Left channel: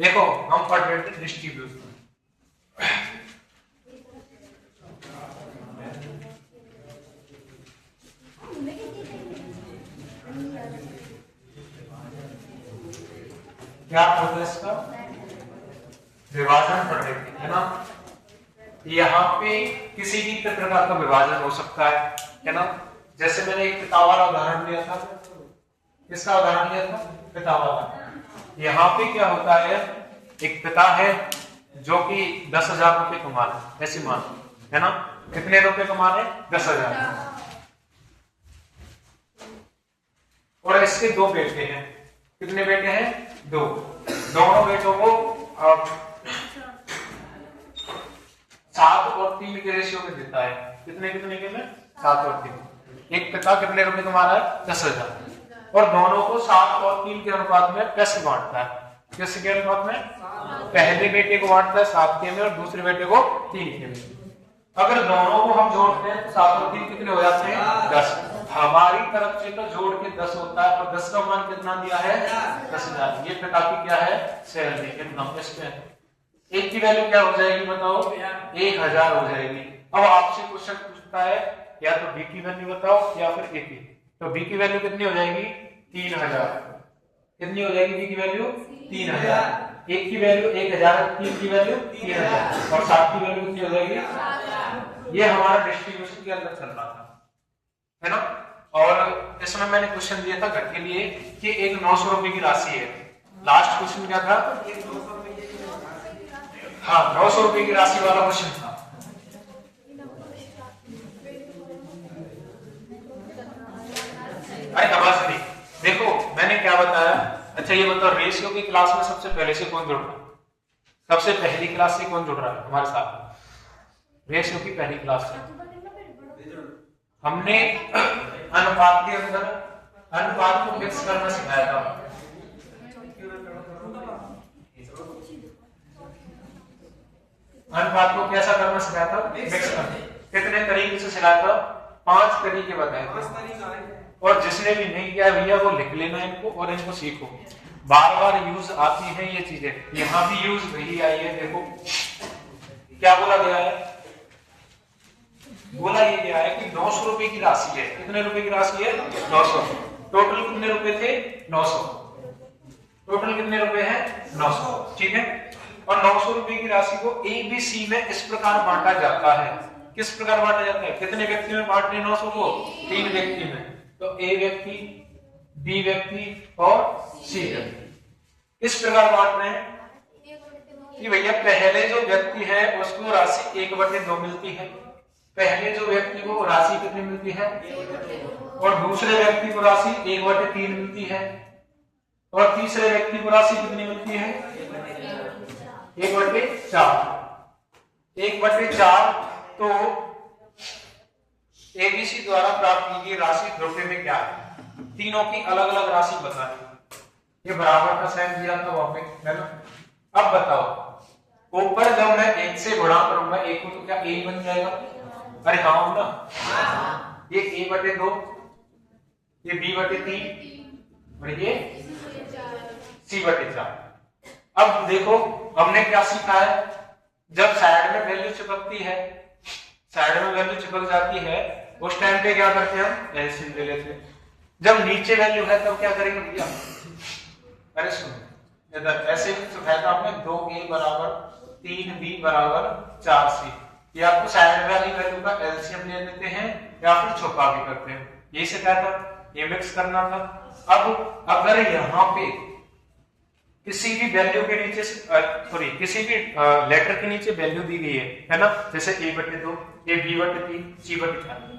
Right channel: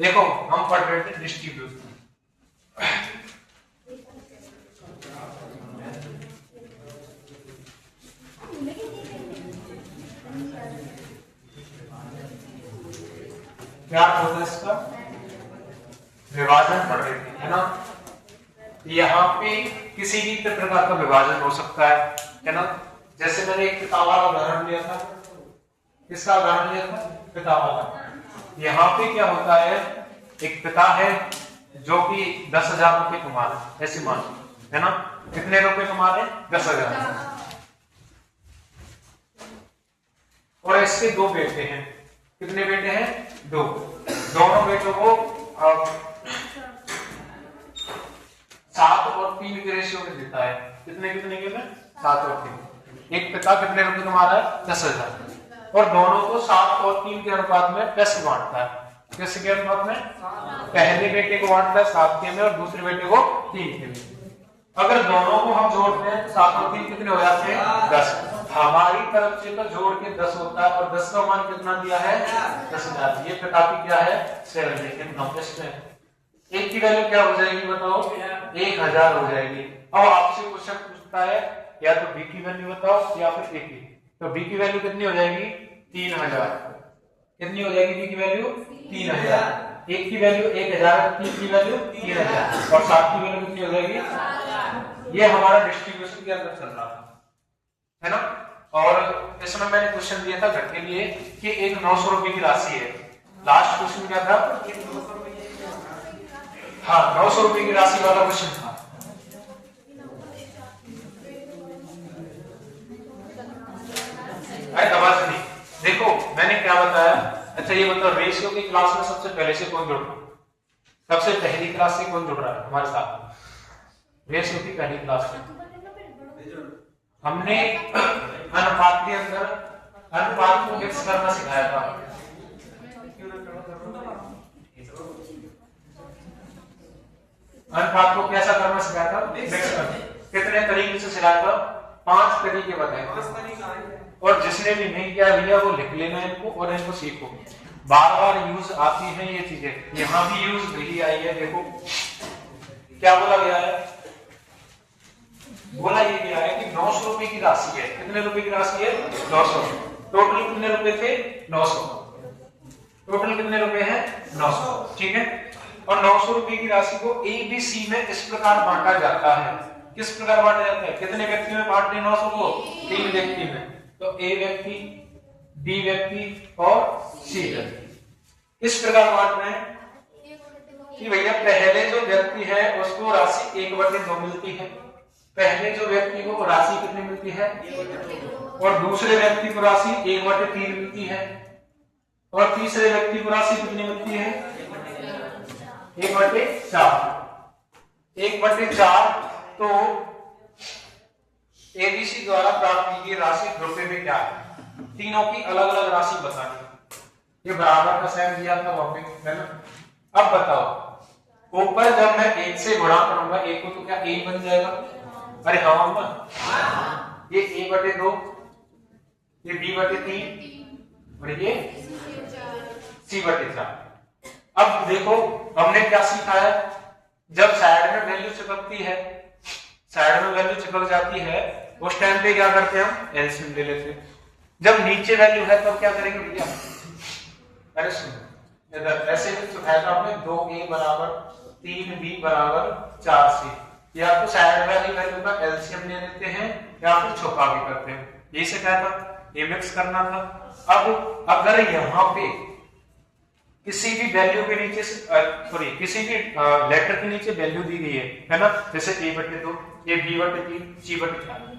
देखो हम पढ़ रहे थे डिस्ट्रीब्यूशन। क्या होता है इसका विभाजन पढ़ रहे थे, है ना। यहाँ पे किसी भी प्रकार का विभाजन हो सकता है ना। जैसे मैंने एक पिता वाला उदाहरण लिया था, किसका उदाहरण लिया था, पिता वाला। यहाँ पे क्या होता है, एक पिता है जो कि 10,000 रुपए कमा रहे, ऐसे मान, है ना। कितने रुपए कमा रहे, 10,000। और इसके दो बेटे हैं, कितने बेटे हैं, दो। दोनों बेटों को 7 और 3 के रेशियो में देता है। कितने कितने के में, 7 और 3। एक पिता कितने रुपए कमा रहा है, 10,000, और दोनों को 7 और 3 के अनुपात में पैसे बांटता है। किसके अनुपात में, पहले बेटे को बांटता है 7 के में और दूसरे बेटे को 3 के में। अगर दोनों को हम जोड़ते हैं तो 7 और 3 कितने हो जाते हैं, 10। हमारी तरफ से तो जोड़ के 10 होता है, और 10 का मान कितना दिया है, 10,000। ये पिता की क्या है, सैलरी, इनकम। एक की वैल्यू क्या हो जाएगी बताओ, 1,000 हो जाएगी। अब आपसे क्वेश्चन पूछता है या तो बी की वैल्यू बताओ या फिर ए की। तो बी की वैल्यू कितनी हो जाएगी, 3,000। कितनी हो जाएगी बी की वैल्यू, 3,000। एक की वैल्यू 1,000, 3 की वैल्यू 3,000, और 7 की वैल्यू कितनी हो जाएगी। ये हमारा डिस्ट्रीब्यूशन के अंदर चल रहा था, है ना। और इसमें मैंने क्वेश्चन दिया था घर के लिए कि एक 900 रुपए की राशि है। लास्ट क्वेश्चन क्या था, हाँ 900 रुपए की राशि वाला क्वेश्चन था। अरे देखो मैंने क्या बताया। अच्छा ये बताओ, रेशियो की क्लास में सबसे पहले से कौन जुड़ रहा है, सबसे पहली क्लास से कौन जुड़ रहा है हमारे साथ। रेशियो की पहली क्लास में हमने अनुपात के अंदर अनुपात को मिक्स करना सिखाया था। अनुपात को कैसा करना सिखाया था, मिक्स करना। कितने तरीके से सिखाया था, 5 तरीके बताए थे। और जिसने भी नहीं किया भैया वो लिख लेना इनको और इनको सीखो। बार बार यूज आती है ये चीजें, यहाँ भी यूज वही आई है। देखो क्या बोला गया है, बोला ये गया है कि 900 रुपए की राशि है। कितने रुपए की राशि है, 900। टोटल कितने रुपए थे, 900। टोटल कितने रुपए हैं, 900, ठीक है। और 900 रुपए की राशि को ए बी सी में इस प्रकार बांटा जाता है। किस प्रकार बांटा जाता है, कितने व्यक्ति में बांटते हैं 900 को, 3 व्यक्ति में। तो ए व्यक्ति, बी व्यक्ति और सी व्यक्ति इस प्रकार बांट रहे हैं कि भैया पहले जो व्यक्ति है उसको राशि 1/2 मिलती है। पहले जो व्यक्ति को राशि कितनी मिलती है, और दूसरे व्यक्ति को राशि 1/3 मिलती है, और तीसरे व्यक्ति को राशि कितनी मिलती है, 1/4। 1/4 तो एबीसी द्वारा प्राप्त की गई राशि रुपए में क्या है, तीनों की अलग अलग राशि बतानी। ये बराबर का साइन दिया था वहां पे, है ना। अब बताओ, ऊपर जब मैं 1 से गुणा करूंगा एक को तो क्या ए बन जाएगा, अरे हाँ ना। ये a/2, ये b/3 और ये c/4। अब देखो हमने क्या सीखा है, जब साइड में वैल्यू चिपकती है, साइड में वैल्यू चिपक जाती है, उस टाइम पे क्या करते हैं, हम एलसीएम ले लेते हैं। जब नीचे वैल्यू है तब क्या करेंगे भैया, अरे सुनो इधर ऐसे सिखाया था आपने, 2a = 3b = 4c। या तो साइड वाली वैल्यू का एलसीएम ले लेते हैं या फिर छुपा भी करते हैं। ये सिखाया था, ये मिक्स करना था। अब अगर यहाँ पे किसी भी वैल्यू के नीचे सॉरी किसी भी लेटर के नीचे वैल्यू दी गई है ना, जैसे a/2, ये b/3, c/4,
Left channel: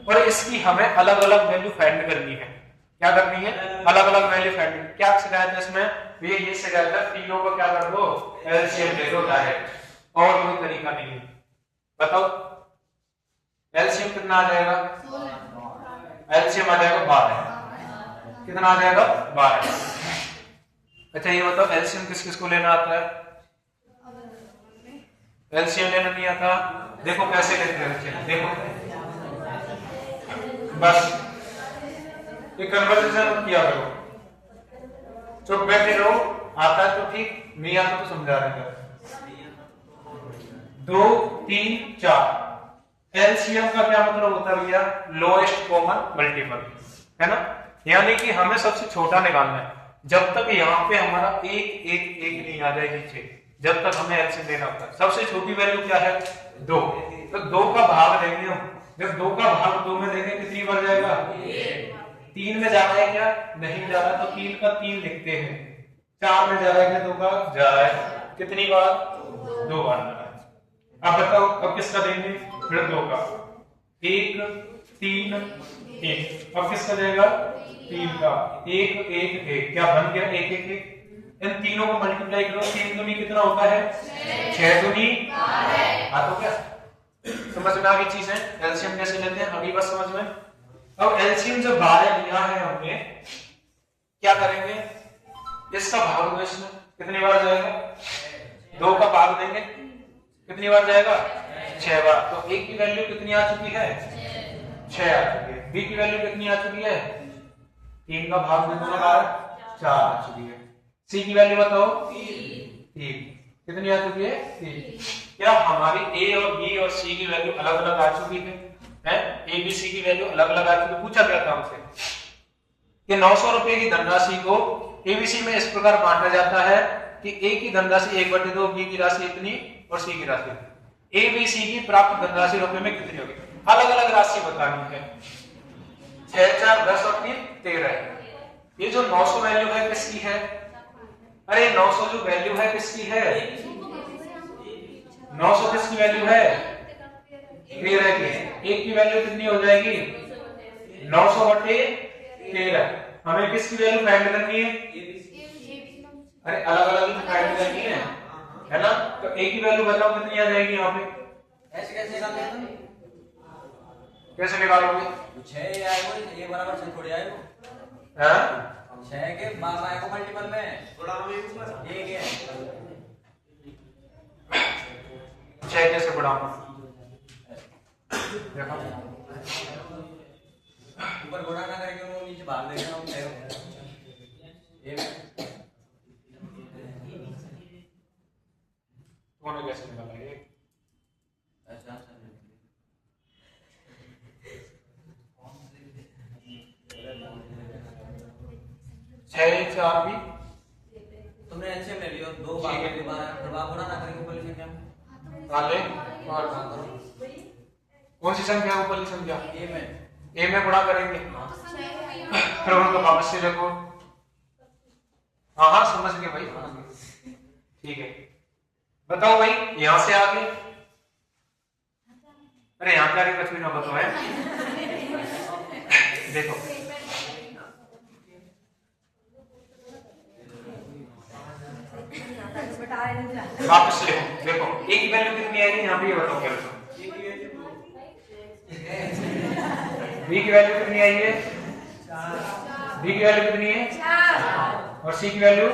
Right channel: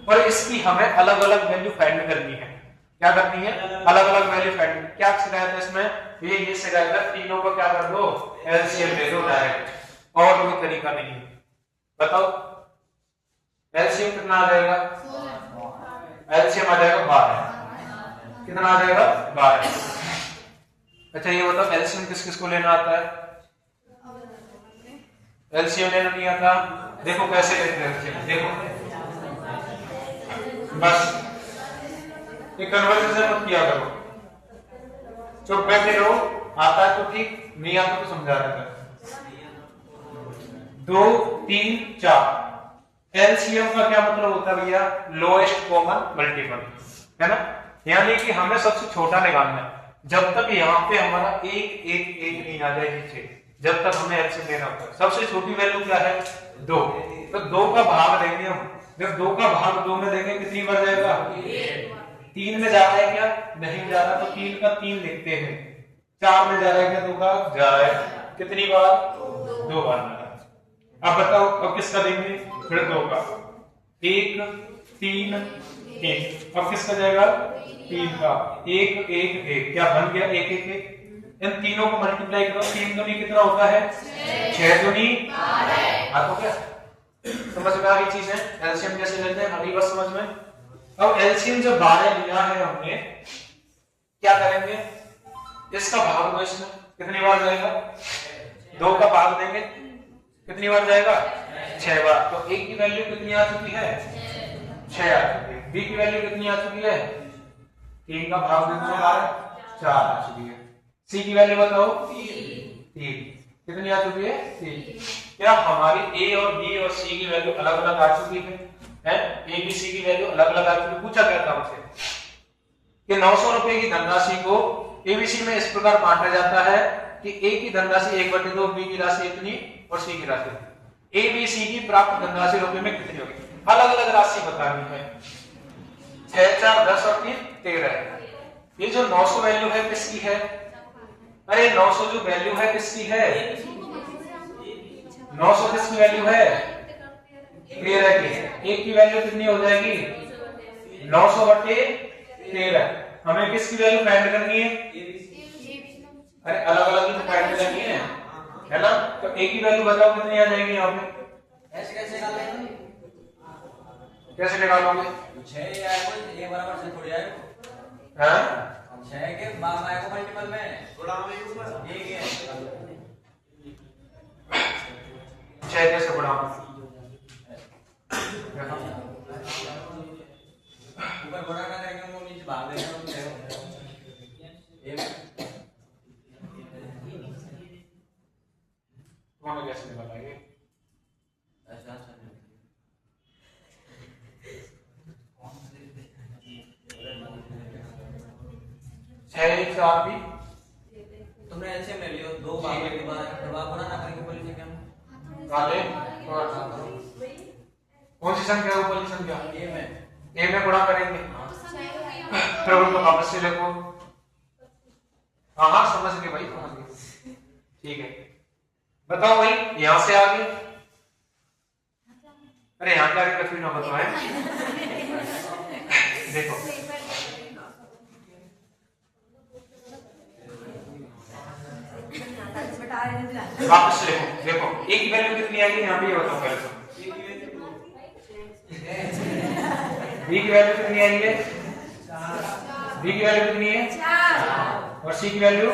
और इसकी हमें अलग अलग वैल्यू फाइंड करनी है। क्या करनी है, अलग अलग वैल्यू फाइंड। क्या सिखाया था इसमें, ये सिखाया था तीनों को क्या कर दो, एलसीएम ले लो डायरेक्ट, और कोई तरीका नहीं है। बताओ एलसीएम कितना आ जाएगा, एलसीएम आ जाएगा 12। कितना आ जाएगा, 12। अच्छा ये बताओ एलसीएम किस किस को लेना आता है, एलसीएम लेना नहीं आता। देखो कैसे लेते हैं एलसीएम, देखो बस ये कन्वर्सेशन मत किया करो, चुप बैठे रहो। आता है तो ठीक, नहीं आता तो समझा देगा। 2 3 4 एलसीएम का क्या मतलब होता है भैया? लोएस्ट कॉमन मल्टीपल, है ना? यानी कि हमें सबसे छोटा निकालना है। जब तक यहाँ पे हमारा एक एक एक नहीं आ जाए नीचे, जब तक हमें एलसीएम लेना होता है। सबसे छोटी वैल्यू क्या है? 2। तो 2 का भाग देंगे हम। जब 2 का भाग 2 में देंगे कितनी बार जाएगा? 3 में जा रहा है क्या? नहीं जा रहा, तो 3 का 3 लिखते हैं। 4 में जा रहा है क्या? 2 का जा रहा है। कितनी बार? 2 बार जा रहा है। अब बताओ, अब किसका देंगे? फिर 2 का 1 3 1। अब किसका जाएगा? 3 का 1 1 1। क्या बन गया? 1 1 1। इन तीनों को मल्टीप्लाई करो। 3 दूनी कितना होता है? 6 दूनी 12। हाँ, तो क्या समझ में आ गई चीज है? एलसीएम कैसे लेते हैं अभी बस समझ में। अब एलसीएम जब 12 लिया है हमने, क्या करेंगे? इसका भाग दो इसमें, कितनी बार जाएगा? 2 का भाग देंगे, कितनी बार जाएगा? 6 बार। तो ए की वैल्यू कितनी आ चुकी है? 6 आ चुकी है। बी की वैल्यू कितनी आ चुकी है? 3 का भाग देने के बाद 4 आ चुकी है। सी की वैल्यू बताओ? 3। कितनी आ चुकी है? 3। क्या हमारी ए और बी और सी की वैल्यू अलग अलग आ चुकी है? ए बी सी की वैल्यू अलग अलग आ चुकी है। पूछा गया था हमसे कि 900 रुपए की धनराशि को एबीसी में इस प्रकार बांटा जाता है कि ए की धनराशि 1/2, बी की राशि इतनी और सी की राशि इतनी। ए बी सी की प्राप्त धनराशि रुपए में कितनी होगी? अलग अलग राशि बतानी है। 6 4 10 और 3 13। ये जो 900 वैल्यू है किसकी है? अरे 900 जो वैल्यू है किसकी है? 900 किसकी वैल्यू है? 13 की। एक की वैल्यू कितनी हो जाएगी? 900/13। हमें किसकी वैल्यू फाइंड करनी है? अरे अलग अलग ही फाइंड करनी है ना? तो एक की वैल्यू बताओ कितनी आ जाएगी यहाँ पे? कैसे निकालोगे? 6 बराबर से थोड़ी आएगा। हाँ? 6 के को मल्टीपल में थोड़ा ये है 6 कैसे बढ़ाऊं? ऊपर गुणा ना करेंगे वो नीचे भाग देगा। कौन कैसे निकालेंगे? ऐसा 6 4 भी तुमने एलसीएम ले लियो। 2 भाग के बाद प्रभाव गुणा ना करेंगे पूरी संख्या में वाले कौन सी संख्या को वाली संख्या? ए में गुणा करेंगे, फिर उनको वापस से लिखो। हाँ समझ गए भाई, समझ गए। ठीक है, बताओ भाई यहां से आगे। अरे यहां से आगे कुछ भी ना बताओ है। देखो वापस से लिखो। देखो ए की वैल्यू कितनी आएगी यहाँ पे, ये बताओ पहले तो। बी की वैल्यू कितनी आई है? बी की वैल्यू कितनी है? और सी की वैल्यू?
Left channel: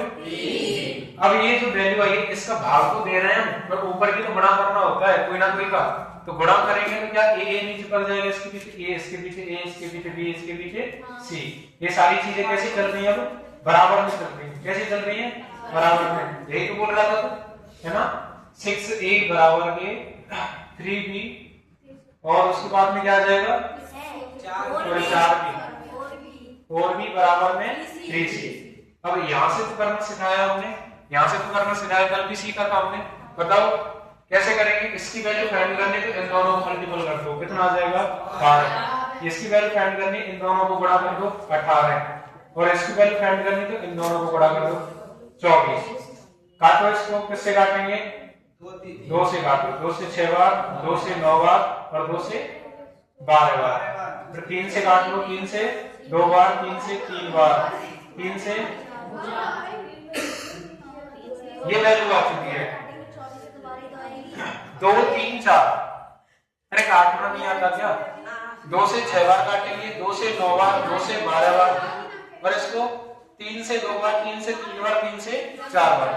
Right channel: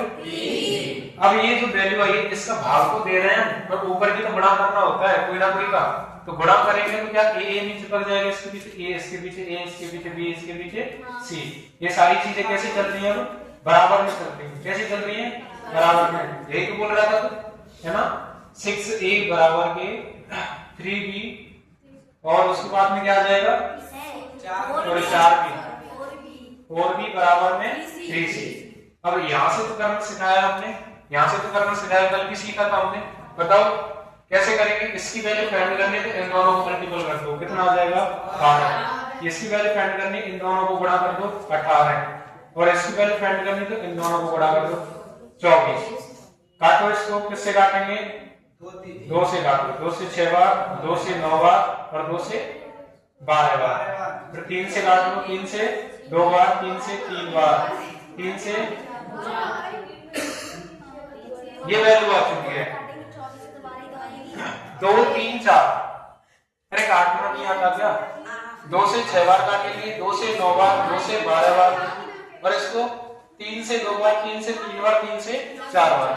अब ये जो वैल्यू आई है इसका भाग को दे रहे हैं, पर ऊपर की तो गुणा करना होता है कोई ना कोई का। तो गुणा करेंगे तो क्या ए नीचे पड़ जाएगा, इसके पीछे ए, इसके पीछे ए, इसके पीछे बी, इसके पीछे सी। ये सारी चीजें कैसी चल रही है? बराबर में चल रही है। कैसी चल रही है? बराबर में। यही तो बोल रहा था तो, है ना? 6a बराबर के 3b और उसके बाद में क्या आ जाएगा? 4b और b बराबर में 3c। अब यहां से तो करना सिखाया हमने, यहां से तो करना सिखाया, कल भी सीखा था हमने। बताओ कैसे करेंगे? इसकी वैल्यू फाइंड करनी तो इन दोनों को मल्टीपल कर दो, कितना आ जाएगा? 12। इसकी वैल्यू फाइंड करनी, इन दोनों को गुणा कर दो, 18। और इसकी वैल्यू फाइंड करनी तो इन दोनों को गुणा कर दो, 24। काटो इसको, किससे काटेंगे? 2 से काटो। 2 से 6 बार, 2 से 9 बार और 2 से 12 बार। फिर 3 से काट लो, 3 से 2 बार, 3 से 3 बार, 3 से ये वैल्यू आ चुकी है 2 3 4। अरे काटना नहीं आता क्या? 2 से 6 बार काटेंगे, 2 से 9 बार, 2 से 12 बार और इसको 3 से 2 बार, 3 से 3 बार, 3 से 4 बार।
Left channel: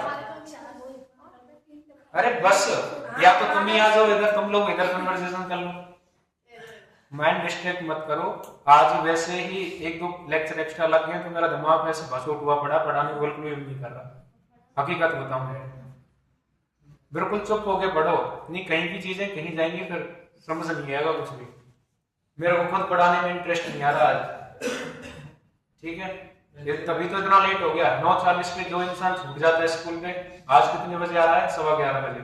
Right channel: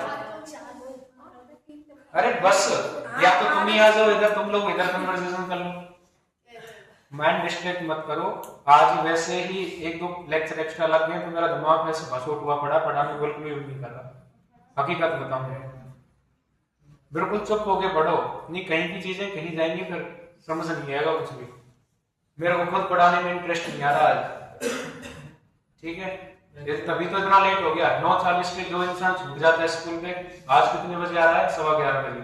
अरे बस, या तो तुम ही आ जाओ इधर, तुम लोग इधर कन्वर्सेशन कर लो, माइंड डिस्ट्रैक्ट मत करो। आज वैसे ही 1-2 लेक्चर एक्स्ट्रा लग गए तो मेरा दिमाग वैसे भसोट हुआ पड़ा, पढ़ाने बिल्कुल नहीं कर रहा। हकीकत बताऊं, बिल्कुल चुप होके पढ़ो, नहीं कहीं की चीजें कहीं जाएंगी फिर समझ नहीं आएगा कुछ भी। मेरे को खुद पढ़ाने में इंटरेस्ट नहीं आ रहा आज, ठीक है, ये तभी तो इतना लेट हो गया। 9:40 पे जो इंसान छूट जाता है स्कूल में, आज कितने बजे आ रहा है? 11:15 बजे।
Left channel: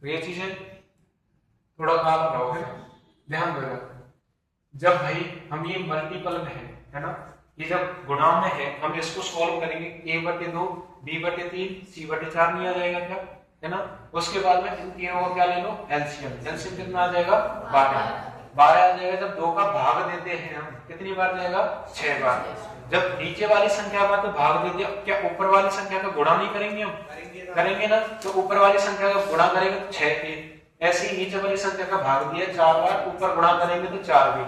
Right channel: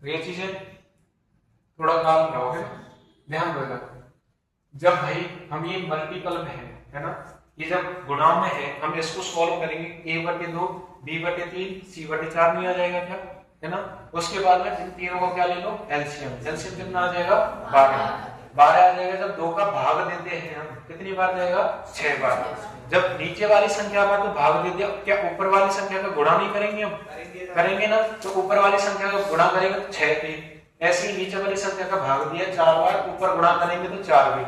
तो ये चीजें थोड़ा काम रहो है, ध्यान देगा। जब भाई हम ये मल्टीपल में है ना, ये जब गुणाओं में है, हम इसको सॉल्व करेंगे, a/2 b/3 c/4 नहीं आ जाएगा क्या, है ना। उसके बाद में इन तीनों को क्या ले लो, एलसीएम। एलसीएम कितना आ जाएगा? 12 आ जाएगा। जब 2 का भाग देते हैं हम, कितनी बार जाएगा? 6 बार। जब नीचे वाली संख्या का तो भाग दे दिया, क्या ऊपर वाली संख्या का गुणा नहीं करेंगे हम? करेंगे ना। तो ऊपर वाली संख्या का गुणा करेंगे तो 6 पे, ऐसे ही नीचे वाली संख्या का भाग दिया 4 बार, ऊपर गुणा करेंगे तो 4 भी,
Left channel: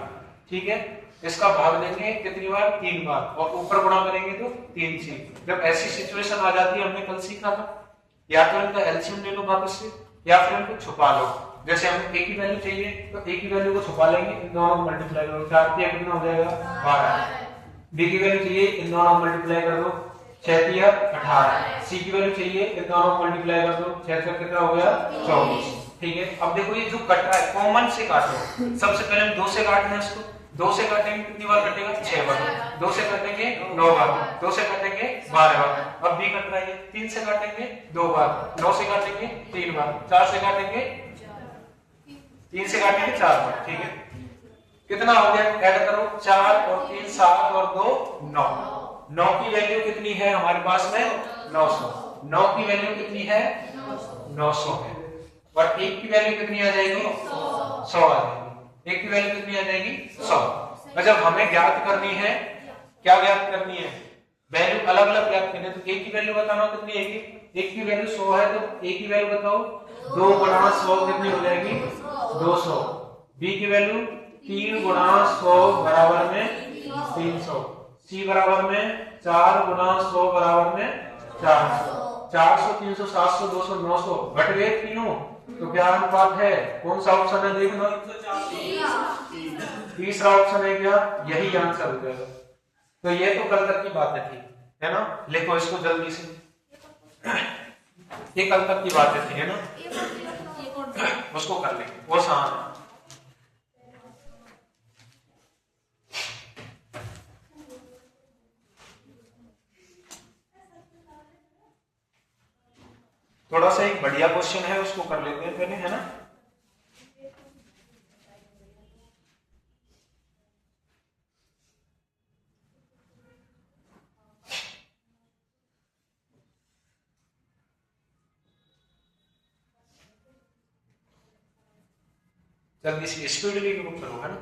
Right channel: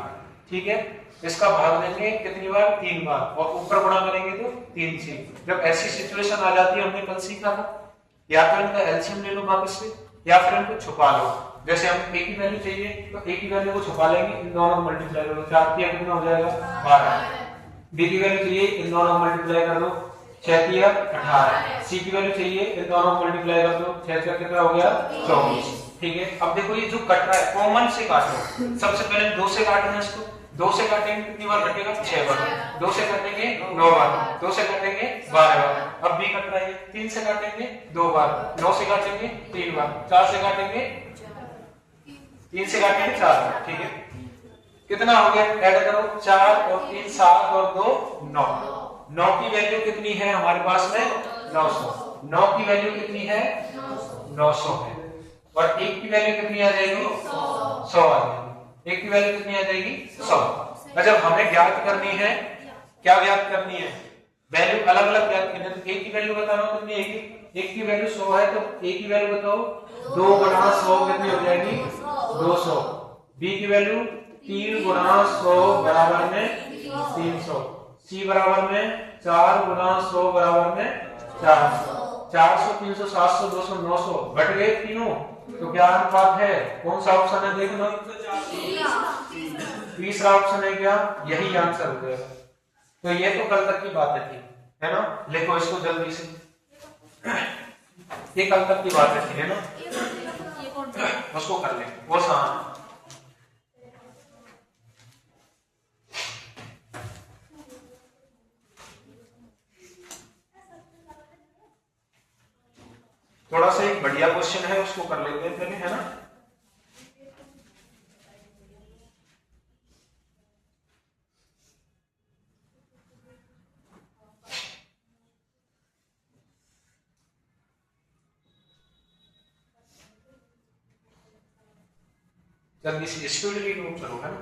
ठीक है। इसका भाग देंगे कितनी बार? 3 बार, और ऊपर गुणा करेंगे तो 3 से। जब ऐसी सिचुएशन आ जाती है, हमने कल सीखा था, या तो इनका एलसीएम ले लो वापस से, या फिर इनको छुपा लो। जैसे हमें एक ही वैल्यू चाहिए तो एक ही वैल्यू को छुपा लेंगे, इन दोनों को मल्टीप्लाई करो, 4 3 कितना हो जाएगा? 12। बी की वैल्यू चाहिए, इन दोनों को मल्टीप्लाई कर दो, 6 3 18। सी की वैल्यू चाहिए, इन दोनों को मल्टीप्लाई कर दो, 6 4 कितना हो गया? 24, ठीक है। अब देखो ये जो कट रहा है, कॉमन से काटो। सबसे पहले 2 से काटना है इसको, 2 से काटेंगे कितनी बार कटेगा? 6 बार। 2 से काटेंगे 9 बार, 2 से काटेंगे 12 बार। अब भी कट रहा है, 3 से काटेंगे 2 बार, 9 से काटेंगे 3 बार, 4 से काटेंगे 3 से काटेंगे 4 बार, ठीक है। कितना हो गया? ऐड करो, 4 और 3 7 और 2 9। 9 की वैल्यू कितनी है हमारे पास में? 900। 9 की वैल्यू कितनी है? 900 है। और 1 की वैल्यू कितनी आ जाएगी? 100 आ जाएगी। 1 की वैल्यू कितनी आ जाएगी? 100। जब हमें ज्ञात करनी है, क्या ज्ञात करनी है? वैल्यू अलग अलग ज्ञात करनी है। तो 1 की वैल्यू बताना कितनी है? 1 की वैल्यू 100 है, तो 1 की वैल्यू बताओ, 2 गुणा 100 कितनी हो जाएगी? 200। बी की वैल्यू 3 गुणा 100 बराबर में 300। सी बराबर में 4 गुणा 100 बराबर में 400। 400 300 700 200 900 घट गए तीनों, तो क्या अनुपात है? कौन सा ऑप्शन है देखना? तीसरा ऑप्शन है क्या? यही आंसर हो जाएगा। तो ये तो कल तक की बात थी, है ना। लिखो इसको जल्दी से, ये कल तक की बात थी, है ना। उसको कर ले, वो आसान। थोड़ा सा एक बढ़िया क्वेश्चन है, उसको कर लेते हैं पहले, है ना। जल्दी से स्पीडली ग्रुप करो, है ना।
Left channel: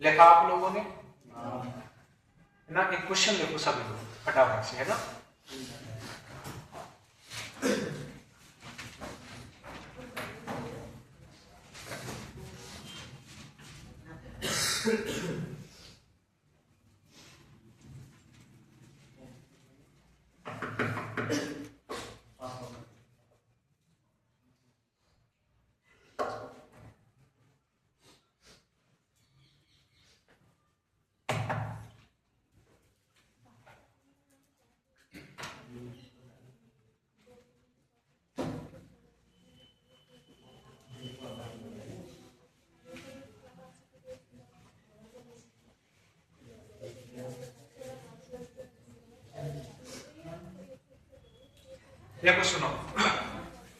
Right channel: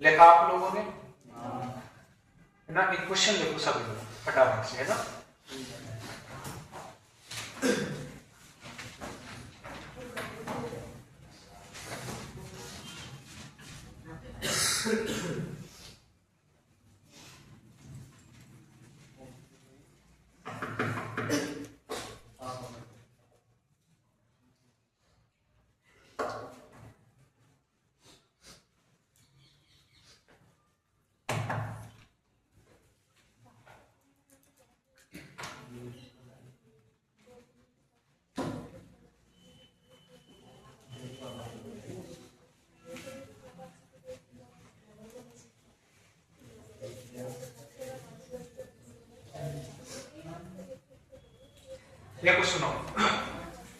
लिखा आप लोगों ने, है ना। एक क्वेश्चन लिखो सभी लोग फटाफट से, है ना। देखो सुनो,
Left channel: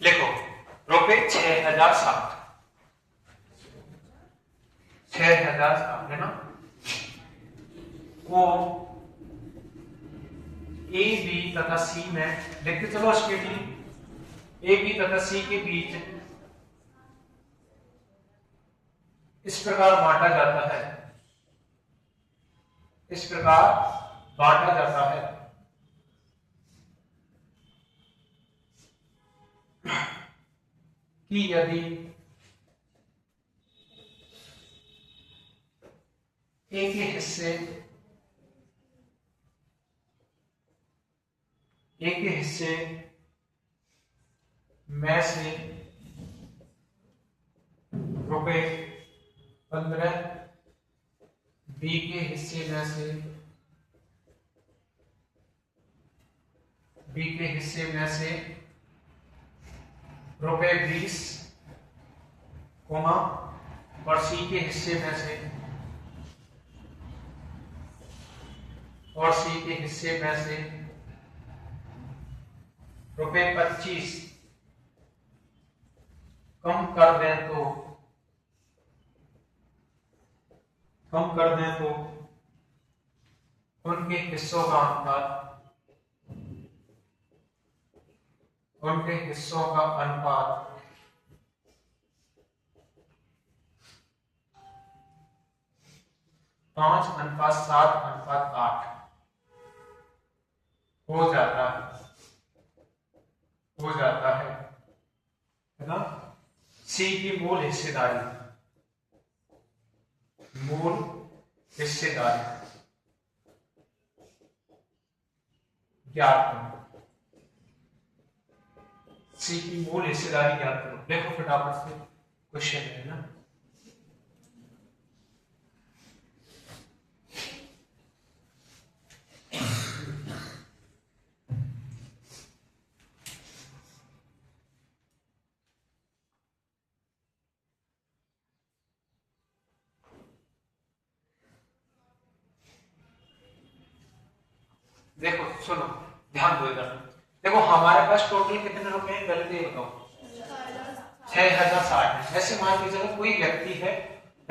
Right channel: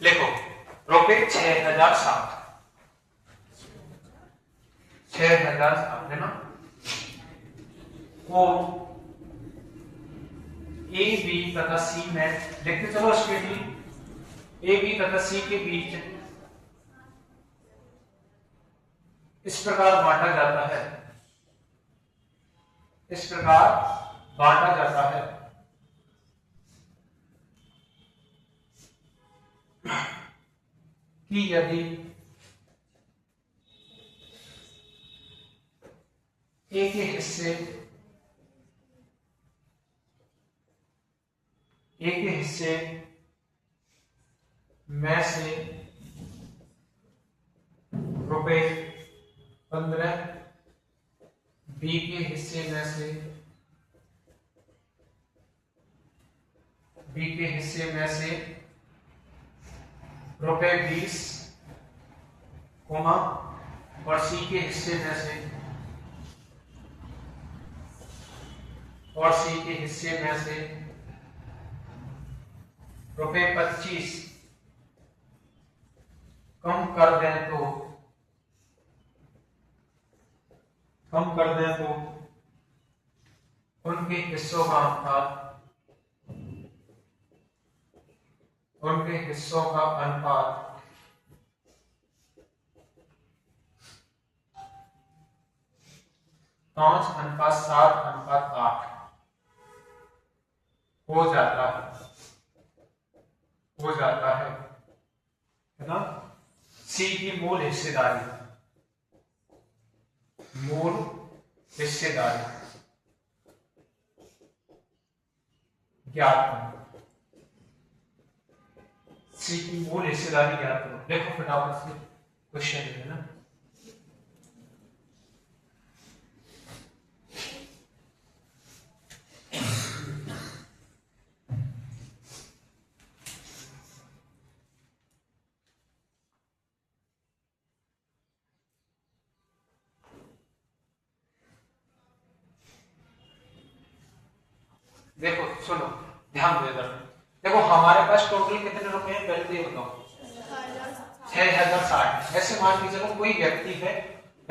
लिखो रुपए 6007, 6007 है ना, वो ए बी तथा सी में लिखते चलो उसके भी ए बी तथा सी के बीच इस प्रकार बांटा जाता है, इस प्रकार बांटा जाता है कि यदि ए के हिस्से में से रुपए 15, बी के हिस्से में से रुपए 20, और सी के हिस्से में से रुपए 25 कम कर दें तो उनके हिस्सों का अनुपात 5:7:8 हो जाता है ना। सी की मूल हिस्सेदारी ज्ञात करो, सी की मूल हिस्सेदारी ज्ञात करो। देखो फटाफट से क्वेश्चन है ना, देखो सुनो, ध्यान दो इधर। देखो हमारे पास टोटल कितने रुपए हैं पहले तो ये बताओ। 6060। ऐसे मान लीजिए कोई व्यक्ति है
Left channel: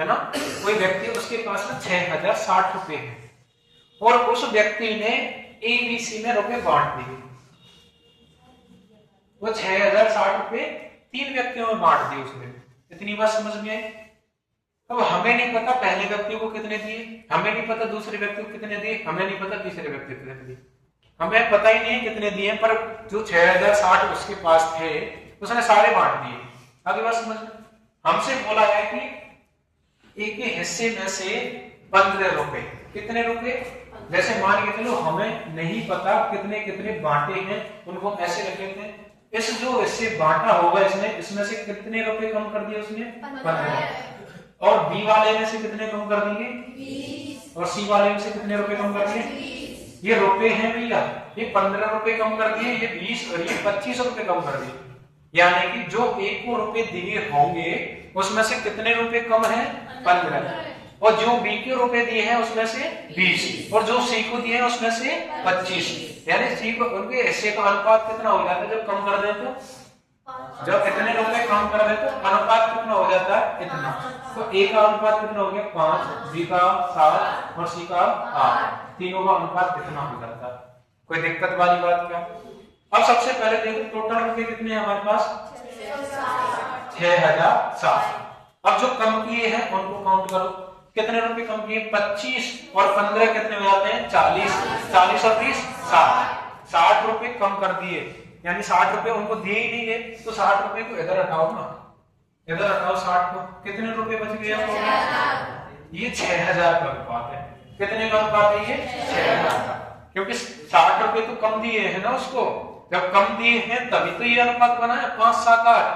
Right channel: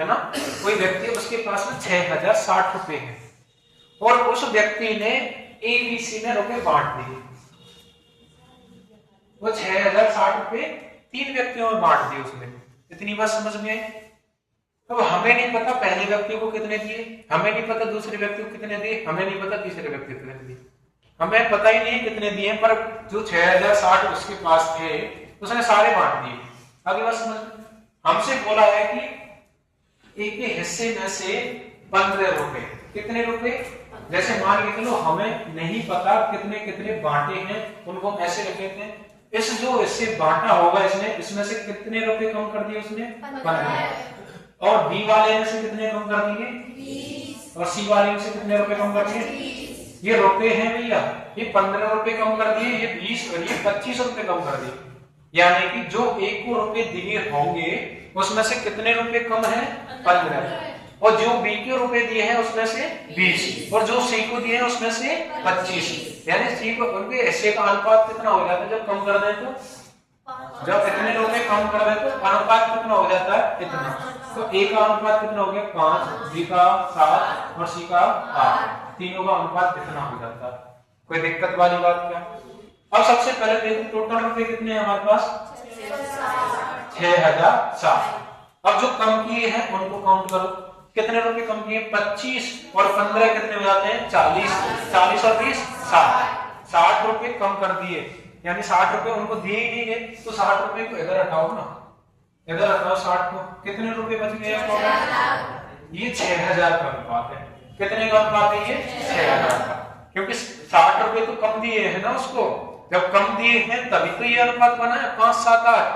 ना, कोई व्यक्ति है, उसके पास में 6060 रुपए हैं और उस व्यक्ति ने एबीसी में रुपए बांट दिए। वो 6060 रुपए 3 व्यक्तियों में बांट दिए उसने। इतनी बात समझ में? अब हमें नहीं पता पहले व्यक्ति को कितने दिए, हमें नहीं पता दूसरे व्यक्ति को कितने दिए, हमें नहीं पता तीसरे व्यक्ति को कितने दिए, हमें पता ही नहीं है कितने दिए, पर जो 6060 उसके पास थे उसने सारे बांट दिए। अगली बात समझ, हमसे बोला है कि एक के हिस्से में से 15 रुपए, कितने रुपए, जैसे मान के चलो हमें नहीं पता कितने कितने बांटे हैं, उनको ऐसे लिख लेते हैं। इस जो इससे बांटा होगा इसने, इसमें से कितने रुपए कम कर दिए उसने? 15। और बी वाले में से कितने कम कर दिए? 20। और सी वाले में से कितने रुपए कम कर दिए? 20। ये रुपए हैं भैया, ये 15 रुपए कम कर दिए, ये 20 और ये 25 रुपए कम कर दिए। यानी कि जो एक को रुपए दिए होंगे उसमें से कितने रुपए कम है? 15। और जो बी के रुपए दिए हैं उसमें से 20 और जो सी को दिए हैं उसमें से 25। यानी सी को उनके हिस्से का अनुपात कितना हो जाता है जब कम कर दें तो? जब इतने रुपए कम कर दें तो अनुपात कितना हो जाता है? इतना। तो ए का अनुपात कितना हो गया? 5, बी का 7 और सी का 8। तीनों का अनुपात कितना हो जाता है? कोई दिक्कत वाली बात क्या? अब सबसे पहले देखो टोटल रुपए कितने हैं हमारे पास? 6060। अब जो कम किए हैं उनको काउंट करो, कितने रुपए कम किए? 25 और 15 कितने हो जाते हैं? 40। 40 और 20 60। 60 रुपए कम कर दिए, यानी 60 रुपए उनको दिए ही नहीं है, तो 60 रुपए को इधर हटाओ ना, इधर हटाओ 60 को, कितने रुपए बच गए आपको? ये 6000 का अनुपात है। कितने का अनुपात है ये? 6000 का, क्योंकि 60 रुपए तो कम दिए हैं ना उसको, जब कम दिए हैं तभी तो ये अनुपात बना है 5, 7, 8।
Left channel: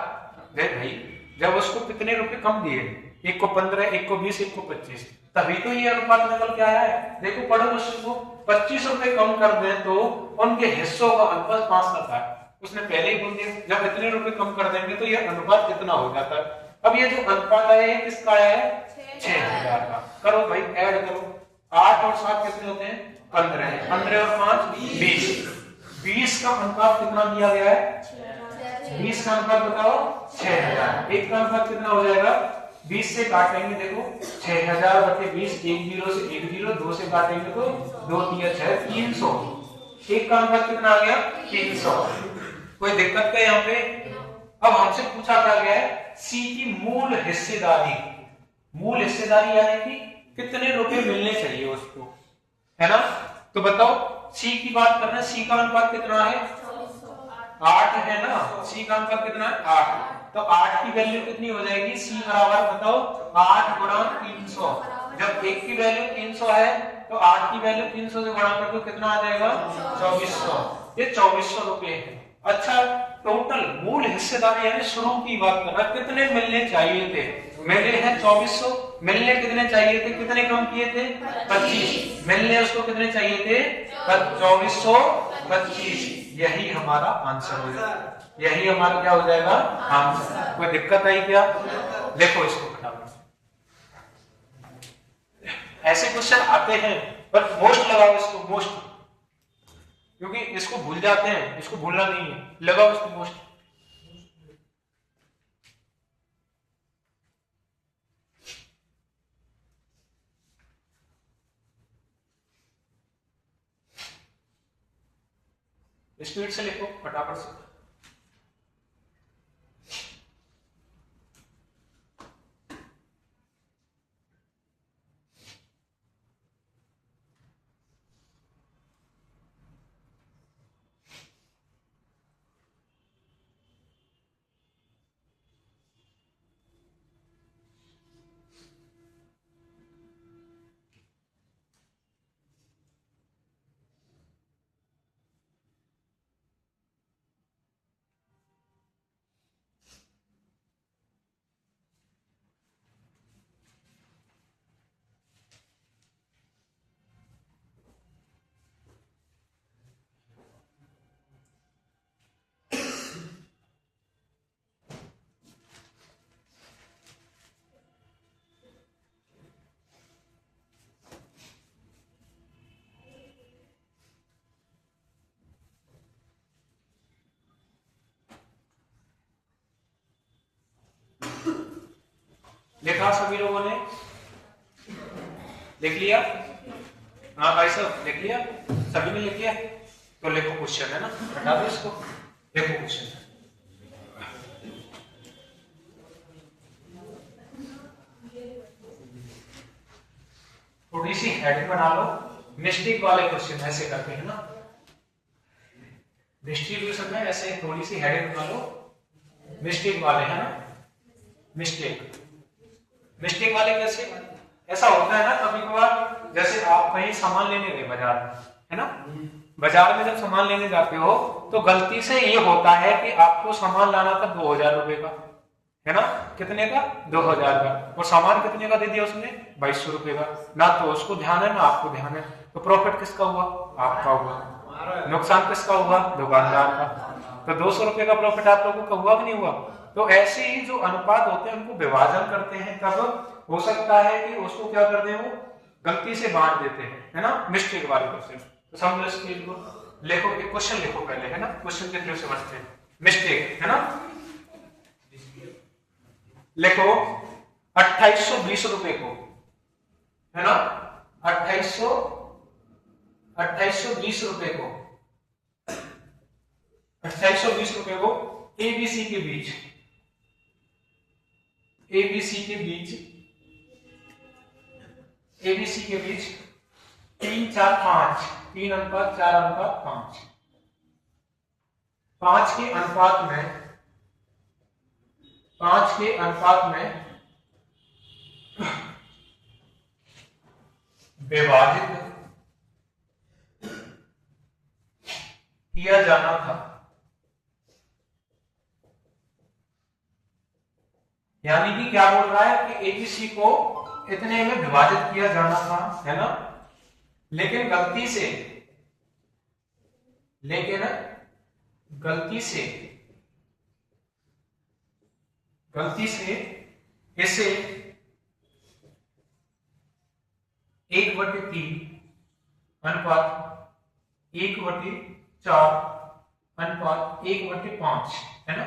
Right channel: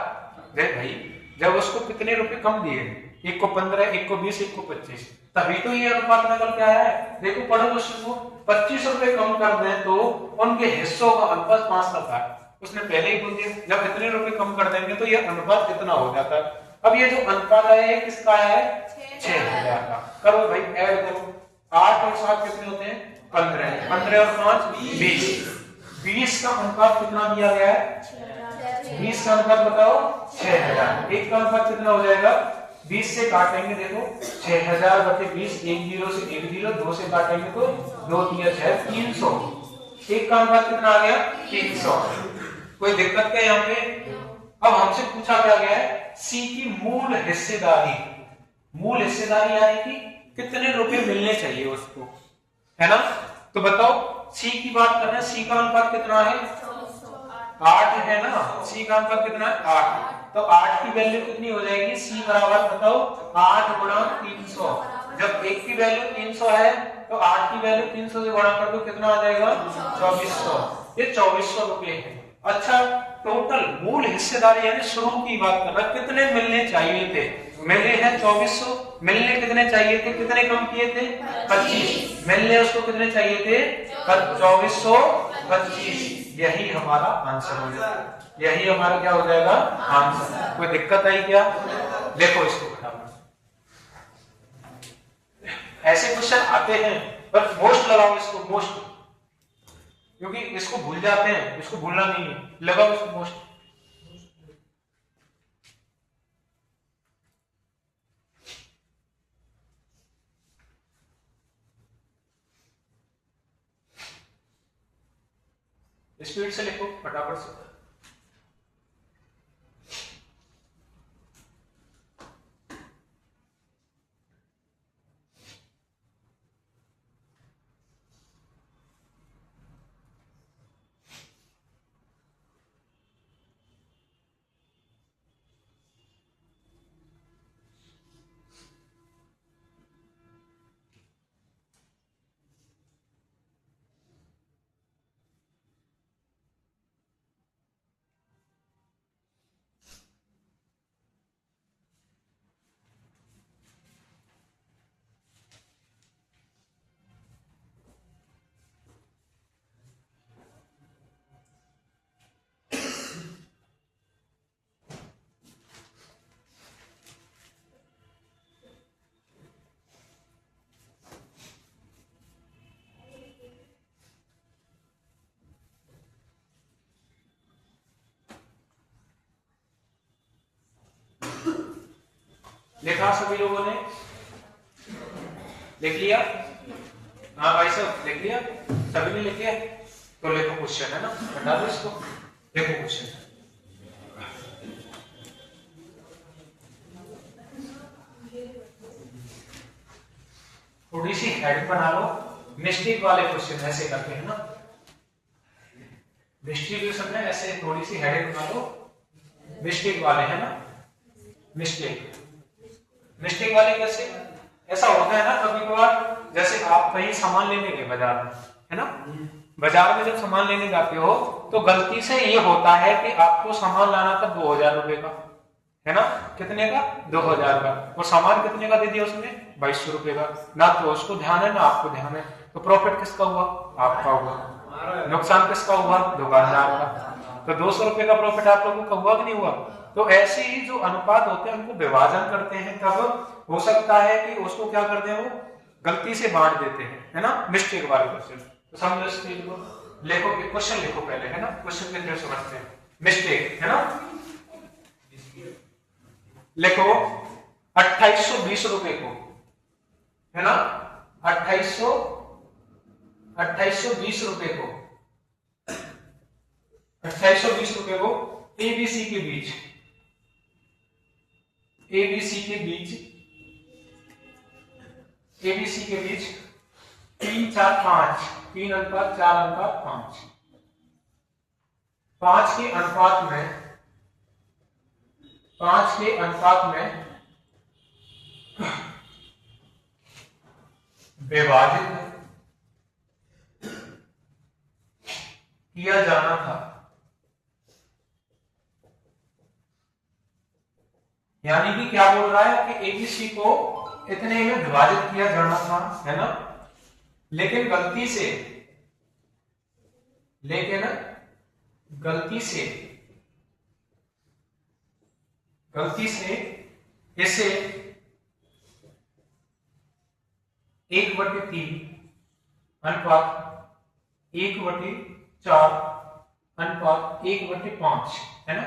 देख भाई, जब उसको कितने रुपए कम दिए, एक को 15, एक को 20, एक को 25, तभी तो ये अनुपात निकल के आया है। देखो पढ़ो क्वेश्चन को, 25 रुपए कम कर दें तो उनके हिस्सों का अनुपात 5:7। उसने पहले ही बोल दिया जब इतने रुपए कम कर देंगे तो ये अनुपात कितना हो जाता है। अब ये जो अनुपात है ये किसका है? 6000 का। करो भाई ऐड करो, 8 और 7 कितने होते हैं? 15। 15 और 5 20। 20 का अनुपात कितना दिया गया है? 20 का अनुपात बताओ 6000। एक का अनुपात कितना हो जाएगा? 20 से काटेंगे देखो 6000 बटे 20, 1 0 से 1 0, 2 से काटेंगे तो 2 3 6 300। एक का अनुपात कितना आ गया? 300। कोई दिक्कत क्या यहाँ पे? अब हमसे पूछा क्या गया है? सी की मूल हिस्सेदारी। मूल हिस्सेदारी यानी कि कितने रुपए मिलने चाहिए उसको, है ना? तो बताओ सी की बात कर रहे हैं, सी का अनुपात कितना है? 8 है ना? सी का अनुपात कितना है? 8। तो 8 की वैल्यू कितनी हो जाएगी? सी बराबर बताओ 8 गुणा 300। जब एक की वैल्यू 300 है तो 8 की वैल्यू 300 से गुणा कर दो, कितना आ जाएगा? 2400। ये 2400 रुपए है। अच्छा, टोटल मूल हिस्सेदारी यानी शुरू की बात कर रहा है, कितने मिलने चाहिए थे? मिले हैं 2400। मिलने कितने चाहिए थे? कितने कम किए थे? 25। मिलने उसको कितने चाहिए थे? 2425। यही हमारा आंसर हो जाएगा। यही हमारा क्या हो जाएगा? आंसर। कोई दिक्कत आई क्या? देखो इसको फटाफट। ऐसे क्वेश्चन आते हैं पर मोस्ट लगाओ इसको, मोस्ट, क्योंकि इसको भूल जाते हैं, इसको भूलना नहीं है, लगाओ इसको मोस्ट। स्पीड से लिखो फटाफट से। लिखा सभी लोगों ने? लिख लिया? हाँ भाई साहब लिख लिया? सभी ने लिख लिया? तो लिखो क्वेश्चन, है ना? बता दो इसको, लिखो क्वेश्चन। थोड़ी सी हेडिंग बना लो। मिस्टेक वाले क्वेश्चन ऐसे करते हैं ना, डिस्ट्रीब्यूशन में ऐसे थोड़ी सी हेडिंग बना लो, मिस्टेक वाले, है ना? मिस्टेक वाले कैसे? ऐसा होता है ना कभी कभार, जैसे आप कहीं सामान लेने गए बाजार में, है ना? बाजार में जब सामान लेने जाते हो तो गलती से ये होता है कि आपको सामान लाना था 2000 रुपए का, है ना? कितने का? 2000 का। और सामान कितने का दे दिया उसने? 2200 रुपए का। ना तो उसको ध्यान है ना आपको ध्यान है, तो प्रॉफिट किसका हुआ? आपका हुआ। नुकसान किसका हुआ? दुकानदार का। तो 200 रुपए का प्रॉफिट आप लोगों का हुआ कि नहीं हुआ? तो ऐसे ही जो अनुपात होते हैं उनको विभाजन करते हैं, तब हो सकता है कि उसको क्या करते हैं, वो गलती से बांट देते हैं, है ना? मिस्टेक वाले क्वेश्चन। तो समझो इस चीज को। लिखो, क्वेश्चन लिखो पहले, है ना? क्वेश्चन के थ्रू समझते हैं। मिस्टेक, है ना? लिखो 2820 रुपए को, है ना? 2820 रुपए को, 2820 रुपए को एबीसी के बीच, एबीसी के बीच 3 4 5, 3 अनुपात 4 अनुपात 5, 5 के अनुपात में विभाजित किया जाना था। यानी कि क्या बोल रहा है कि एबीसी को इतने में विभाजित किया जाना था, है ना? लेकिन गलती से इसे 1/3 अनुपात 1/4 अनुपात 1/5 है ना।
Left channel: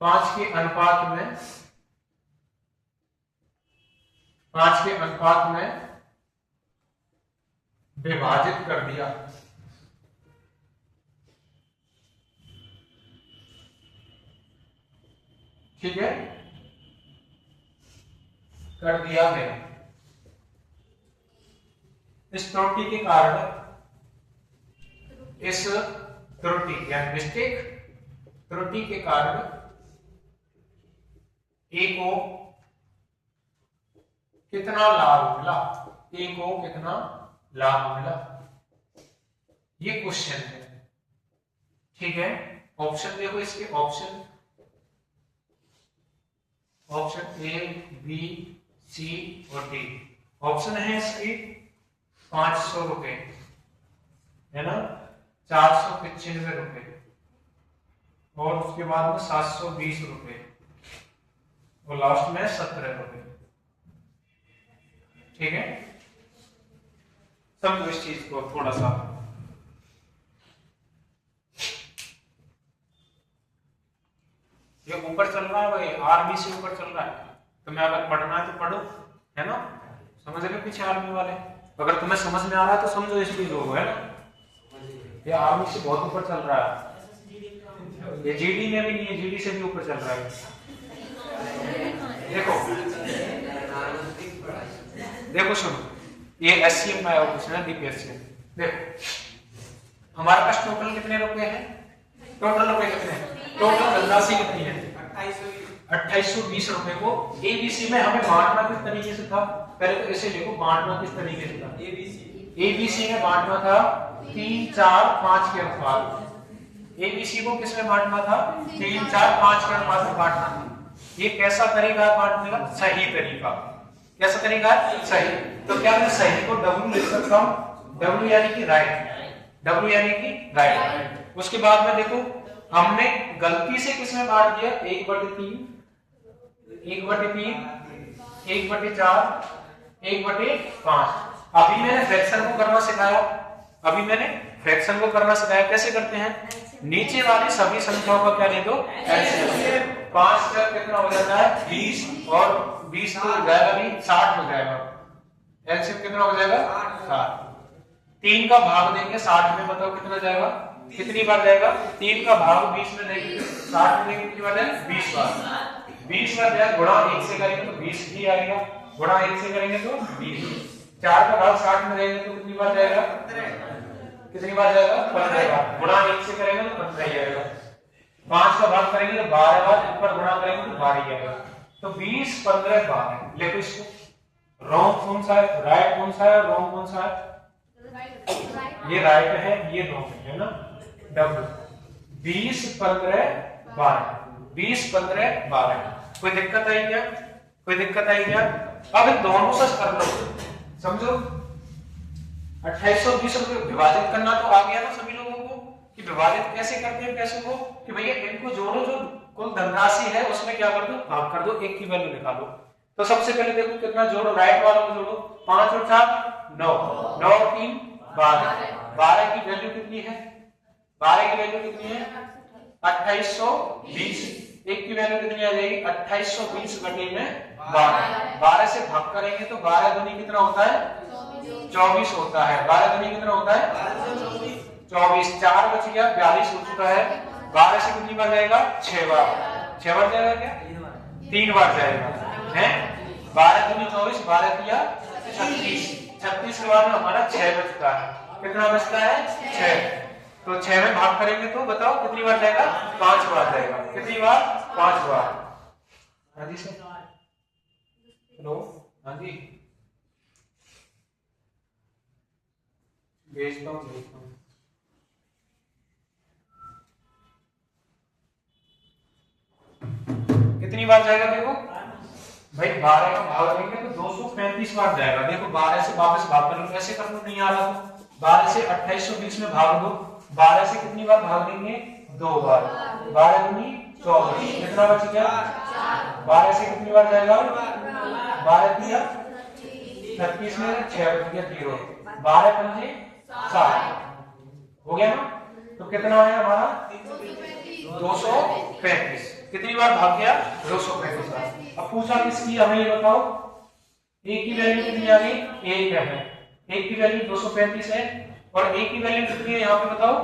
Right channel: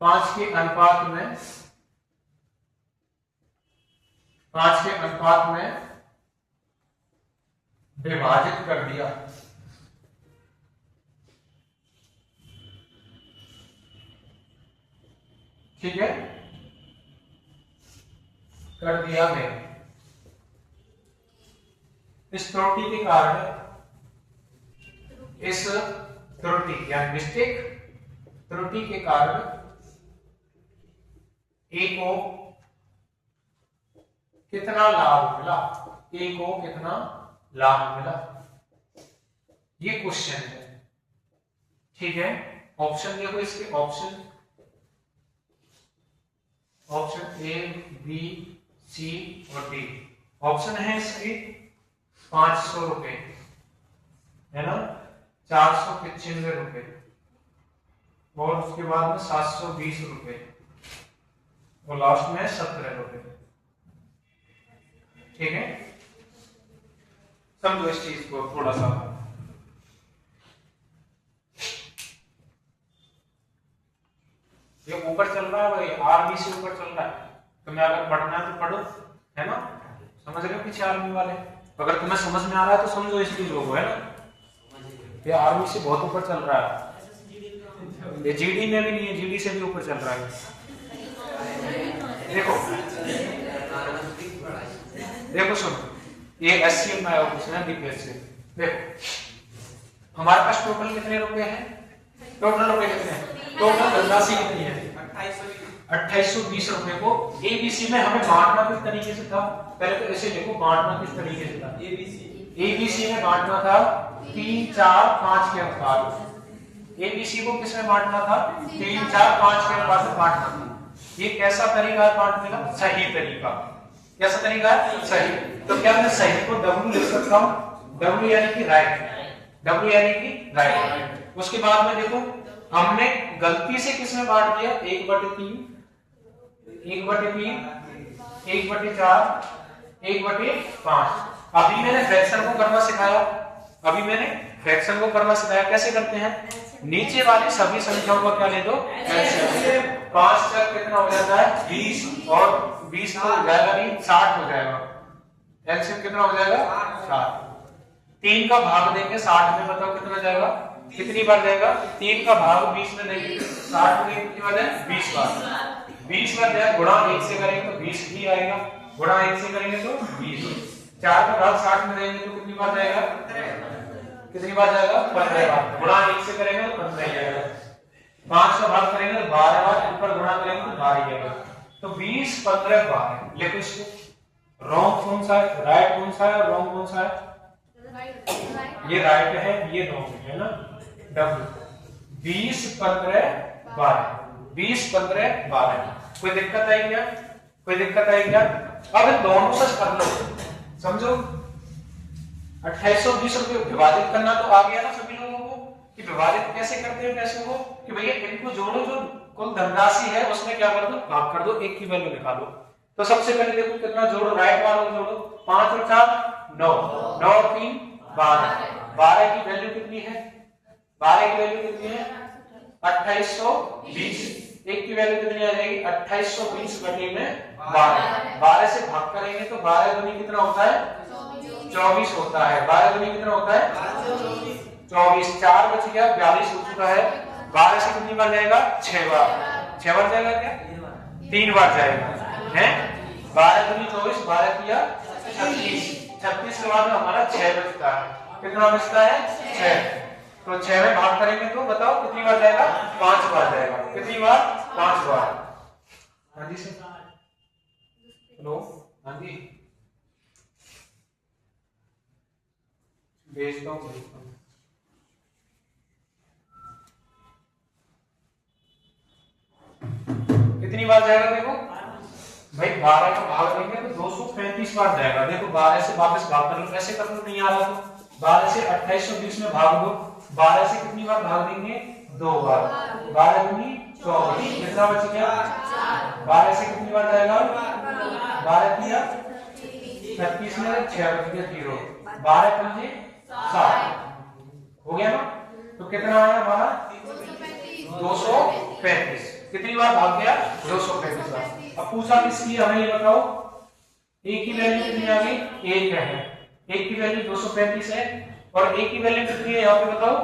5 के अनुपात में 5 के अनुपात में विभाजित कर दिया। ठीक है, कर दिया गया। इस त्रुटि के कारण, इस त्रुटि या मिस्टेक त्रुटि के कारण ए को कितना लाभ मिला, ए को कितना लाभ मिला, ये क्वेश्चन है। ठीक है, ऑप्शन देखो इसके, ऑप्शन ए बी सी और डी। ऑप्शन है इसकी 500 रुपए है ना, 495 रुपए और उसके बाद में 720 रुपए और लास्ट में 17 रुपए। ठीक है, समझो इस चीज को थोड़ा सा। ये ऊपर चल रहा है भाई, आर्मी से ऊपर चल रहा है, तुम्हें अगर पढ़ना है तो पढ़ो, है ना। समझ रहे हो पीछे आर्मी वाले, अगर तुम्हें समझ में आ रहा है तो समझो इस चीजों को, है ना। ये आर्मी से बहुत ऊपर चल रहा है, ये जीडी में भी नहीं है, जीडी से भी ऊपर चल रहा है। देखो देखो सुनो, ये एससीएम में आया पूछना, डीपीएस से। देखो हमारे पास टोटल कितने रुपए हैं, टोटल रुपए कितने हैं, टोटल राशि कितनी है 2820 रुपए को एबीसी में हमें बांटना किस तरीके से था। पहले तो ऐसे देखो, बांटना किस तरीके से था। एबीसी में बांटना था 3, 4, 5 के अनुपात। एबीसी को किस में बांटना था, 3, 4, 5 के अनुपात में बांटना था। ये कैसा तरीका है बांटने का, सही तरीका। कैसा तरीका है, सही। तो क्या मैं सही को डब्ल्यू लिख सकता हूँ, डब्ल्यू यानी कि राइट, डब्ल्यू यानी कि राइट। उसके बाद में देखो हमने गलती से किसमें बांट दिया, 1/3, 1/3, 1/4, 1/5। अभी मैंने फ्रैक्शन को करना सिखाया, अभी मैंने फ्रैक्शन को करना सिखाया। कैसे करते हैं, नीचे वाली सभी संख्याओं का क्या ले दो, एलसीएम। 5 तक कितना हो जाता है 20 और 20 तो हो जाएगा भी 60 हो जाएगा। एलसीएम कितना हो जाएगा 60। 3 का भाग देंगे 60 में, बताओ कितना जाएगा, कितनी बार जाएगा। 3 का भाग 20 में देंगे, 60 में देंगे, कितनी बार जाएगा 20 बार। 20 बार जाएगा, गुणा 1 से करेंगे तो 20 ही आएगा, गुणा 1 से करेंगे तो 20। 4 का भाग 60 में देंगे तो कितनी बार जाएगा, कितनी बार जाएगा 15 बार। गुणा 1 से करेंगे तो 15 ही आएगा। 5 का भाग करेंगे तो 12 बार, ऊपर गुणा करेंगे तो 12 ही आएगा। तो 20, 15, 12। लिखो इसको। रॉन्ग कौन सा है, राइट कौन सा है, रॉन्ग कौन सा है, ये राइट है, ये रॉन्ग है ना। डब्ल्यू 20, 15, 12, 20, 15, 12। कोई दिक्कत आई क्या, कोई दिक्कत आई क्या। अब दोनों से कर लो, समझो 2820 रुपए विभाजित करना तो आ गया ना सभी लोगों को, कि विभाजित कैसे करते हैं पैसे को, कि भैया इनको जोड़ो, जो कुल धनराशि है उसमें क्या कर दो, भाग कर दो, 1 की वैल्यू निकालो। तो सबसे पहले देखो कितना जोड़ो, राइट वालों को जोड़ो। 5 और 4 9, 9 और 3 12, 12 की वैल्यू कितनी है, 12 की वैल्यू कितनी है 2820। 1 की वैल्यू कितनी आ जाएगी 2820 बटे में 12। 12 से भाग करेंगे तो 12 दूनी कितना होता है 24 होता है। 12 दूनी कितना होता है 24। 4 बच गया, 42 हो चुका है। 12 से कितनी बार जाएगा 6 बार। 6 बार जाएगा क्या, 3 बार जाएगा है। 12 दूनी 24, 12 किया 36। 36 के बाद में हमारा 6 बचता है। कितना बचता है 6। तो 6 में भाग करेंगे तो बताओ कितनी बार जाएगा 5 बार जाएगा। कितनी बार 5 बार। हाँ जी सर, हेलो, हाँ जी भेजता हूँ। कितनी बार जाएगा देखो भाई, 12 का भाग देंगे तो 235 बार जाएगा। देखो 12 से वापस भाग कर लो, ऐसे कर लो, नहीं आ रहा तो 12 से 2820 में भाग दो। 12 से कितनी बार भाग देंगे 2 बार। 12 दूनी 24, कितना बच गया 12 से कितनी बार जाएगा 12 किया 36 में 6 बच गया 0। 12 पंजे 7, हो गया ना। तो कितना आया हमारा 235। कितनी बार भाग गया 235 बार। अब पूछा किसकी, हमें ये बताओ ए की वैल्यू कितनी आ गई, 1 है। ए की वैल्यू 235 है और ए की वैल्यू कितनी है यहाँ पे बताओ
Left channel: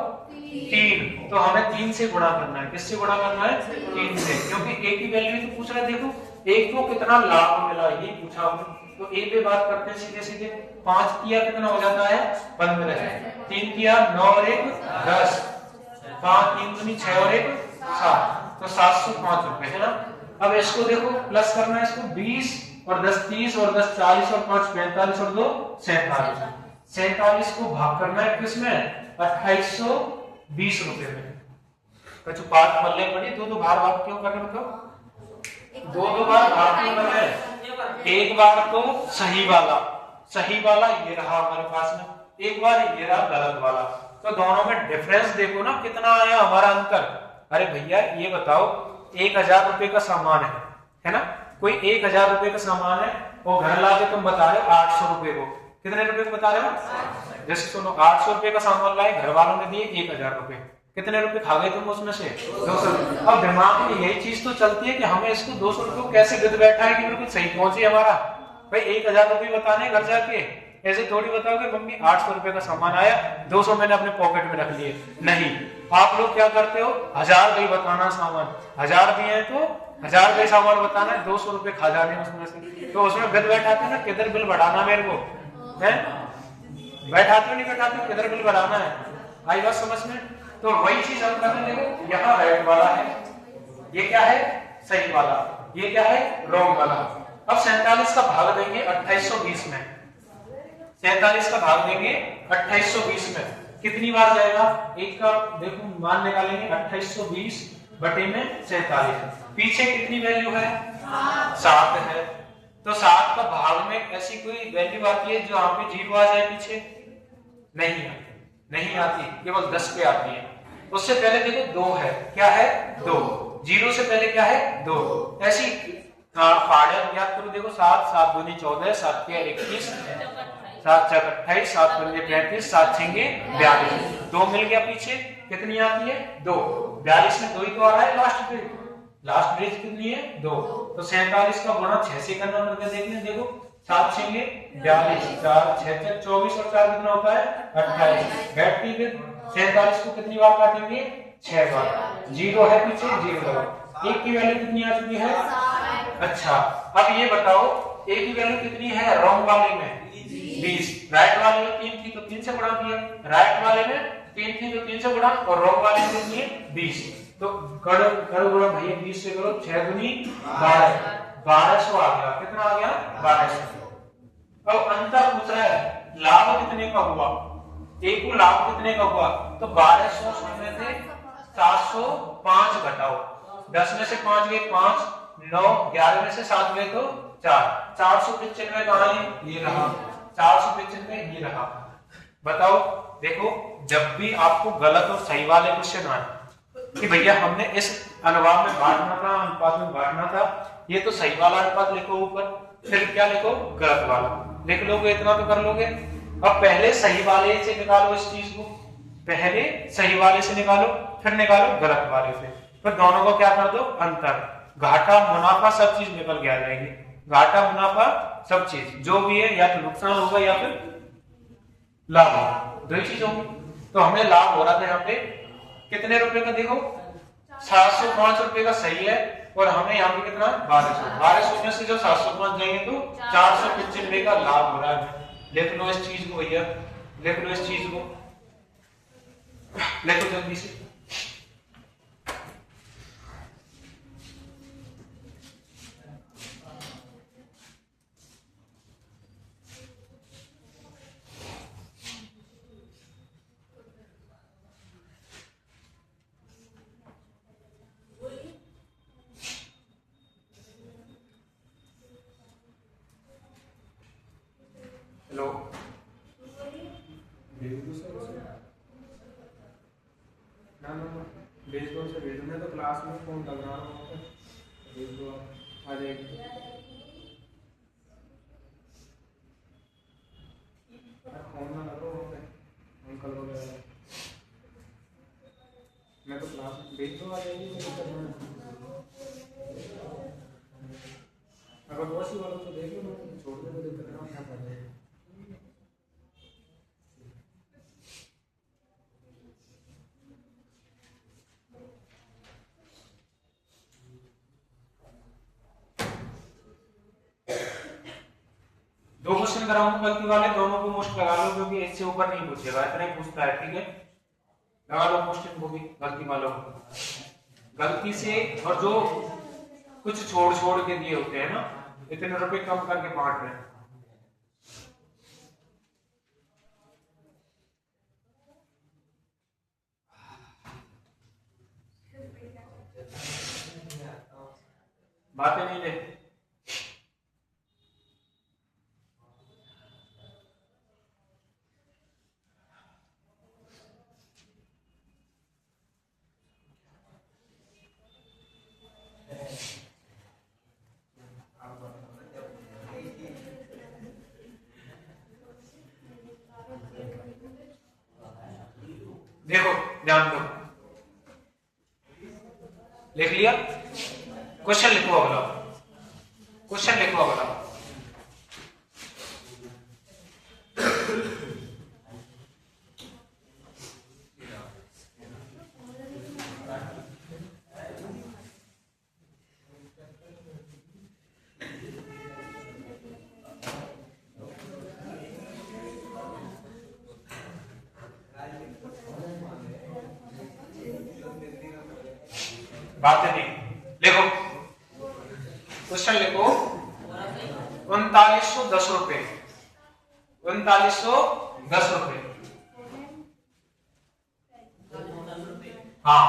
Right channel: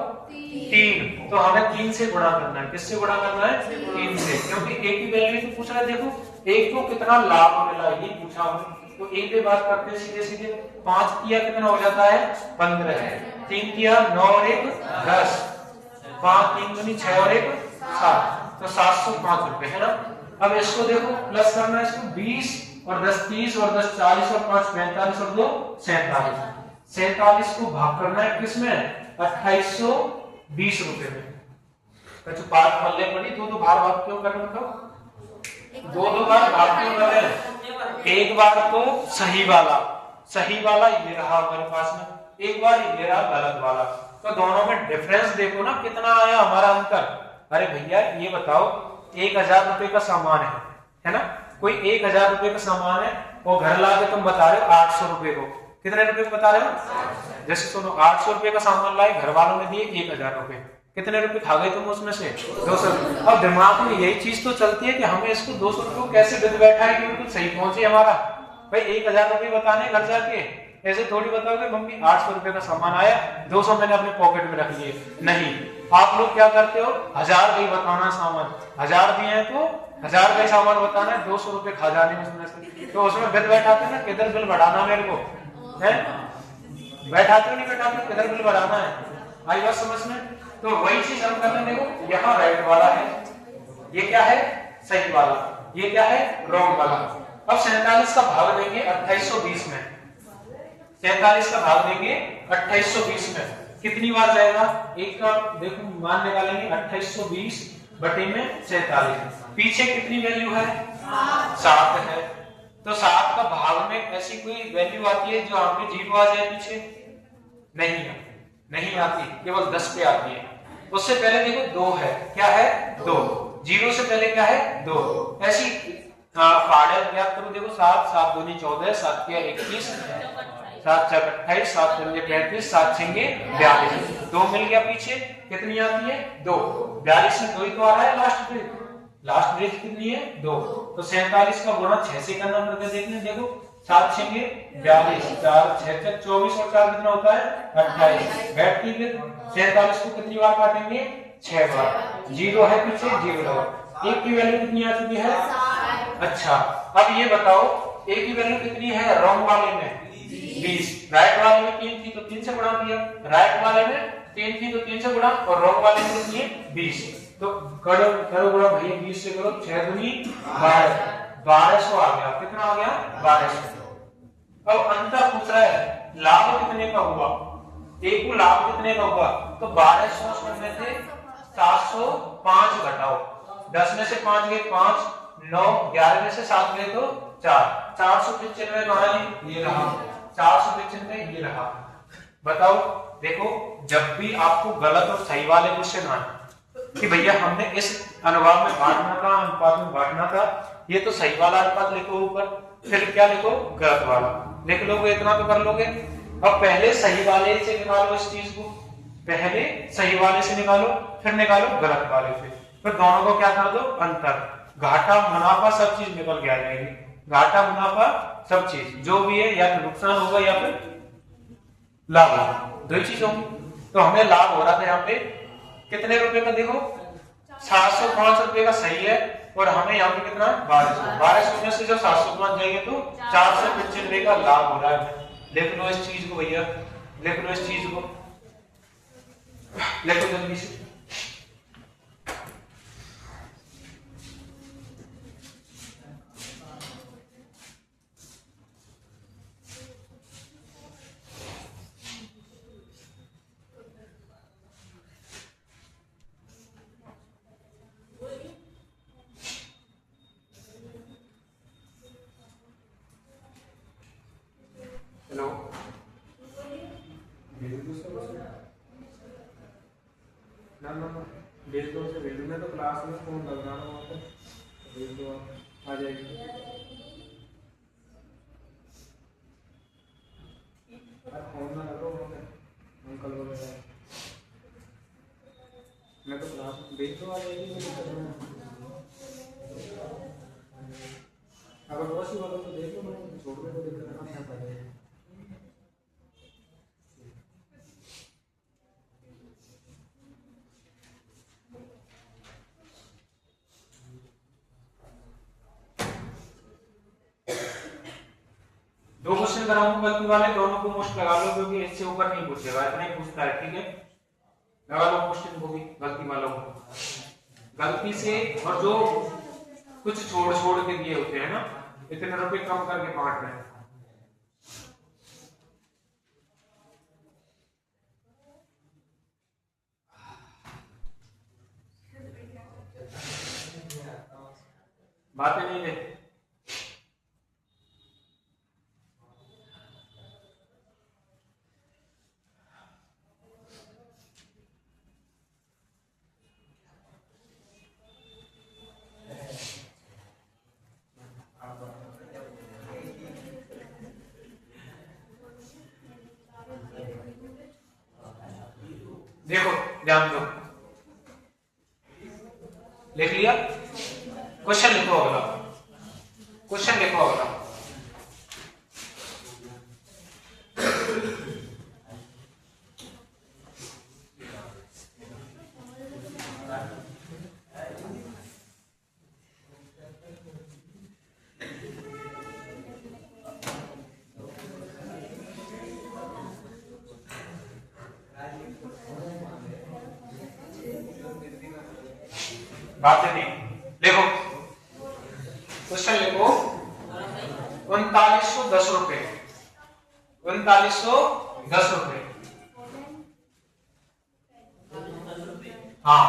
3। तो हमें 3 से गुणा करना है। किससे गुणा करना है 3 से, क्योंकि ए की वैल्यू तो पूछ रहा है। देखो ए को कितना लाभ मिला ये पूछा हमने। तो ए पे बात करते हैं सीधे सीधे। 5 किया कितना हो जाता है 15, 3 किया 9 और 1 10, 5 3 दूनी 6 और 1 7, तो 705 रुपए है ना। अब इसको देखो प्लस करना है, इसको 20 और 10 30 और 10 40 और 5 45 और 2 47। 47 को भाग करना है किसमें 2820 रुपए में। तो जो बात मल्ले पड़ी दो बार भाग क्यों कर रहे, मतलब दो बार भाग क्यों कर रहे हैं। एक बार तो सही वाला ये रहा हमारे पास में, एक बार ये रहा गलत वाला। तो दोनों में डिफरेंस देखो ना कितना आया हमारा अंतर। अरे भैया ये बताओ 1000 रुपए का सामान है ना, कोई 1000 रुपए का सामान है और घर लाके तुम बता रहे हो 800 रुपए को। कितने रुपए को बता रहे हो, जैसे सुनो 800 रुपए का सामान लाए, घर वालों ने दिए 1000 रुपए, कितने रुपए खा गए तुम उसमें से 200 रुपए। अब दिमाग में यही चीज तो चलती है कि हमें इसको 200 रुपए कैसे विद बैठा है कि बिल्कुल सही पहुंचे हमारा। भाई 1000 रुपए बताने घर जाके, ऐसे थोड़ी बताओगे मम्मी 800 रुपए का सामान आया 200 मैंने अपने पॉकेट में रख लिए। नहीं, आप लोग क्या करते हो 1000 भाई बताना सामान, 1000 दिए हैं तो 1000 का सामान बताना है, 200 रुपए खा जाने उसमें से। तो उसमें बिल बैठाते ना किधर बिल बढ़ाना मेरे को है, बैठाते हो नहीं बैठाते किधर बिल बढ़ाना है, आई बात समझ में। तो वही चीज हम कर रहे हैं। देखो यहाँ राइट वाला है, ये क्या है सही वाला, ये क्या है रॉन्ग वाला। अब 47 का भाग देंगे 2820 में, 47 का भाग देंगे 2820 में, कितनी बार जाएगा एक का देखो मान निकालेंगे 2820 बटे में 47, पीछे कितनी वैल्यू है 7 है। तो 7 का भाग में ऐसी कोई वैल्यू आती है जो हमें 0 आ जाए पीछे, नहीं आती, केवल 10 पे आती है। उससे पहले देखो 2 है, क्या है 2, 0 से पहले क्या है 2। ऐसी फाड़े याद करो, देखो 7 7 दूनी 14, 7 के 21, 7 4 28, 7 पंजे 35, 7 छेंगे 42, 2 मिल गया पीछे, कितनी आती है 2। 42 में 2 ही तो आ रहा है लास्ट ब्रिज कितनी है 2। तो 47 का गुणा 6 से करना करके देखने, देखो 7 छेंगे 42, 4 6 24 और 4 कितना होता है 28। बैठ के 47 को कितनी बार काटेंगे 6 बार, 0 है पीछे 0 लगा, एक की वैल्यू कितनी आ चुकी है। अच्छा अब ये बताओ ए की वैल्यू कितनी है रॉन्ग वाले में 20, राइट वाले में 3 थी तो 3 से गुणा किया, राइट वाले में 3 थी तो 3 से गुणा, और रॉन्ग वाले में कितनी है 20। तो करो गुणा भैया 20 से करो, 6 दूनी 12, 1200 आ गया, कितना आ गया 1200। अब अंतर पूछ रहा है लाभ कितने का हुआ, ए को लाभ कितने का हुआ, तो 1200 में से 705 घटाओ, 10 में से 5 गए 5, 9 11 में से 7 गए तो 4, 495 कहां है ये रहा, 495 ये रहा। बताओ देखो जब भी आपको गलत और सही वाले क्वेश्चन आए कि भैया हमने इस अनुपात में बांटना था, अनुपात में बांटना था, ये तो सही वाला अनुपात लिखो ऊपर, फिर क्या लिखो गलत वाला लिख दोगे, इतना तो कर लोगे। अब पहले सही वाले से निकालो इस चीज को, पहले सही वाले से निकालो फिर निकालो गलत वाले से, फिर दोनों को क्या कर दो अंतर, घाटा मुनाफा सब चीज निकल के आ जाएगी, घाटा मुनाफा सब चीज जो भी है या तो नुकसान होगा या फिर लाभ होगा, दो चीज होंगी। तो हमें लाभ हो रहा था यहाँ पे कितने रुपए का, देखो 705 रुपए का सही है, और हमें यहाँ पे कितना 1200 में से जब 705 जाएंगे तो 495 का लाभ हो रहा है। लिख लो इस चीज को भैया, लिख लो इस चीज को, लिखो जल्दी से। हेलो भेज दो उसे, भेज देना तो क्लास में फोन लगना रहा तो भेज दो, आ जाएगी। फोन ना लगो अंकल वगैरह बेचने वाले ये भी दिक्कत है। अगर पड़ोसी वालों को देख लो ना तो छोड़ने को दिक्कत है ना क्या कर रहे हैं। दो क्वेश्चन कराऊंगा गलती वाले, दोनों को मुश्त लगा लो क्योंकि इससे ऊपर नहीं पूछेगा, इतना ही पूछता है, ठीक है। लगा लो क्वेश्चन को भी गलती वालों को, गलती से, और जो कुछ छोड़ छोड़ के दिए होते हैं ना, इतने रुपए कम करके बांट रहे हैं। बातें नहीं है। देखो ध्यान दो, लिख लिया, क्वेश्चन लिखो अगला, क्वेश्चन लिखो अगला। बातें नहीं, देखो क्वेश्चन लिखो, 3910 रुपए, 3910 रुपए, हाँ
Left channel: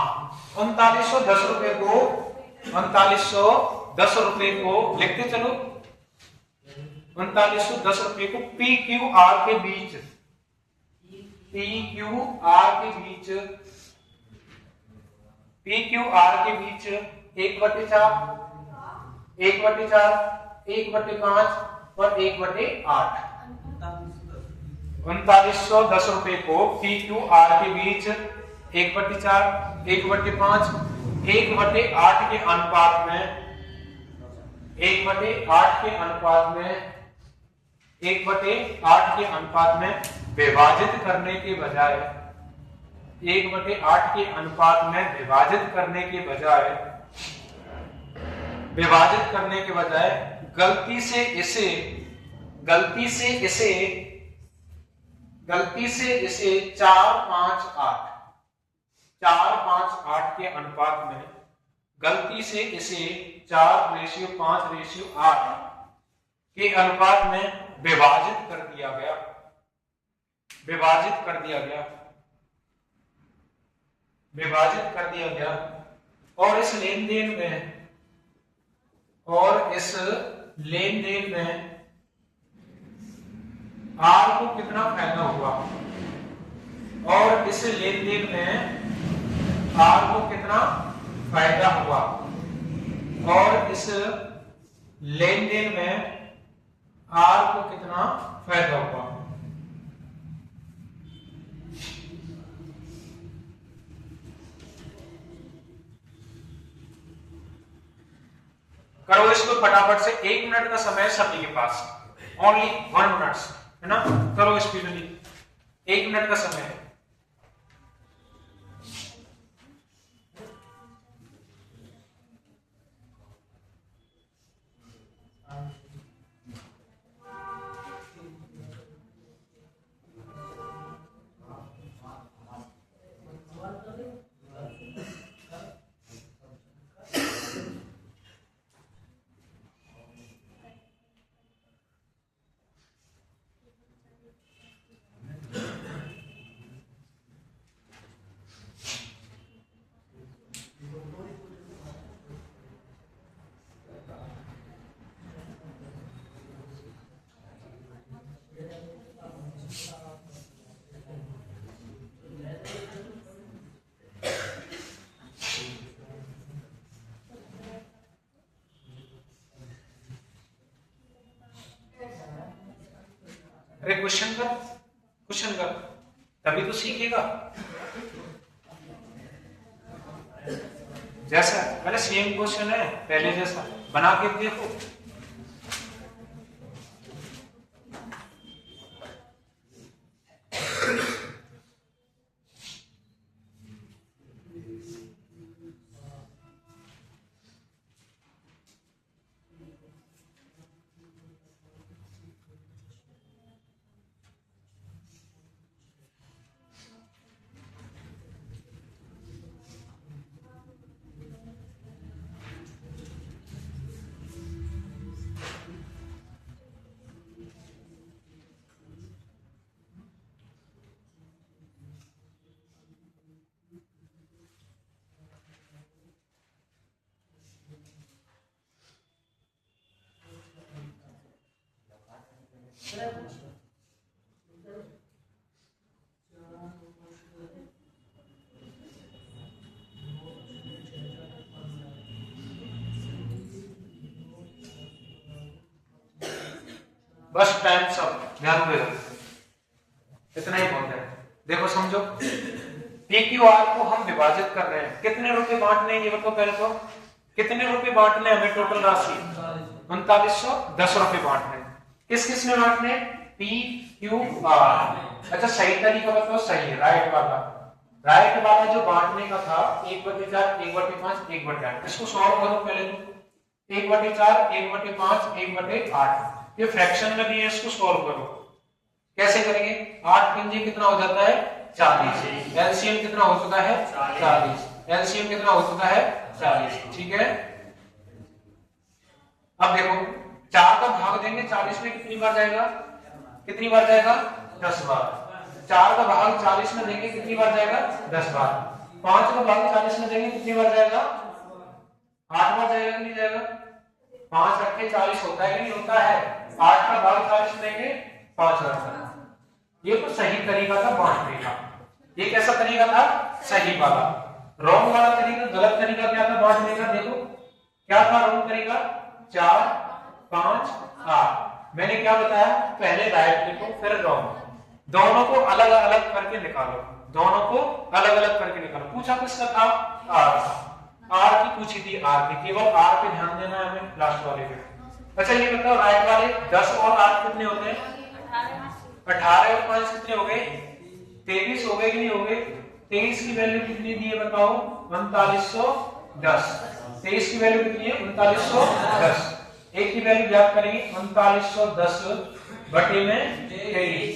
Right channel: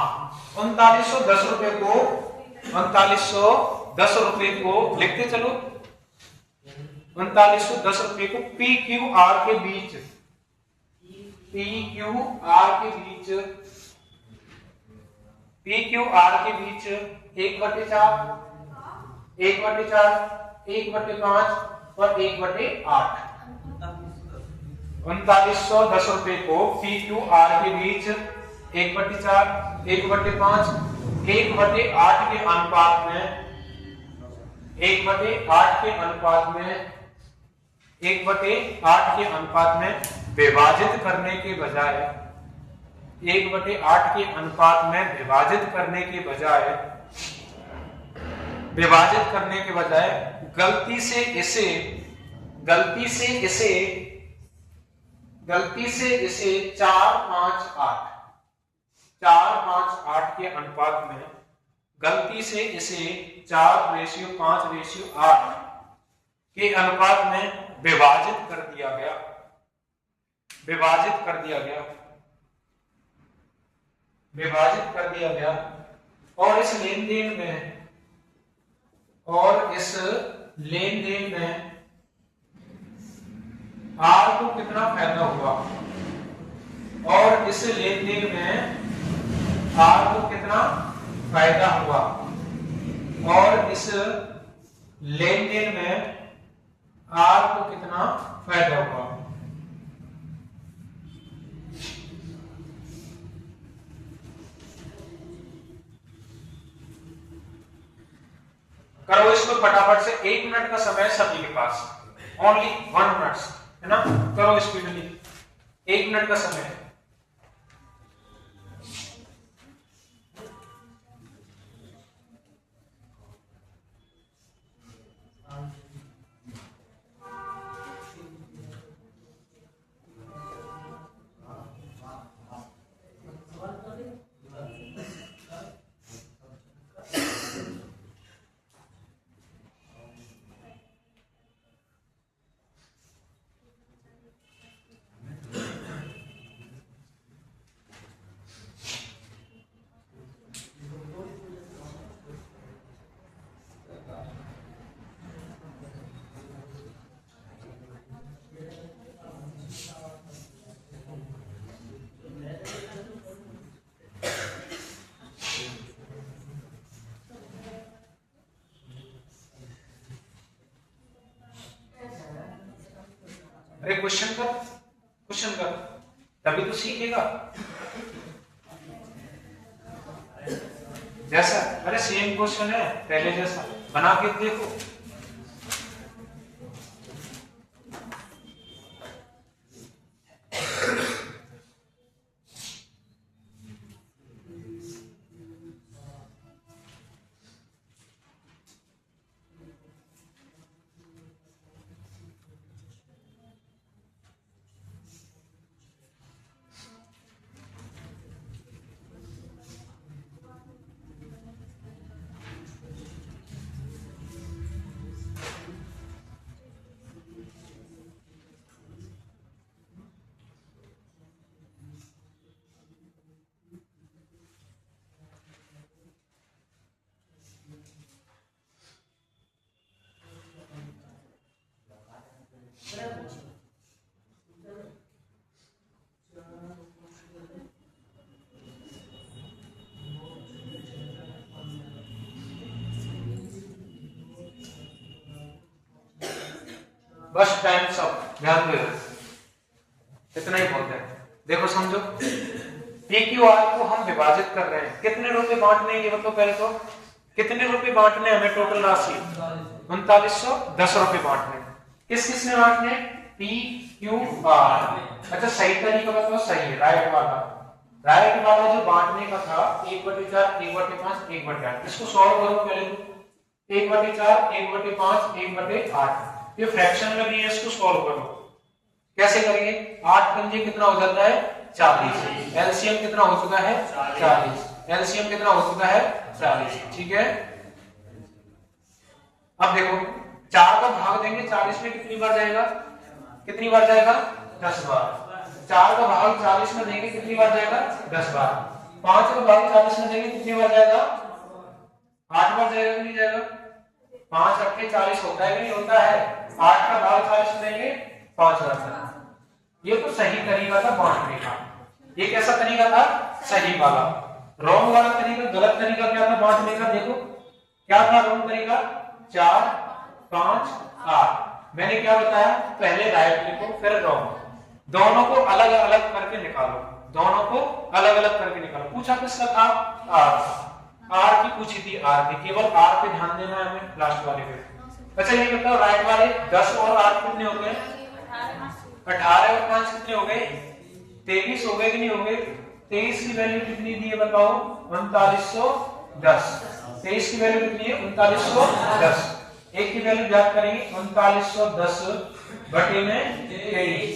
3910 रुपए को, 3910 रुपए को लिखते चलो, 3910 रुपए को पी क्यू आर के बीच, पी क्यू आर के बीच, पी क्यू आर के बीच 1/4, 1/4, 1/5 और 1/8, 3910 रुपए को पी क्यू आर के बीच 1/4, 1/5, 1/8 के अनुपात में, 1/8 के अनुपात में, 1/8 के अनुपात में विभाजित करने के बजाय, 1/8 के अनुपात में विभाजित करने के बजाय, विभाजित करने के बजाय गलती से इसे 4-5-8, 4-5-8 के अनुपात में, गलती से इसे 4:5:8 के अनुपात में विभाजित कर दिया गया, विभाजित कर दिया गया, विभाजित कर दिया गया। और इस लेन देन में, और इस लेन देन में आर को कितना फायदा हुआ, और इस लेन देन में आर को कितना फायदा हुआ, और इस लेन देन में आर को कितना फायदा हुआ। करो इसको फटाफट से, 1 मिनट का समय है सभी के पास, ओनली 1 मिनट, है ना। करो स्पीडली, 1 मिनट का समय है। अरे क्वेश्चन कर, क्वेश्चन कर, तभी तो सीखेगा। जैसा अरे सेम क्वेश्चन है पहले जैसा, बना के देखो। बस टाइम सब ध्यान में इतना ही बहुत है। देखो समझो, PQR को हम विभाजित कर रहे हैं, कितने रुपए बांटने ये बताओ पहले तो, कितने रुपए बांटने हमें टोटल राशि 3910 रुपए बांटने। किस किस में बांटने? PQR। अच्छा सही तरीका बताओ, सही राइट वाला, राइट वाला जो बांटने का था 1/4 1/5 1/8, इसको सॉल्व करो पहले तो 1/4 1/5 1/8, ये फ्रैक्शन में दिए, इसको सॉल्व करो। कैसे करिए? 8 पंजे कितना हो जाता है? 40। एलसीएम कितना हो चुका है? 40। एलसीएम कितना हो चुका है? 40। ठीक है, अब देखो 4 का भाग देंगे 40 में, कितनी बार जाएगा? कितनी बार जाएगा? 10 बार। 4 का भाग 40 में देंगे, कितनी बार जाएगा? 10 बार। 5 का भाग 40 में देंगे, कितनी बार जाएगा? 8 बार जाएगा कि नहीं जाएगा? 5 रखे 40 होता है कि नहीं होता है? 8 का भाग 40 में देंगे 5 बार। ये तो सही तरीका था बांटने का। ये कैसा तरीका था? सही वाला। रॉन्ग वाला तरीका, गलत तरीका क्या था बांटने का? देखो क्या था रॉन्ग तरीका? 4 5 8। मैंने क्या बताया? पहले राइट लिखो फिर रॉन्ग, दोनों को अलग अलग करके निकालो, दोनों को अलग अलग करके निकालो। पूछा किसका था? आर की पूछी थी, आर की, केवल आर पे ध्यान देना है हमें लास्ट वाले पे। अच्छा ये बताओ राइट वाले 10 और 8 कितने हो गए? 18 और 5 कितने हो गए? 23 हो गए कि नहीं हो गए? 23 की वैल्यू कितनी दी है बताओ? 3910। 23 की वैल्यू कितनी है? 3910। एक की वैल्यू ज्ञात करेंगे 3910 बटे में 23।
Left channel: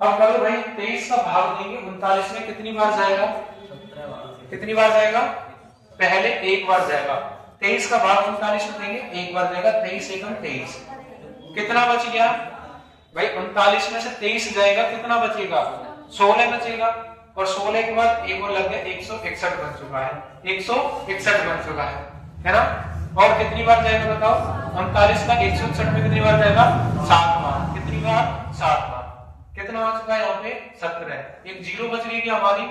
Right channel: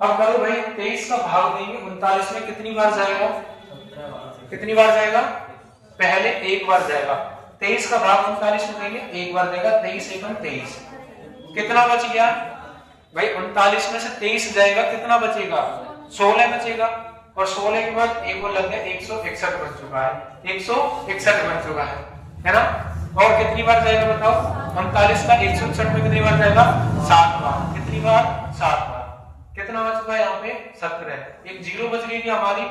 अब करो भाई 23 का भाग देंगे 39 में, कितनी बार जाएगा? कितनी बार जाएगा? पहले एक बार जाएगा। 23 का भाग 39 में देंगे, एक बार जाएगा। 23 एकम 23। कितना बच गया भाई? 39 में से 23 जाएगा, कितना बचेगा? 16 बचेगा। और 16 के बाद एक और लग गया, 161 बन चुका है। 161 बन चुका है ना? और कितनी बार जाएगा बताओ? 39 का 161 में कितनी बार जाएगा? 7 बार। कितनी बार? 7 बार। कितना बच चुका है यहाँ पे? 17। एक जीरो बच गई हमारी,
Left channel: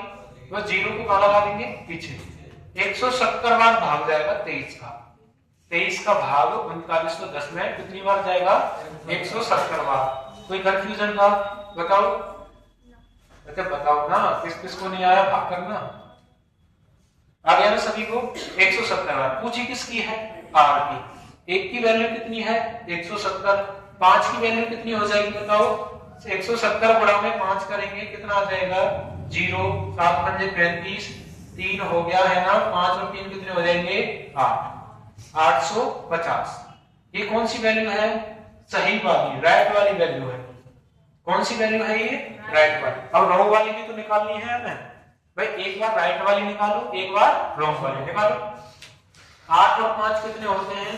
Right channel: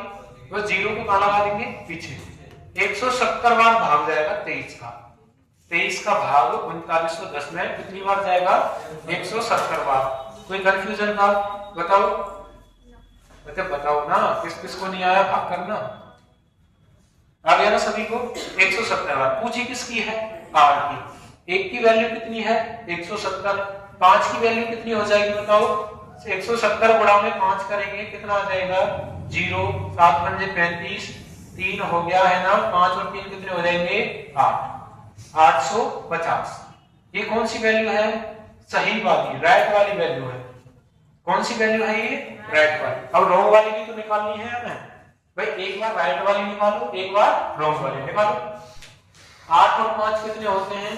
तो जीरो को कहाँ लगा देंगे? पीछे। 170 बार भाग जाएगा 23 का। 23 का भाग 3910 में कितनी बार जाएगा? 170 बार। कोई कंफ्यूजन था? बताओ, बताओ ना, किस किस को नहीं आया भाग करना? आ गया ना सभी को? 170 बार। पूछी किसकी है? आर की। एक की वैल्यू कितनी है? 170। 5 की वैल्यू कितनी हो जाएगी बताओ? 170 गुणा में 5 करेंगे, कितना आ जाएगा? 0। 7 पंजे 35, 3 हो गया है ना? 5 और 3 कितने हो जाएंगे? 8। 850। ये कौन सी वैल्यू है? सही वाली, राइट वाली वैल्यू है। कौन सी वैल्यू है ये? राइट वाली। अब रॉन्ग वाली भी तो निकालनी है हमें भाई। एक बार राइट वाली निकालो, एक बार रॉन्ग वाली निकालो। 8 और 5 कितने होते हैं?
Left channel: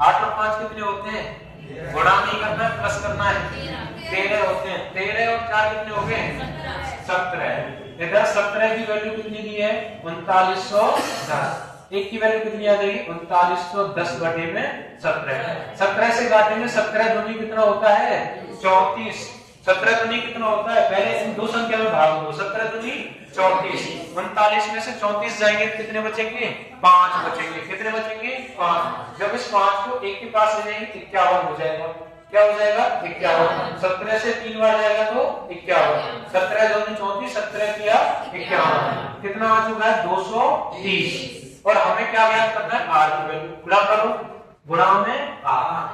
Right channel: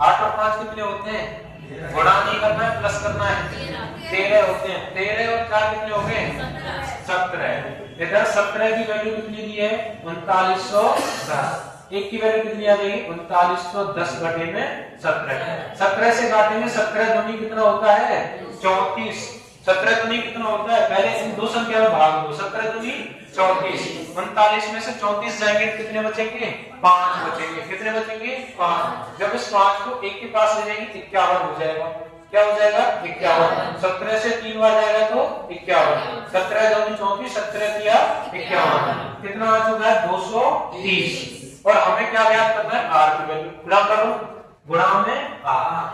8 और 5 कितने होते हैं? गुणा नहीं करना है, प्लस करना है। 13 होते हैं। 13 और 4 कितने हो गए? 17। इधर 17 की वैल्यू कितनी दी है? 3910। एक की वैल्यू कितनी आ जाएगी? 3910 बटे में 17। 17 से काटेंगे, 17 दूनी कितना होता है? 34। 17 दूनी कितना होता है? पहले इन दो संख्या में भाग दो। 17 दूनी 34। 39 में से 34 जाएंगे, कितने बचेंगे? 5 बचेंगे। कितने बचेंगे? 5। जब इस 5 को एक के पास ले जाएंगे 51 हो जाएगा। क्या हो जाएगा? 51। 17 से 3 बार जाएगा तो 51। 17 दूनी 34, 17 किया 51। कितना आ चुका है? 230। और हमें क्या ज्ञात करना है, आर की वैल्यू। गुणा करो, गुणा में आर,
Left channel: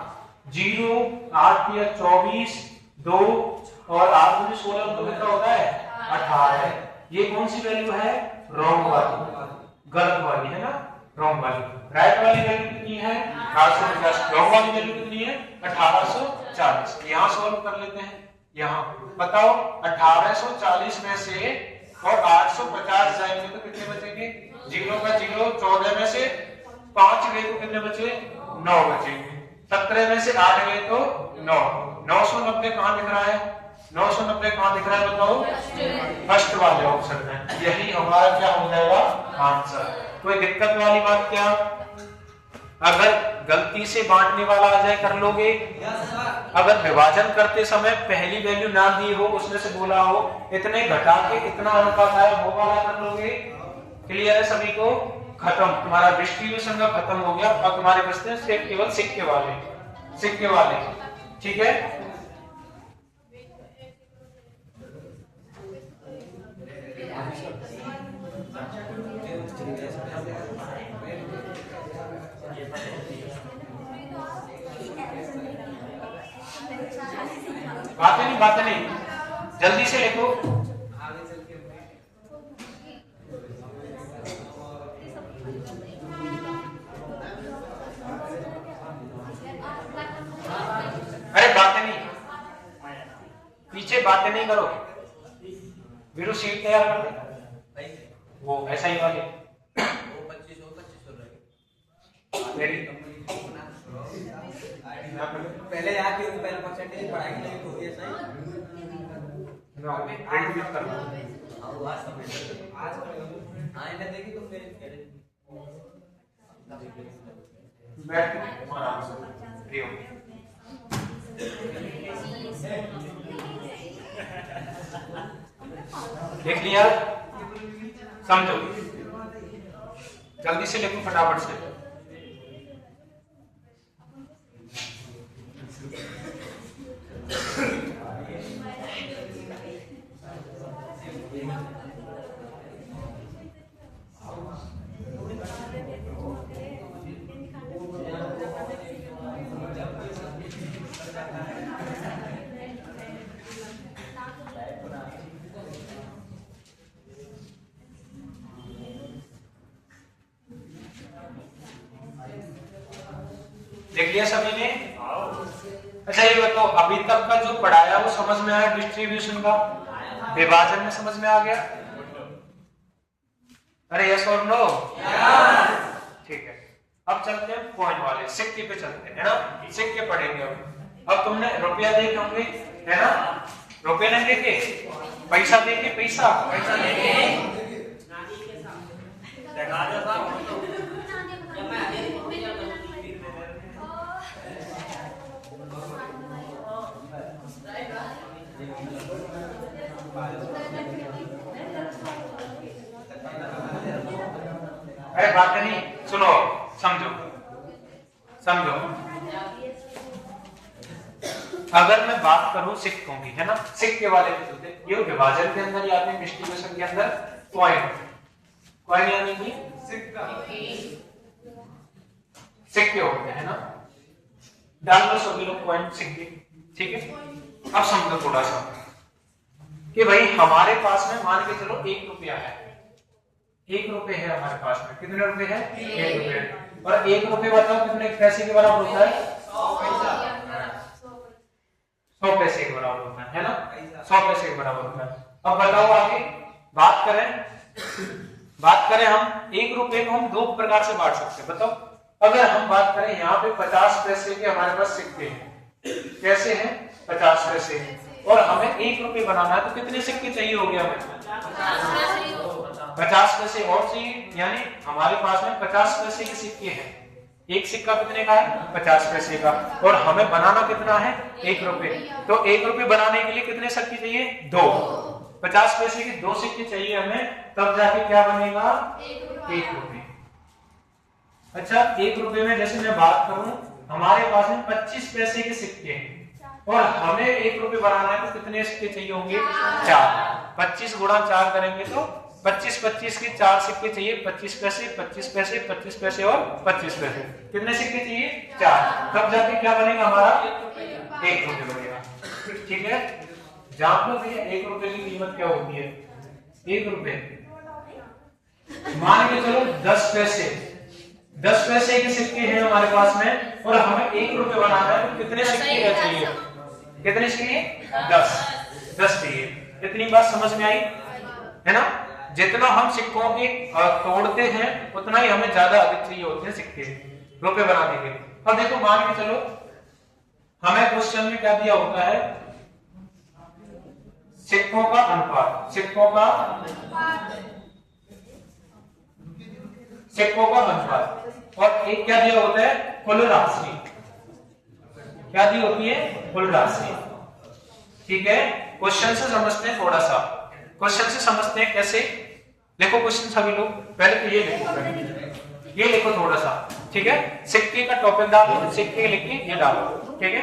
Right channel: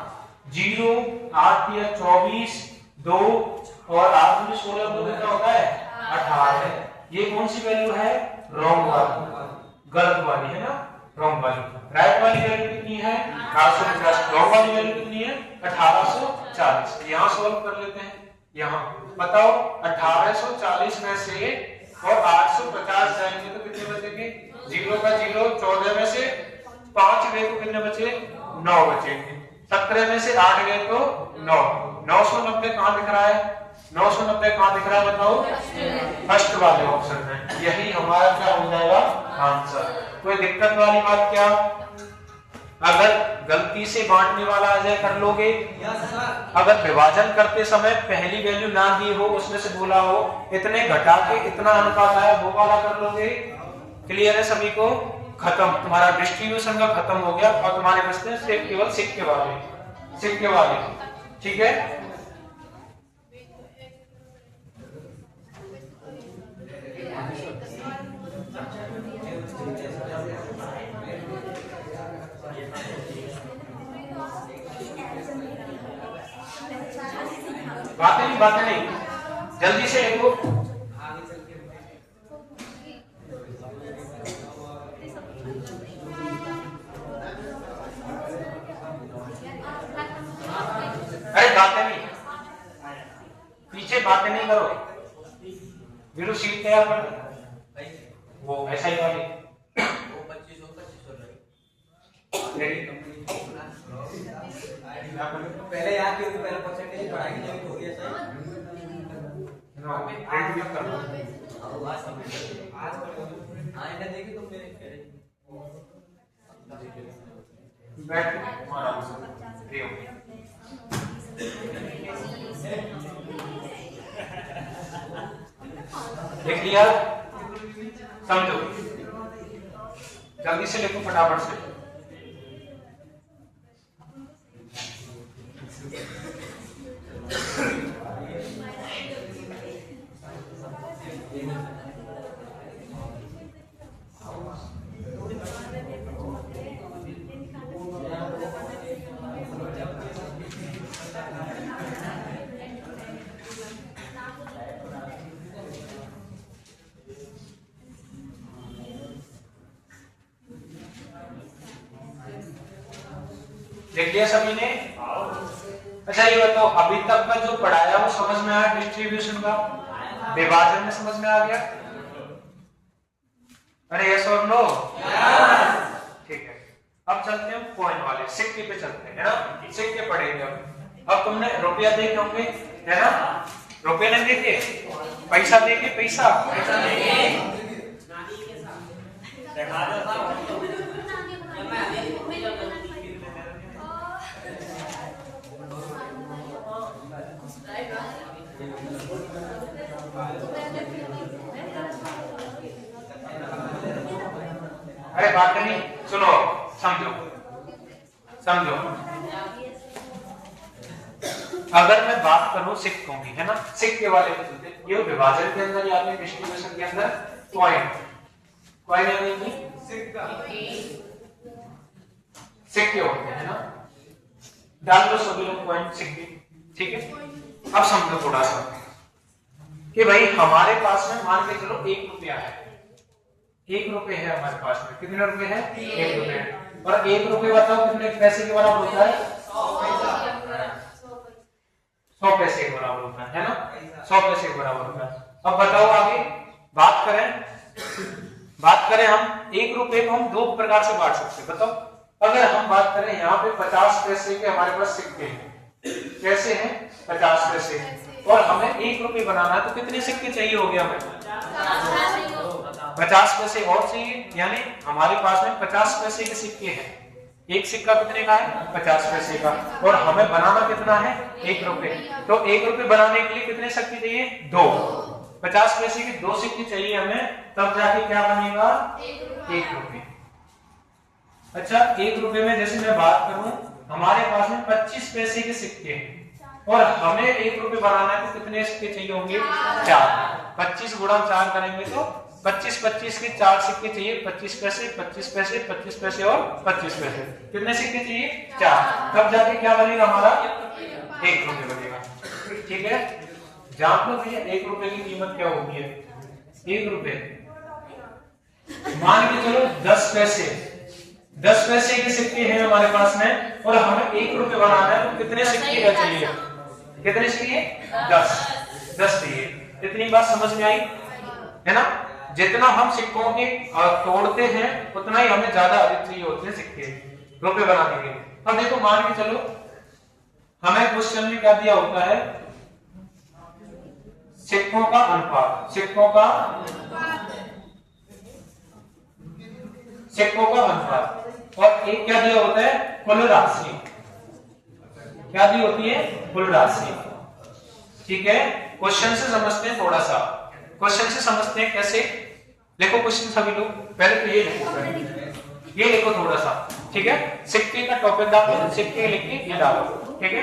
0 8 या 24 2 और 8 में 16 को कितना होता है 18। ये कौन सी वैल्यू है, रॉन्ग वाली, गलत वाली है ना, रॉन्ग वाली। राइट वाली वैल्यू कितनी है 1850, रॉन्ग वाली वैल्यू कितनी है 1840। यहां सॉल्व कर लेते हैं। यहाँ बताओ 1840 में से और 850 जाएंगे तो कितने बचेंगे, 0 का 0, 14 में से 5 गए तो कितने बचे 9 बचेंगे, 17 में से 8 गए तो 9। 990 कहाँ दिख रहा है, 990 कहाँ दिख रहा है बताओ, फर्स्ट वाले ऑप्शन में। यही हमारा क्या हो जाएगा आंसर। कोई दिक्कत वाली बात क्या, अगर गलती से बांटने वाला आ जाए कर लोगे, अगर विभाजन करते समय पहली वैल्यू ना दी हो, उसमें से बोला हो इतने घटा के इतना अनुपात आया, वो वाला कर लोगे। क्लियर है सभी को, खत्म, तुम्हारा डिस्ट्रीब्यूशन का खत्म हो गया। और तुम्हारे पास में सिर्फ केवल सिक्के वाले, ठीक है। बातें नहीं, जल्दी से लिखो। अरे बातें नहीं, पीछे बातें नहीं करो। वीरू शीट तैयार कर, वो ऐसा ही वाली पहले यहाँ की पहले परसेंटेज बढ़ाई जब हो गया सही आज देखी तुम मेरे देख लिया, समझो, जल्दी से लिखो फटाफट से। देख लिया सभी ने। अच्छा ये बताओ, अभी तक का जो पढ़ाया वो समझ में आया, डिस्ट्रीब्यूशन का, विभाजन में समझ में आ गया? अरे यस और नो? ठीक है, अब चलते हैं पॉइंट वाले, सिक्के पे चलते हैं, है ना। सिक्के पढ़ेंगे अब तुमने रुपया देखे होंगे, है ना, रुपये नहीं देखे, पैसा देखे, पैसा अरे बात नहीं, सुनो, समझो। अगर मैं बात करूं सिक्कों की, है ना, सिक्के वाले पे चलते, ये विभाजन के अंदर या डिस्ट्रीब्यूशन के अंदर कॉइन यानी कि सिक्के होते हैं ना, डाल लो सभी लोग कॉइन, सिक्के, ठीक है। अब समझो थोड़ा सा कि भाई हमारे पास में मान के चलो 1 रुपया है, 1 रुपए है हमारे पास में, कितने रुपए है 1 रुपए, और 1 रुपए बताओ कितने पैसे के बराबर होता है 100 पैसे के बराबर होता है ना, 100 पैसे के बराबर होता है। अब बताओ आगे बात करें हम 1 रुपए को हम 2 प्रकार से बांट सकते हैं। बताओ, अगर हम बात करें यहाँ पे 50 पैसे के हमारे पास सिक्के हैं, कैसे हैं 50 पैसे, और हमें 1 रुपए बनाना है तो कितने सिक्के चाहिए हो गया हमें 50 पैसे और चाहिए, यानी हमारे पास में 50 पैसे के सिक्के हैं। एक सिक्का कितने का है 50 पैसे का, और हमें बनाना कितना है 1 रुपए, तो 1 रुपए बनाने के लिए कितने सिक्के चाहिए 2, 50 पैसे के 2 सिक्के चाहिए हमें, तब जाके क्या बनेगा 1 रुपए। अच्छा, 1 रुपए में जैसे मैं बात करूं, हमारे पास में 25 पैसे के सिक्के हैं और हमें 1 रुपए बनाना है तो कितने सिक्के चाहिए होंगे 4, 25 गुणा 4 करेंगे तो 25-25 के 4 सिक्के चाहिए, 25 पैसे, 25 पैसे, 25 पैसे और 25 पैसे। कितने सिक्के चाहिए? 4। तब जाके क्या बनेगा हमारा? 1 रुपये बनेगा। ठीक है, जान लो भैया 1 रुपए की कीमत क्या होती है। 1 रुपए मान के चलो 10 पैसे, 10 पैसे के सिक्के हैं हमारे पास में और हमें 1 रुपए बनाना है, तो कितने सिक्के का चाहिए? कितने चाहिए? 10 चाहिए। इतनी बात समझ में आई है ना? जितना हम सिक्कों के तोड़ते हैं उतना ही हमें ज्यादा अधिक चाहिए होते हैं सिक्के रुपए बनाने के। अब देखो मान के चलो हमें क्वेश्चन में क्या दिया होता है? सिक्कों का अनुपात, सिक्कों का अनुपात, और एक क्या दिया होता है? कुल राशि। क्या दी होती है? कुल राशि। ठीक है, क्वेश्चन से समझते हैं थोड़ा सा। क्वेश्चन से समझते हैं कैसे? देखो क्वेश्चन सभी लोग पहले तो ये लिखो, ये लिखो थोड़ा सा। ठीक है, सिक्के का टॉपिक डालो, सिक्के लिख के ये डालो। ठीक है,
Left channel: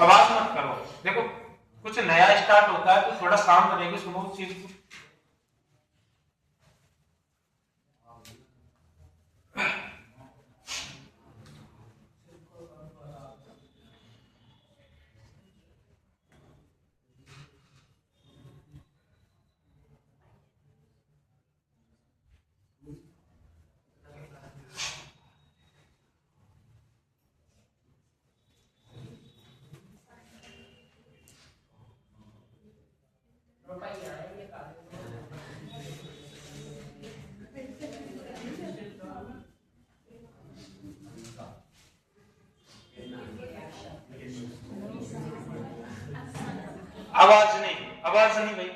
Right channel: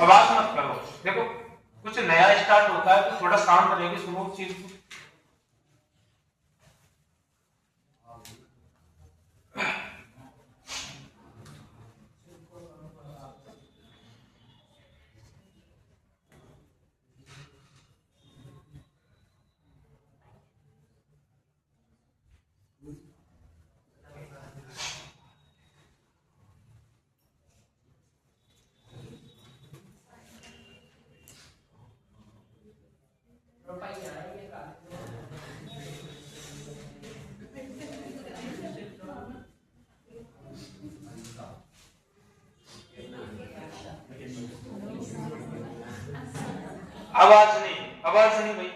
आवाज मत करो। देखो कुछ नया स्टार्ट होता है तो थोड़ा शांत रहेगी, सुनो चीज को। आवाज नहीं, आवाज नहीं भाई।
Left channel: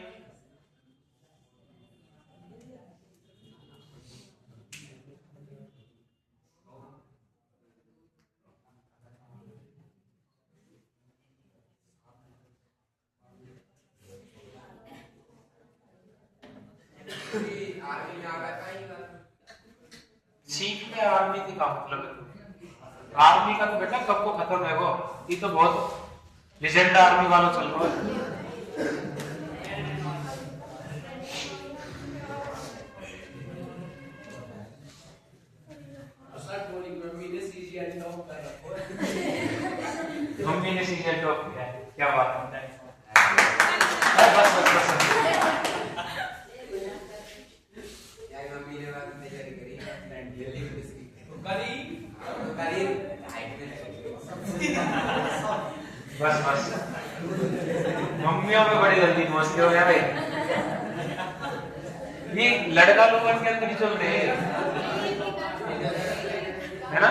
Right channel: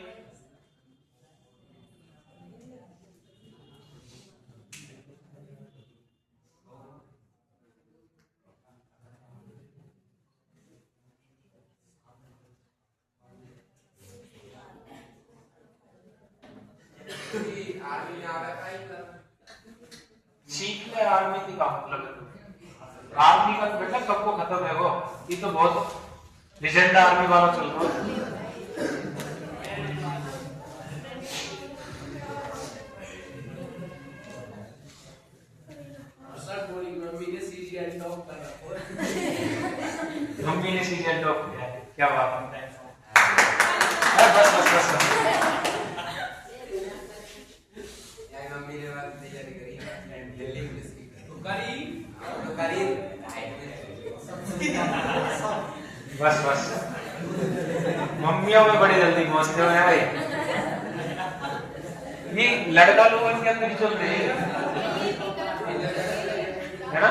सीख है आर्मी की का मतलब, आर्मी का तो बेटा सबको खत्म है वो, ये तो बहुत लेजेंड आर्मी वाला चल रहा है। मम्मी ने सीजन टॉप किया है, क्या बात होता है। बस बस बस मम्मी ने बात तैयारी करी दिल्ली पुलिस की करी बस बस मम्मियों में बड़ी जल्दी पहुंचते हैं भाई। ये लड़का लोग इनके अंदर ही चल रहे हैं है ना।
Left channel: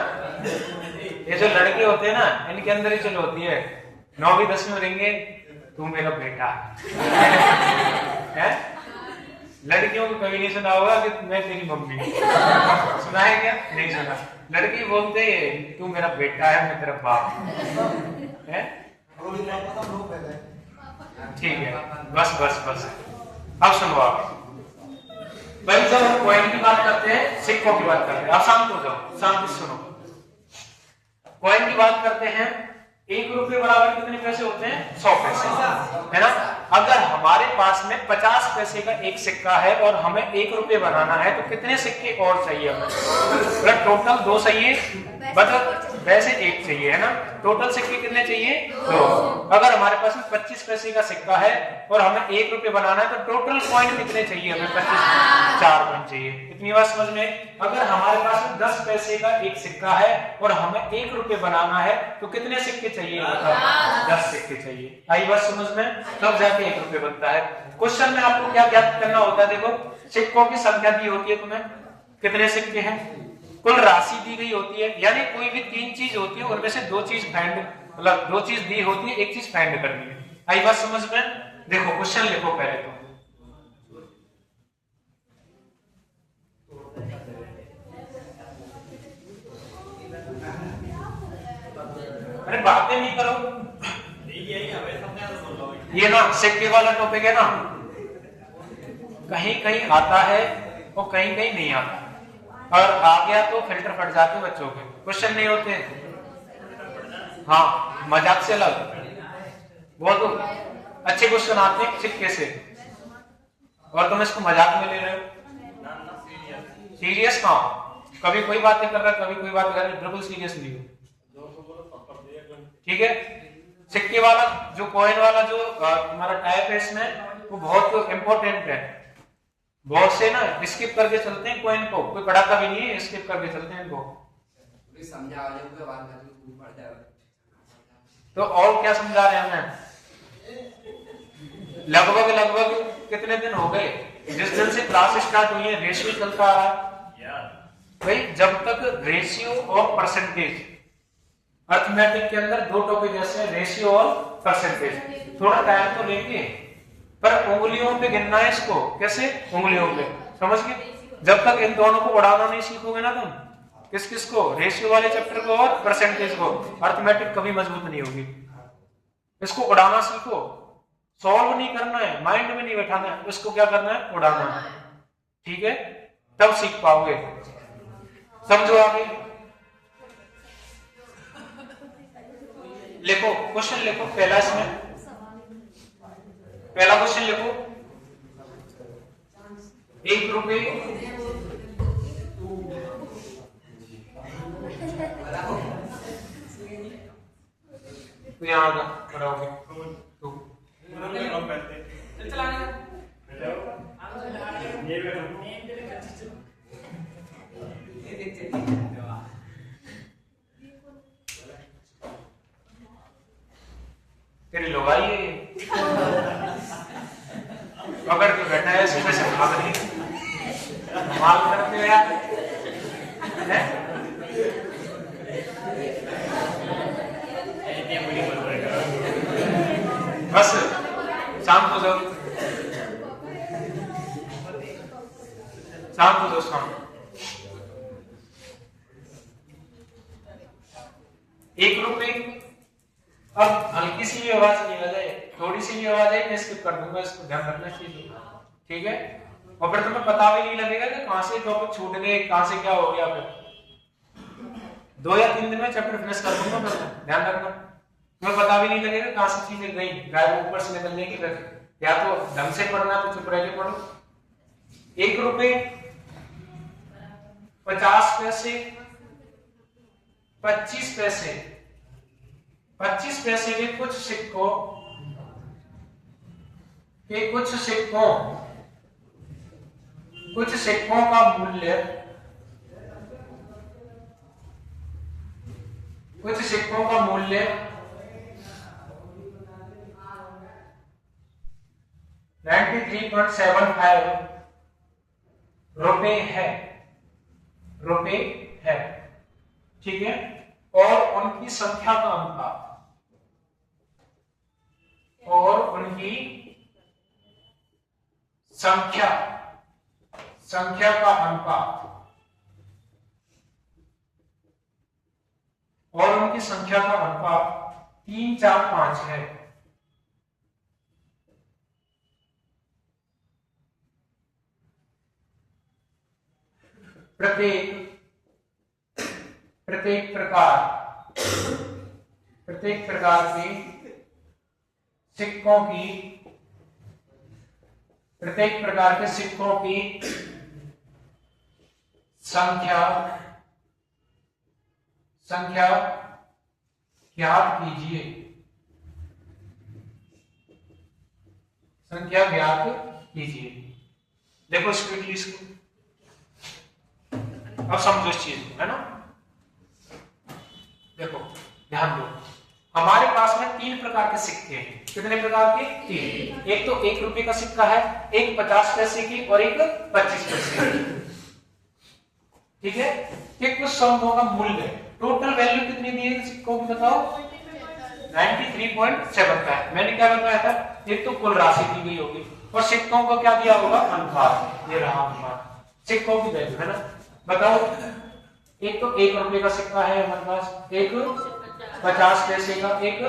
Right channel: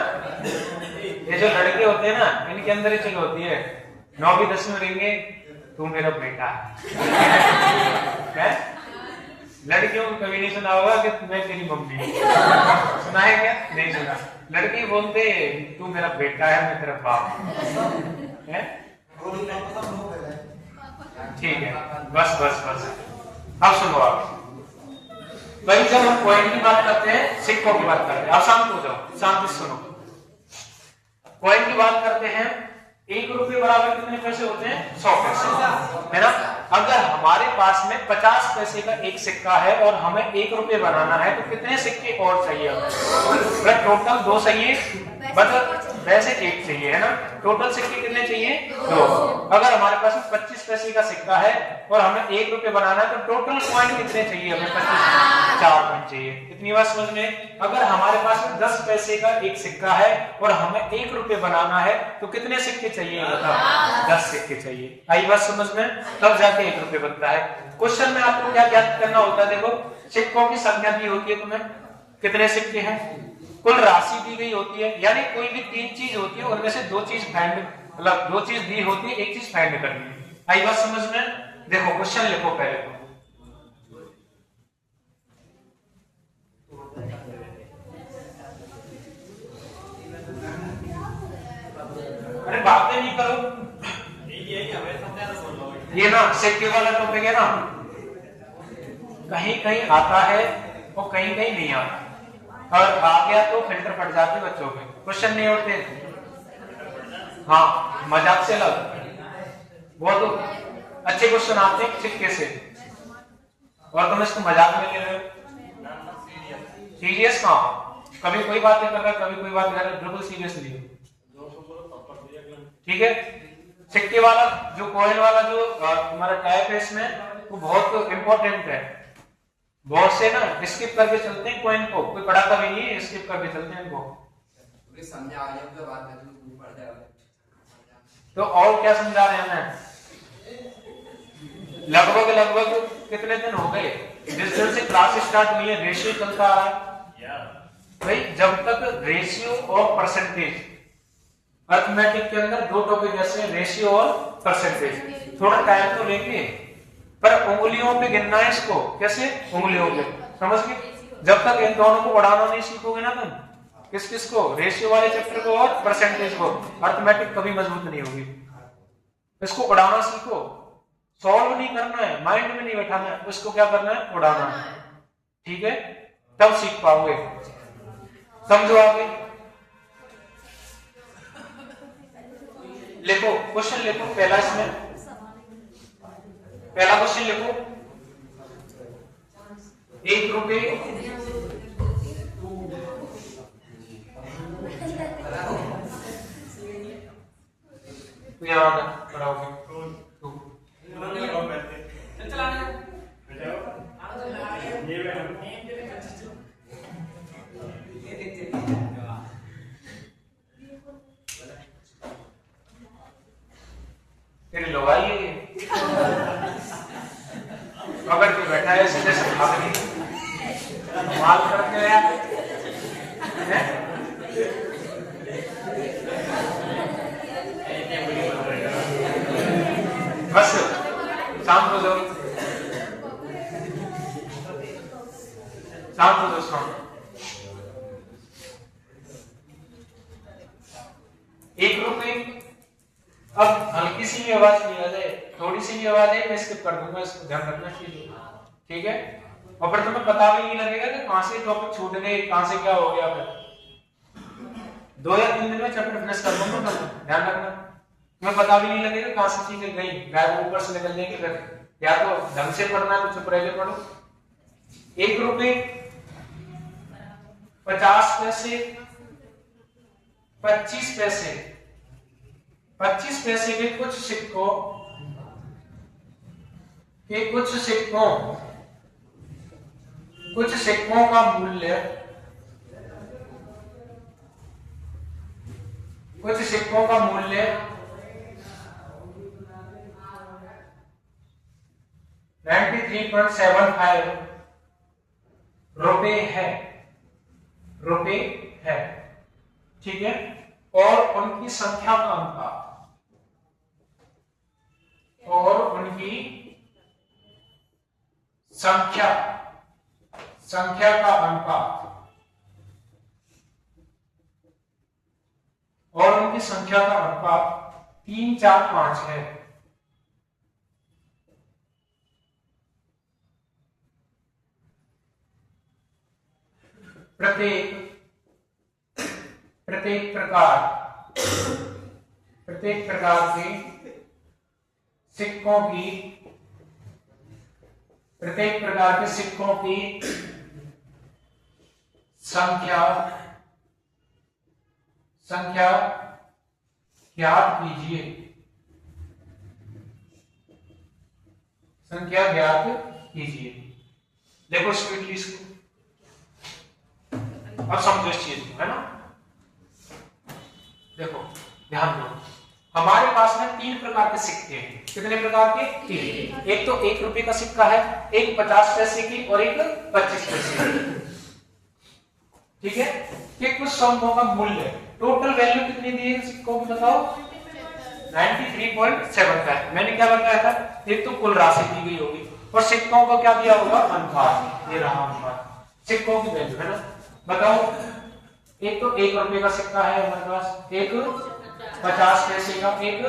ये जो लड़के होते हैं ना इनके अंदर ही चल होती है। 9वीं 10वीं में रहेंगे तू मेरा बेटा है। लड़कियों को कभी नहीं सुना होगा कि मैं तेरी मम्मी। सुना है क्या? नहीं सुना। लड़की बोलते तू मेरा बेटा है, मैं तेरा बाप है। ठीक है, बस बस बस। अब सुनो आप भाई, जब हम कॉइन की बात करते हैं, सिक्कों की बात करते हैं, आप शांत हो जाओ, शांति से सुनो। कॉइन की बात करते हैं, 1 रुपये बराबर कितने पैसे होते हैं? 100 पैसे, है ना। अगर हमारे पास में 50 पैसे का एक सिक्का है और हमें 1 रुपये बनाना है तो कितने सिक्के और चाहिए हमें? मतलब टोटल 2 चाहिए, मतलब वैसे 1 चाहिए, है ना। टोटल सिक्के कितने चाहिए? 2। अगर हमारे पास में 25 पैसे का सिक्का है और हमें 1 रुपये बनाना है तो टोटल कॉइन कितने चाहिए हमें? 25, 4 कॉइन चाहिए। इतनी बात समझ में। अगर हमारे पास में 10 पैसे का एक सिक्का है और हमें 1 रुपये बनाना है तो कितने सिक्के चाहिए? मतलब 10 सिक्के चाहिए। आई बात समझ में? तब जाके 1 रुपये बनता है। क्वेश्चन में आपको क्या ज्ञात करना होता है? देखो सिक्कों की संख्या दी होती है तुम्हें, कितने सिक्के हैं, कुल राशि दी गई होती है, यानी कोई भी 3 चीज होती है उनमें से 2 चीज फाइंड, मतलब 2 चीज दी होती है, 1 चीज फाइंड करनी है। आई बात समझ में? देखो क्वेश्चन लिखो पहले तो। अरे बातें नहीं करो, ये ना सिक्के वाला टॉपिक है ना, कहीं कहीं आता है और कहीं कहीं नहीं आता, और आ गया तो फिल्टर फट जाते बच्चों के, क्वेश्चन नहीं होते। हाँ मजाक से अलग, वो तो अच्छे क्वेश्चन आते हैं सिक्के से, और तुम इसको मजाक में ले रहे हो। सीरियस कहाँ, कभी कोई बातें कर रहा है, कभी कोई बात कर रहा है, बिल्कुल सीरियसली। ठीक है, सिक्के वाला जो कॉइन वाला जो हमारा टाइप है इसमें, वो बहुत इंपॉर्टेंट है। बहुत से ना स्किप करके चलते हैं कॉइन को, कोई पढ़ाता भी नहीं है, स्किप करके चलते हैं इनको। तो और क्या समझा रहे हैं हमें? लगभग कितने दिन हो गए जिस दिन से क्लास स्टार्ट हुई है, रेशियो चलता आ रहा है भाई। जब तक रेशियो और परसेंटेज, अर्थमेटिक के अंदर दो टॉपिक ऐसे हैं, रेशियो और परसेंटेज। थोड़ा टाइम तो लेंगे, पर उंगलियों पे गिनना है इसको। कैसे? उंगलियों पे, समझ गए? जब तक इन दोनों को बढ़ाना नहीं सीखोगे ना तुम, किस को, रेशियो वाले चैप्टर को और परसेंटेज को, अर्थमेटिक कभी मजबूत नहीं होगी। इसको उड़ाना सीखो, सॉल्व नहीं करना है, माइंड में नहीं बैठाना है, उसको क्या करना है? उड़ाना है। ठीक है, तब सीख पाओगे। समझो आगे। लिखो, क्वेश्चन लिखो पहला, इसमें पहला क्वेश्चन लिखो। 1 रुपए तेरी लोग आई अगर कोई बैठा है सीधे से भाग नहीं, माल रख गया बस। शाम को जाओ, शाम को जाओ, शाम 1 रुपए। अब हल्की सी भी आवाज नहीं आ जाए, थोड़ी सी भी आवाज है, मैं स्किप कर दूंगा, इसको ध्यान रखना चाहिए। ठीक है, और फिर तुम्हें पता भी नहीं लगेगा कि कहां से टॉपिक छूट गए, कहां से क्या हो गया। फिर 2 या 3 दिन में चैप्टर फिनिश कर दूंगा, ध्यान रखना। तुम्हें पता भी नहीं लगेगा कहां से चीजें गई, गायब ऊपर से निकल जाएगी। फिर या तो ढंग से पढ़ना है तो चुप रह के पढ़ो। 1 रुपए 50 पैसे, 25 पैसे, 25 पैसे के कुछ सिक्कों का मूल्य, कुछ सिक्कों का मूल्य 93.75 रुपए है। ठीक है, और उनकी संख्या का अनुपात, और उनकी संख्या का अनुपात, और उनकी संख्या का अनुपात 3, 4, 5 है। प्रत्येक प्रकार के सिक्कों की, प्रत्येक प्रकार के सिक्कों की संख्या ज्ञात कीजिए। संख्या ज्ञात कीजिए। देखो स्पीडली इसको, अब समझो इस चीज है ना। देखो ध्यान दो, हमारे पास में 3 प्रकार के सिक्के हैं। कितने प्रकार के? 3। एक तो 1 रुपए का सिक्का है, एक 50 पैसे की, और एक 25 पैसे की। ठीक है, ये कुछ समूहों का मूल्य, टोटल वैल्यू कितनी दी है सिक्कों की बताओ? 93.75। मैंने क्या बताया था? एक तो कुल राशि दी गई होगी, और सिक्कों को क्या दिया होगा? अनुपात। ये रहा अनुपात, सिक्कों की वैल्यू है ना। बताओ, एक तो 1 रुपए का सिक्का है हमारे पास, एक 50 पैसे का, एक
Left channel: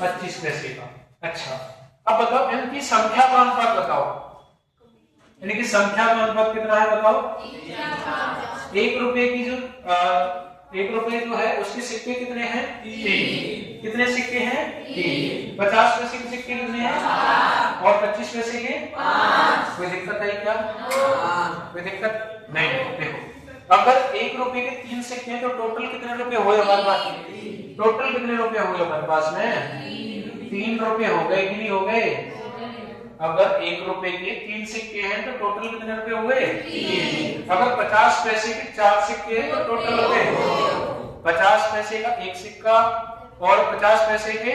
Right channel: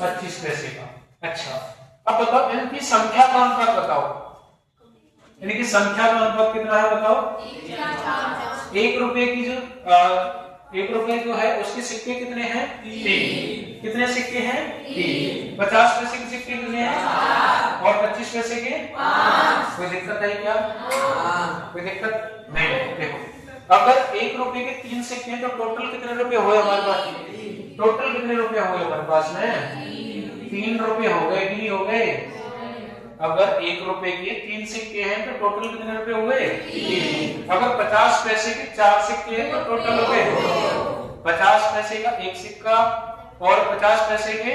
25 पैसे का। अच्छा, अब बताओ इनकी संख्या का अनुपात बताओ। इनकी संख्या का अनुपात कितना है बताओ? 1 रुपए की जो 1 रुपए जो है उसके सिक्के कितने हैं? 3। कितने सिक्के हैं? 3। 50 पैसे के सिक्के कितने हैं? और 25 पैसे के 5। कोई दिक्कत है क्या? कोई दिक्कत नहीं। देखो अगर 1 रुपए के 3 सिक्के हैं तो टोटल कितने रुपए हुए हमारे पास? टोटल कितने रुपए हुए हमारे पास में? 3 रुपए हो गए कि नहीं हो गए? अगर 1 रुपए के 3 सिक्के हैं तो टोटल कितने रुपए हुए? 3। अगर 50 पैसे के 4 सिक्के हैं तो टोटल रुपए 50 पैसे का 1 सिक्का और 50 पैसे के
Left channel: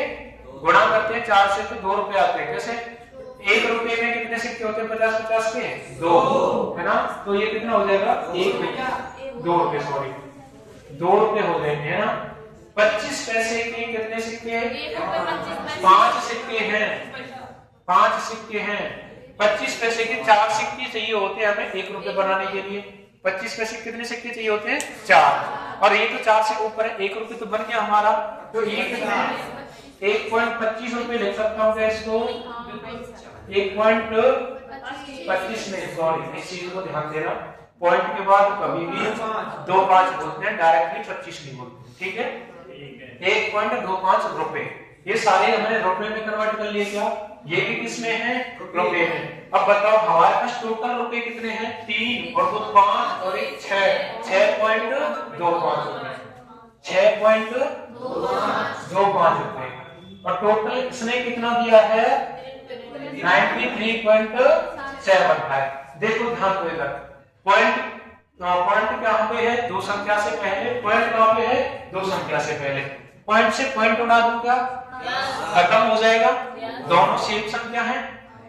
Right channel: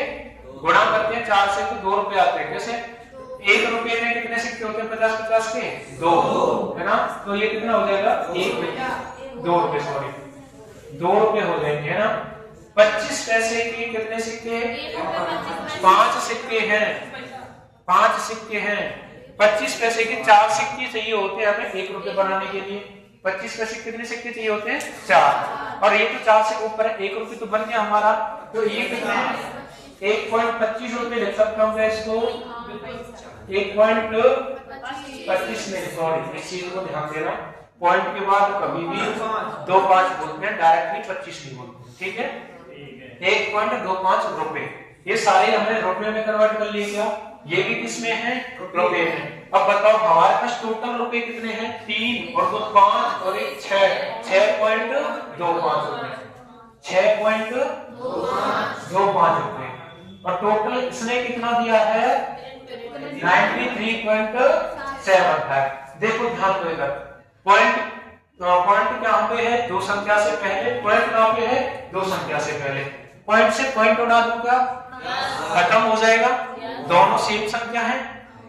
गुणा करते हैं 4 से तो 2 रुपए आते हैं। कैसे? 1 रुपए में कितने सिक्के होते हैं? 50-50 के 2, है ना? तो ये कितना हो जाएगा? 2 रुपए, सॉरी 2 रुपए हो जाएंगे, है ना? 25 पैसे के कितने सिक्के? 5 सिक्के हैं। 5 सिक्के हैं। 25 पैसे के 4 सिक्के चाहिए होते हैं हमें 1 रुपए बनाने के लिए। 25 पैसे कितने सिक्के चाहिए होते हैं? 4। और ये तो 4 से ऊपर है, 1 रुपए तो बन गया हमारा। तो ये कितने हैं? 1.25 रुपए लिख सकता हूँ क्या इसको? 1.25 नहीं, सॉरी इस चीज को ध्यान देना, पॉइंट के बाद कभी भी 2.5 बोलते हैं, डायरेक्टली 25 नहीं बोलते। ठीक है? 1.25 रुपए। ये सारे हमने रुपए में कन्वर्ट कर लिए क्या? ये भी किसमें है? रुपए में। अब बताओ हमारे पास टोटल रुपए कितने हैं? 3 और 2 5 और 1 6, 6.25 रुपए, 6.25 रुपए। और टोटल इसने कितना दिया है? 93.75। देखो ध्यान दो इधर, पॉइंट कहां पे है? 2 संख्या से पहले। पॉइंट कहां पे है? 2 संख्या से पहले। पॉइंट से पॉइंट उड़ा दूं क्या? खत्म हो जाएगा। दोनों सेम संख्या है।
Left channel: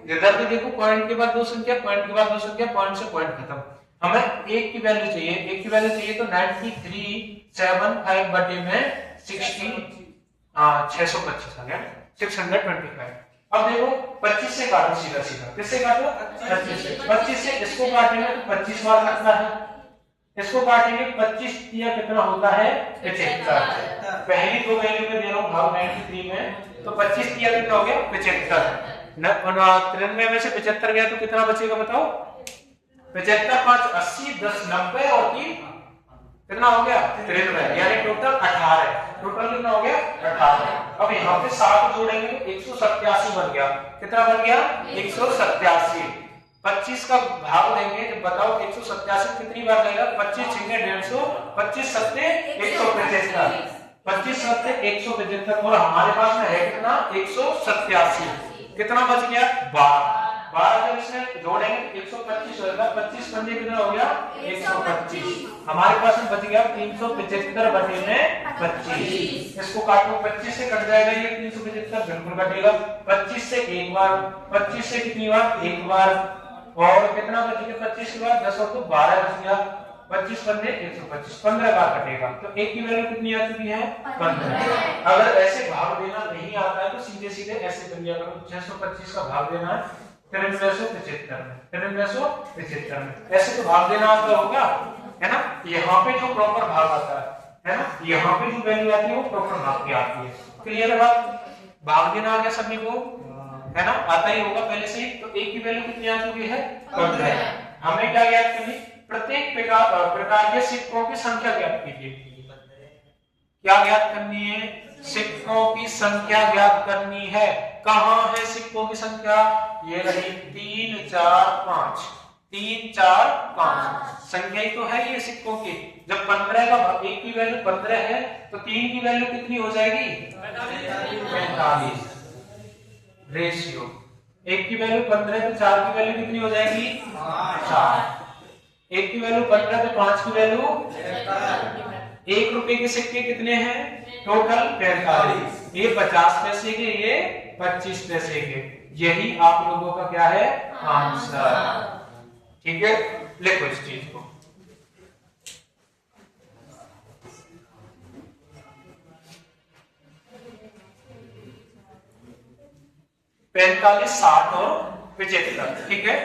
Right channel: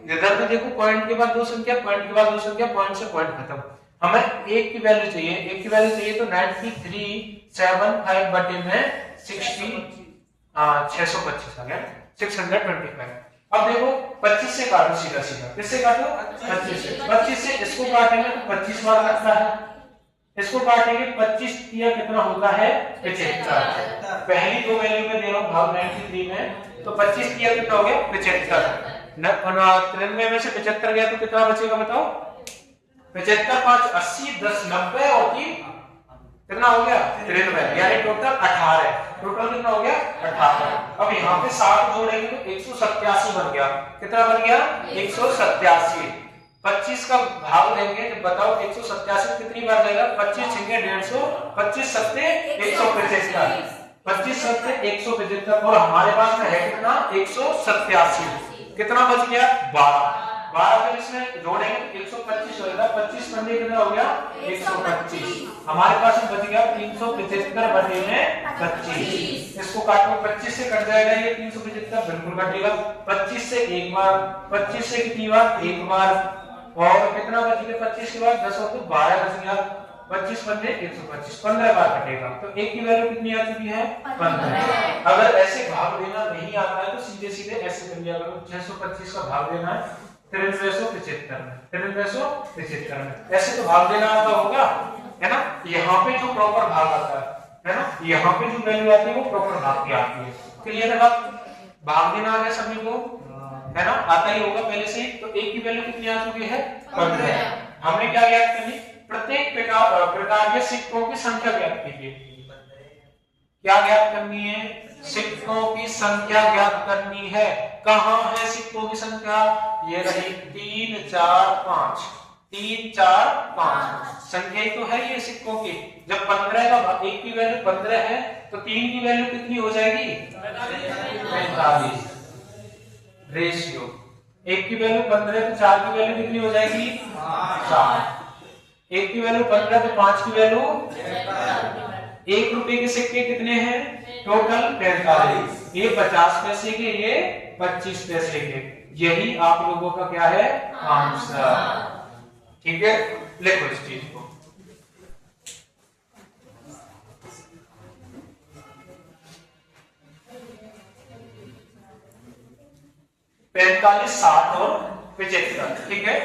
इधर भी देखो पॉइंट के बाद 2 संख्या, पॉइंट के बाद 2 संख्या, पॉइंट से पॉइंट खत्म। हमें 1 की वैल्यू चाहिए। 1 की वैल्यू चाहिए तो 9375 बटे में 625 आ गया, 625। अब देखो 25 से काटो सीधा सीधा। किससे काटो? 25 से। 25 से इसको काटेंगे तो 25 बार कटता है। इसको काटेंगे 25 दिया कितना होता है? 75। पहली 2 वैल्यू में दे रहा हूं भाग 93 में, तो 25 दिया कितना हो गया? 75। 93 में से 75 गया तो कितना बचेगा बताओ? 75 5 80 10 90 और 3 कितना हो गया? 93, यानी टोटल 18। टोटल कितना हो गया? 18। अब यहाँ पे 7 जोड़ेंगे तो 187 बन गया। कितना बन गया? 187। 25 का भाग लेंगे तो बताओ 187 कितनी बार जाएगा? 25 छिंगे 150, 25 सत्ते 175, 25 सत्ते 175। और हमारे पास में है कितना? 187। कितना बच गया? 12। 12 जब इसमें जोड़ेंगे तो 125 होगा। 25 पंजे कितना हो गया? 125। हमारे पास में बच गया 375 बटे में 25। इसको काटो, 25 से कट जाएगा ये 375, बिल्कुल कटेगा। 25 से एक बार, 25 से कितनी बार? एक बार। और कितना बच गया? 25 के बाद 10 और 2 12 बच गया। 25 पंजे 125, 15 बार कटेगा। तो 1 की वैल्यू कितनी आ चुकी है? 15। अगर ऐसे भाग देना नहीं आता है तो सीधे सीधे ऐसे कर लिया करो। 625 का भाग देना है 9375 में, 9375 में। ऐसे तो भाग देना आता होगा, है ना? यहाँ पे जो प्रॉपर भाग आता है ना, यहाँ पे जो वैल्यू आती है वो प्रॉपर भाग की आती है। क्लियर है बात? भाग देना आ गया सभी को, है ना? आता ही होगा पहले से ही। तो 1 की वैल्यू कितनी आ चुकी है? 15। हमें क्या ज्ञात करनी? प्रत्येक प्रकार के सिक्कों की संख्या ज्ञात कीजिए। क्या ज्ञात करनी है? सिक्कों की संख्या ज्ञात करनी है। कहां है सिक्कों की संख्या? ये रही 3 4 5, 3 4 5 संख्या ही तो है ये सिक्कों की। जब 15 का भाग 1 की वैल्यू 15 है तो 3 की वैल्यू कितनी हो जाएगी? 45। रेशियो 1 की वैल्यू 15 तो 4 की वैल्यू कितनी हो जाएगी? 4। 1 की वैल्यू 15 तो 5 की वैल्यू 1 रुपए के सिक्के कितने हैं? टोटल 45। ये 50 पैसे के, ये 25 पैसे के। यही आप लोगों का क्या है? आंसर। ठीक है, लिखो इस चीज को। पैंतालीस, 60 और 75। ठीक है,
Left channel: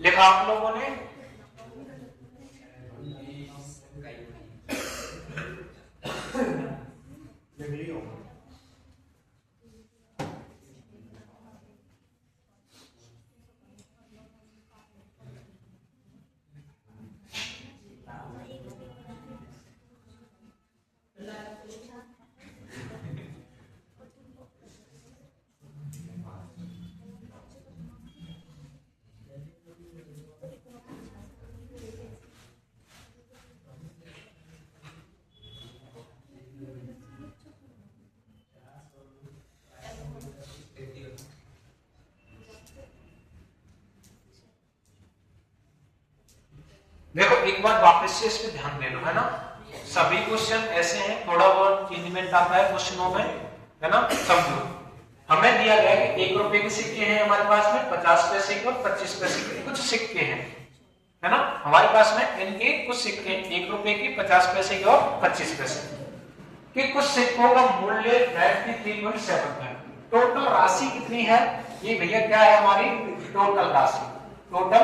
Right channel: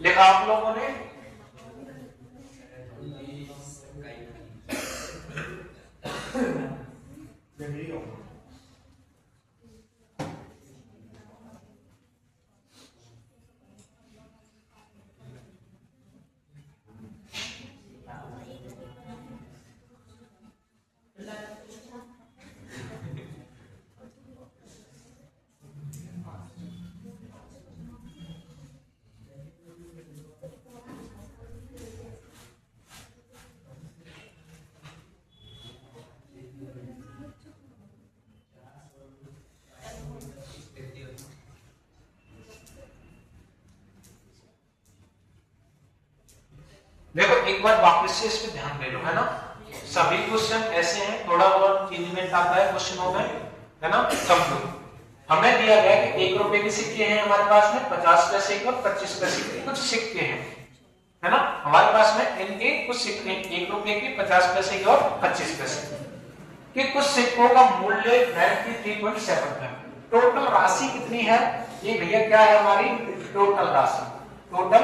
लिखा आप लोगों ने? देखो एक बार वापस से इस पे ध्यान दे लो, है ना। सभी क्वेश्चन ऐसे हैं, थोड़ा बहुत चेंजमेंट आता है क्वेश्चनों में, है ना। समझो, हमें दिया गया कि 1 रुपए के सिक्के हैं हमारे पास में, 50 पैसे के और 25 पैसे के कुछ सिक्के हैं, है ना। हमारे पास में इनके कुछ सिक्के, 1 रुपए के, 50 पैसे के और 25 पैसे के कुछ सिक्कों का मूल्य 93.7 है। टोटल राशि कितनी है? ये भैया क्या है हमारी टोटल राशि, टोटल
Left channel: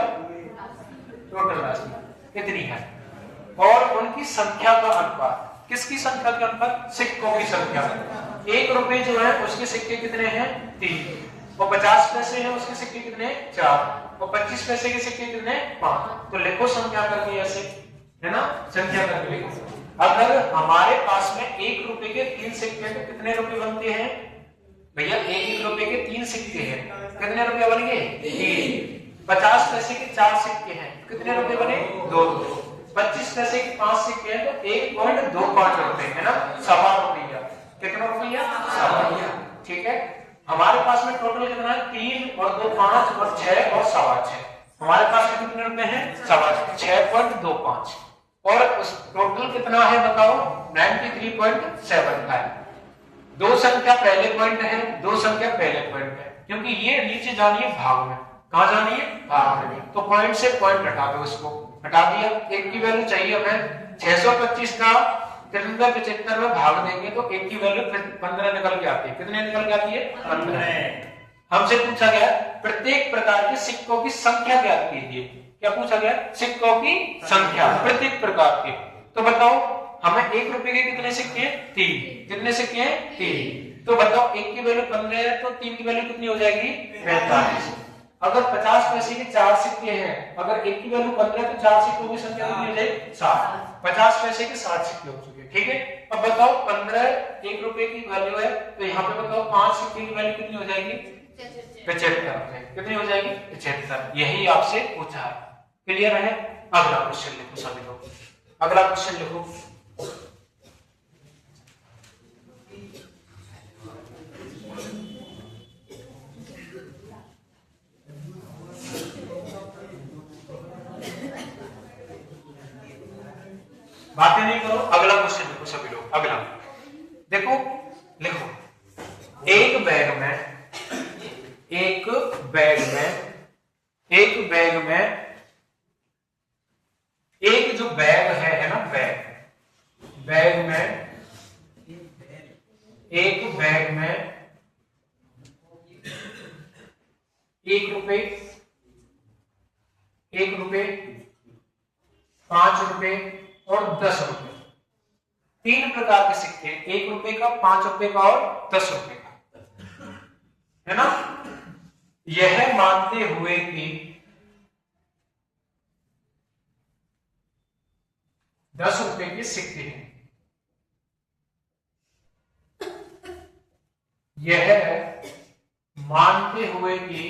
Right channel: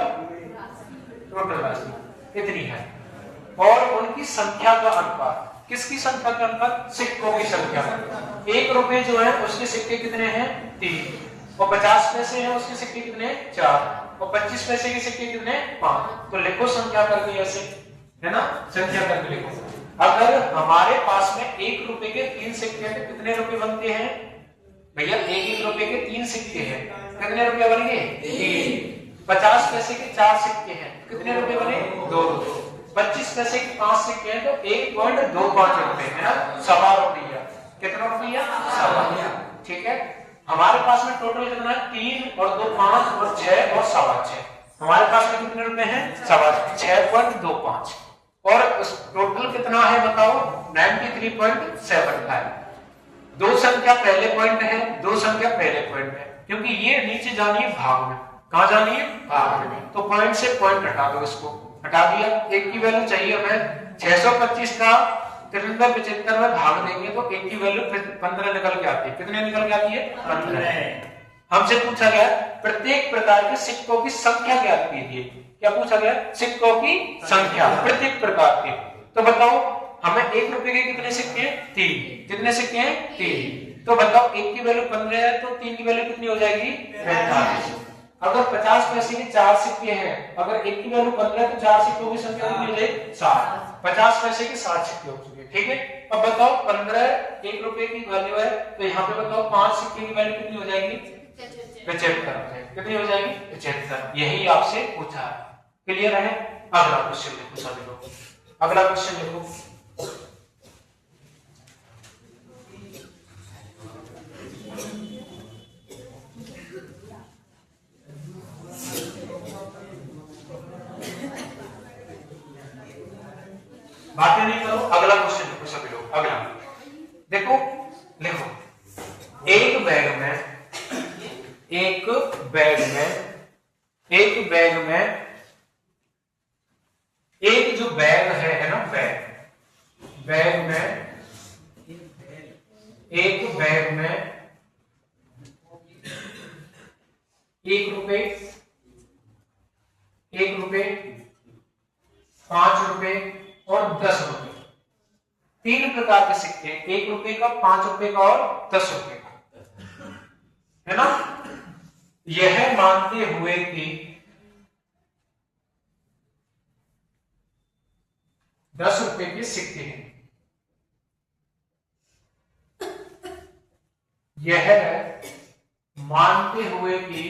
राशि कितनी है। और उनकी संख्या का अनुपात, किसकी संख्या का अनुपात? सिक्कों की संख्या। 1 रुपए जो है उसके सिक्के कितने हैं? 3, और 50 पैसे हैं उसके सिक्के कितने? 4, और 25 पैसे के सिक्के कितने? 5। तो लिखो संख्या करके ऐसे, है ना, संख्या करके लिखो। अगर हमारे पास में 1 रुपए के 3 सिक्के हैं तो कितने रुपए बनते हैं भैया? 1 रुपए के 3 सिक्के हैं, कितने रुपए बन गए? 3। 50 पैसे के 4 सिक्के हैं, कितने रुपए बने? 2 रुपए। 25 पैसे के 5 सिक्के हैं तो 1.25 रुपए, है ना, सवा रुपया। कितना रुपया? सवा। ठीक है, हमारे पास में टोटल कितना है? 3 और 2 5 और 6 और सवा 6। हमारे पास में कितने रुपए हैं? सवा 6.25। और टोटल कितना है बताओ? 93.7 है। 2 संख्या पहले पॉइंट है, 2 संख्या पहले पॉइंट है, क्योंकि ये नीचे जानी है भाग में। कहां जानी है? भाग में। तो पॉइंट से पॉइंट हटा दो, इसको हटा दिया। एक की वैल्यू चाहिए हमें 625 का 375 में भाग देंगे तो एक की वैल्यू 15 निकल के आती है। कितने निकल के आती है? 15। हमसे पूछा गया प्रत्येक प्रकार के सिक्कों की संख्या ज्ञात कीजिए। क्या पूछा गया? सिक्कों की संख्या प्रत्येक प्रकार के। तो बताओ हमें 1 रुपए के कितने सिक्के हैं? 3। कितने सिक्के हैं? 3। तो बताओ 1 की वैल्यू 15 है तो 3 की वैल्यू कितनी हो जाएगी? 45। अगर 50 पैसे के 4 सिक्के हैं, अगर 1 की वैल्यू 15 है तो 4 सिक्कों की संख्या कितनी हो जाएगी? 7। 50 पैसे के 7 सिक्के हो चुके, ठीक है। अब बताओ 15 1 रुपए की वैल्यू है तो यहाँ पे बताओ 5 सिक्के की वैल्यू कितनी हो जाएगी? 75। कितनी हो जाएगी? 75। यही आपसे पूछा है। क्लियर है? अगला क्वेश्चन लिखो सभी लोग, अगला क्वेश्चन लिखो। बातें नहीं करो, अगला क्वेश्चन लिखो सभी लोग। अगला देखो, लिखो एक बैग में एक जो बैग है ना, बैग में एक बैग में 1 रुपए 5 रुपए और 10 रुपए, 3 प्रकार के सिक्के, 1 रुपए का, 5 रुपए का और 10 रुपए का, है ना। यह मानते हुए कि 10 रुपए के सिक्के हैं, यह मानते हुए कि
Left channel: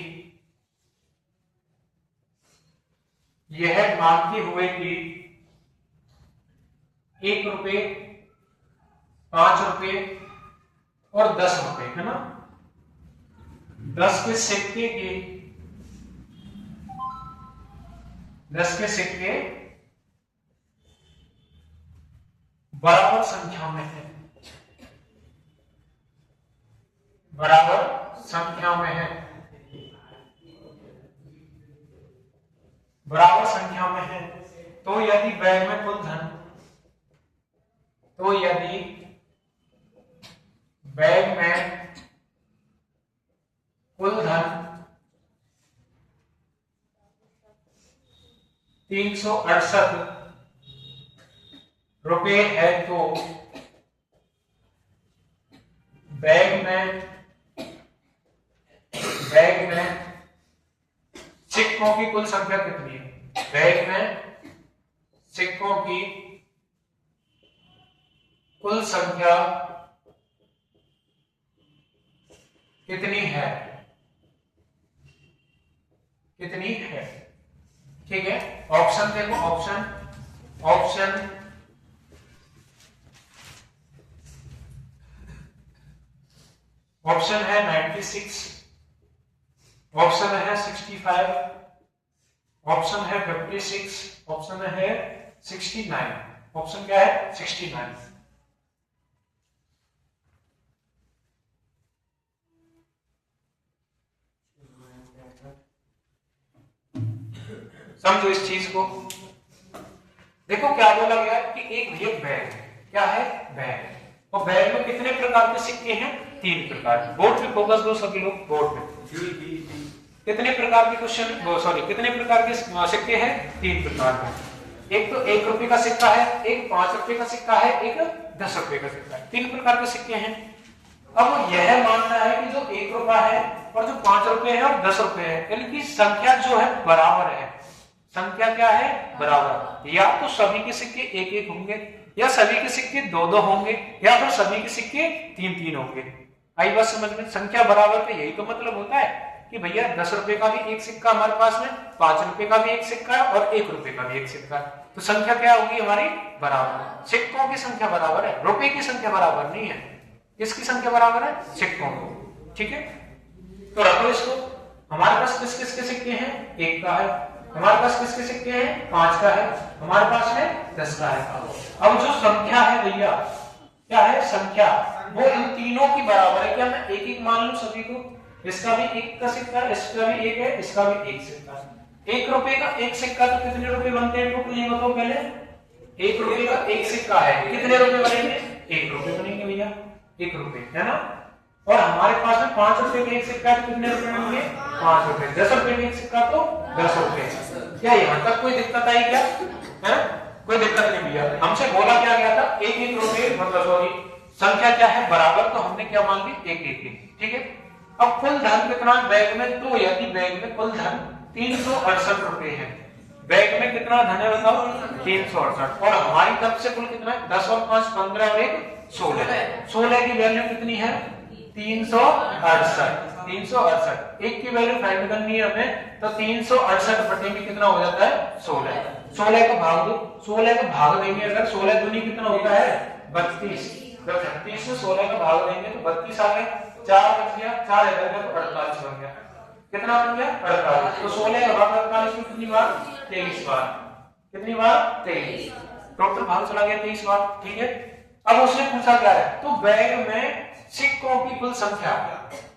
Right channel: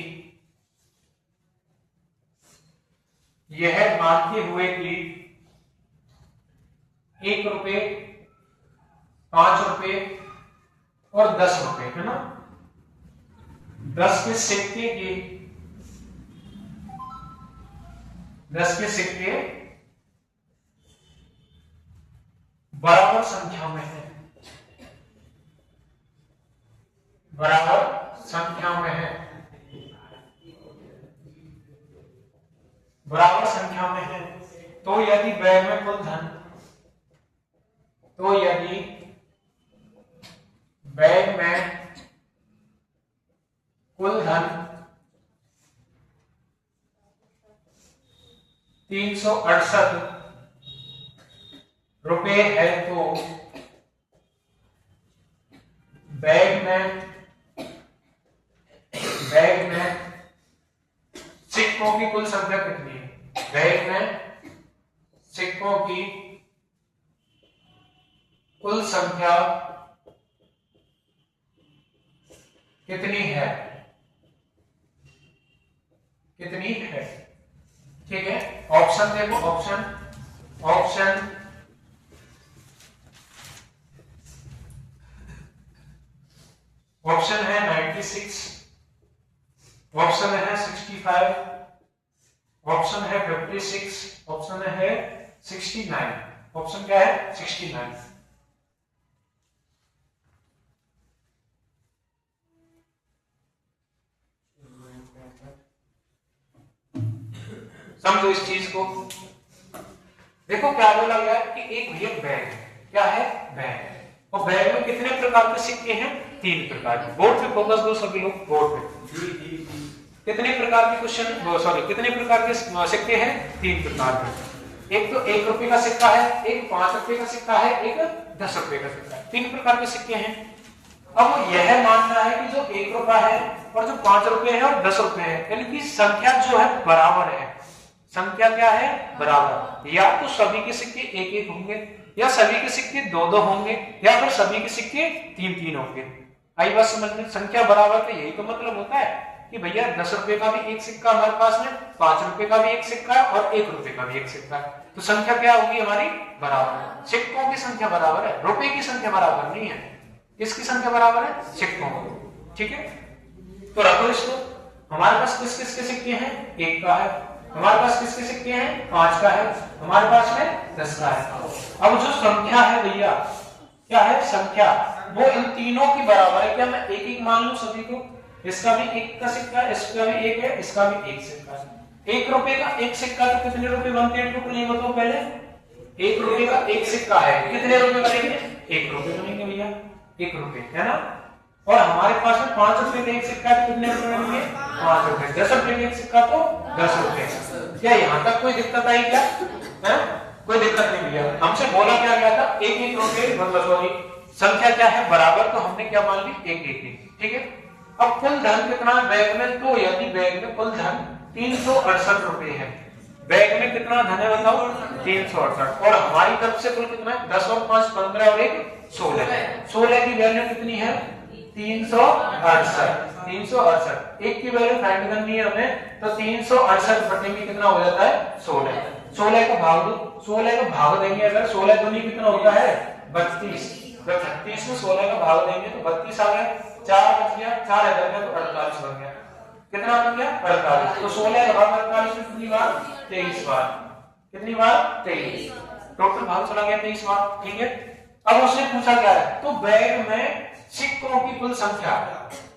1 रुपए 5 रुपए और 10 रुपए, है ना, 10 के सिक्के बराबर संख्या में है, बराबर संख्या में है। तो यदि बैग में कुल धन, बैग में कुल धन 368 रुपए है तो बैग में सिक्कों की कुल संख्या कितनी है? बैग में सिक्कों की कुल संख्या कितनी है? ठीक है, ऑप्शन देखो, ऑप्शन है 96, ऑप्शन है 65, ऑप्शन है 56, ऑप्शन है 69। ऑप्शन क्या है? 69। समझो इस चीज को। देखो क्या बोला गया कि एक ये बैग है। क्या है? बैग। और बैग में कितने प्रकार के सिक्के हैं? 3 प्रकार के। बोर्ड पे फोकस दो सभी लोग, बोर्ड पे। कितने प्रकार के कितने प्रकार के सिक्के हैं? 3 प्रकार के। एक तो 1 रुपए का सिक्का है, एक 5 रुपए का सिक्का है, एक 10 रुपए का सिक्का है। 3 प्रकार के सिक्के हैं। अब वो यह मानता है कि जो 1 रुपया है और जो 5 रुपए है और 10 रुपए है, यानी कि संख्या जो है बराबर है। संख्या क्या है? बराबर। या तो सभी के सिक्के 1-1 होंगे, या सभी के सिक्के 2-2 होंगे, या फिर सभी के सिक्के 3-3 होंगे। आई बात समझ में? संख्या बराबर का यही तो मतलब होता है कि भैया 10 रुपए का भी एक सिक्का हमारे पास में, 5 रुपए का भी एक सिक्का है और 1 रुपए का भी एक सिक्का है। तो संख्या क्या होगी हमारी? बराबर। सिक्कों की संख्या बराबर है, रुपए की संख्या बराबर नहीं है। किसकी संख्या बराबर है? सिक्कों की। ठीक है, तो रखो इसको। हमारे पास किस किस के सिक्के हैं? 1 का है। हमारे पास किसके सिक्के हैं? 5 का है। हमारे पास में 10 का है। अब जो संख्या है भैया, क्या है? संख्या वो इन तीनों की बराबर है। क्या मैं 1-1 मान लूं सभी को? इसका भी 1 का सिक्का है, इसका भी 1 है, इसका भी 1 सिक्का है। 1 रुपए का 1 सिक्का तो कितने रुपए बनते हैं टोटल? ये बताओ पहले। 1 रुपए का 1 सिक्का है, कितने रुपए बनेंगे? 1 रुपए बनेंगे भैया, 1 रुपए, है ना। और हमारे पास में 5 रुपए का 1 सिक्का है तो कितने रुपए बनेंगे? 5 रुपए। 10 रुपए का 1 सिक्का तो 10 रुपए। क्या यहाँ तक कोई दिक्कत आई क्या? है? कोई दिक्कत नहीं भैया। हमसे बोला क्या गया था? 1-1 रुपए, मतलब सॉरी, संख्या क्या है? बराबर। तो हमने क्या मान ली? 1-1। ठीक है। अब कुल धन कितना है बैग में? तो यदि बैग में कुल धन 368 रुपए है, बैग में कितना धन है बताओ? 368। और हमारी तरफ से कुल कितना है? 10 और 5 15 और 1 16। 16 की वैल्यू कितनी है? 368। 368 एक की वैल्यू फाइंड करनी है हमें, तो 368 बटे में कितना हो जाता है? 16। 16 का भाग दो, 16 का भाग देंगे अगर, 16 दूनी कितना होता है? 32। जब 36 में 16 का भाग देंगे तो 32 आ गया, 4 बच गया, 4 इधर गया तो 48 बन गया। कितना बन गया? 48। तो 16 का भाग 48 में कितनी बार? 23 बार। कितनी बार? 23। टोटल भाग चला गया 23 बार। ठीक है। अब उसने पूछा क्या है? तो बैग में सिक्कों की कुल संख्या,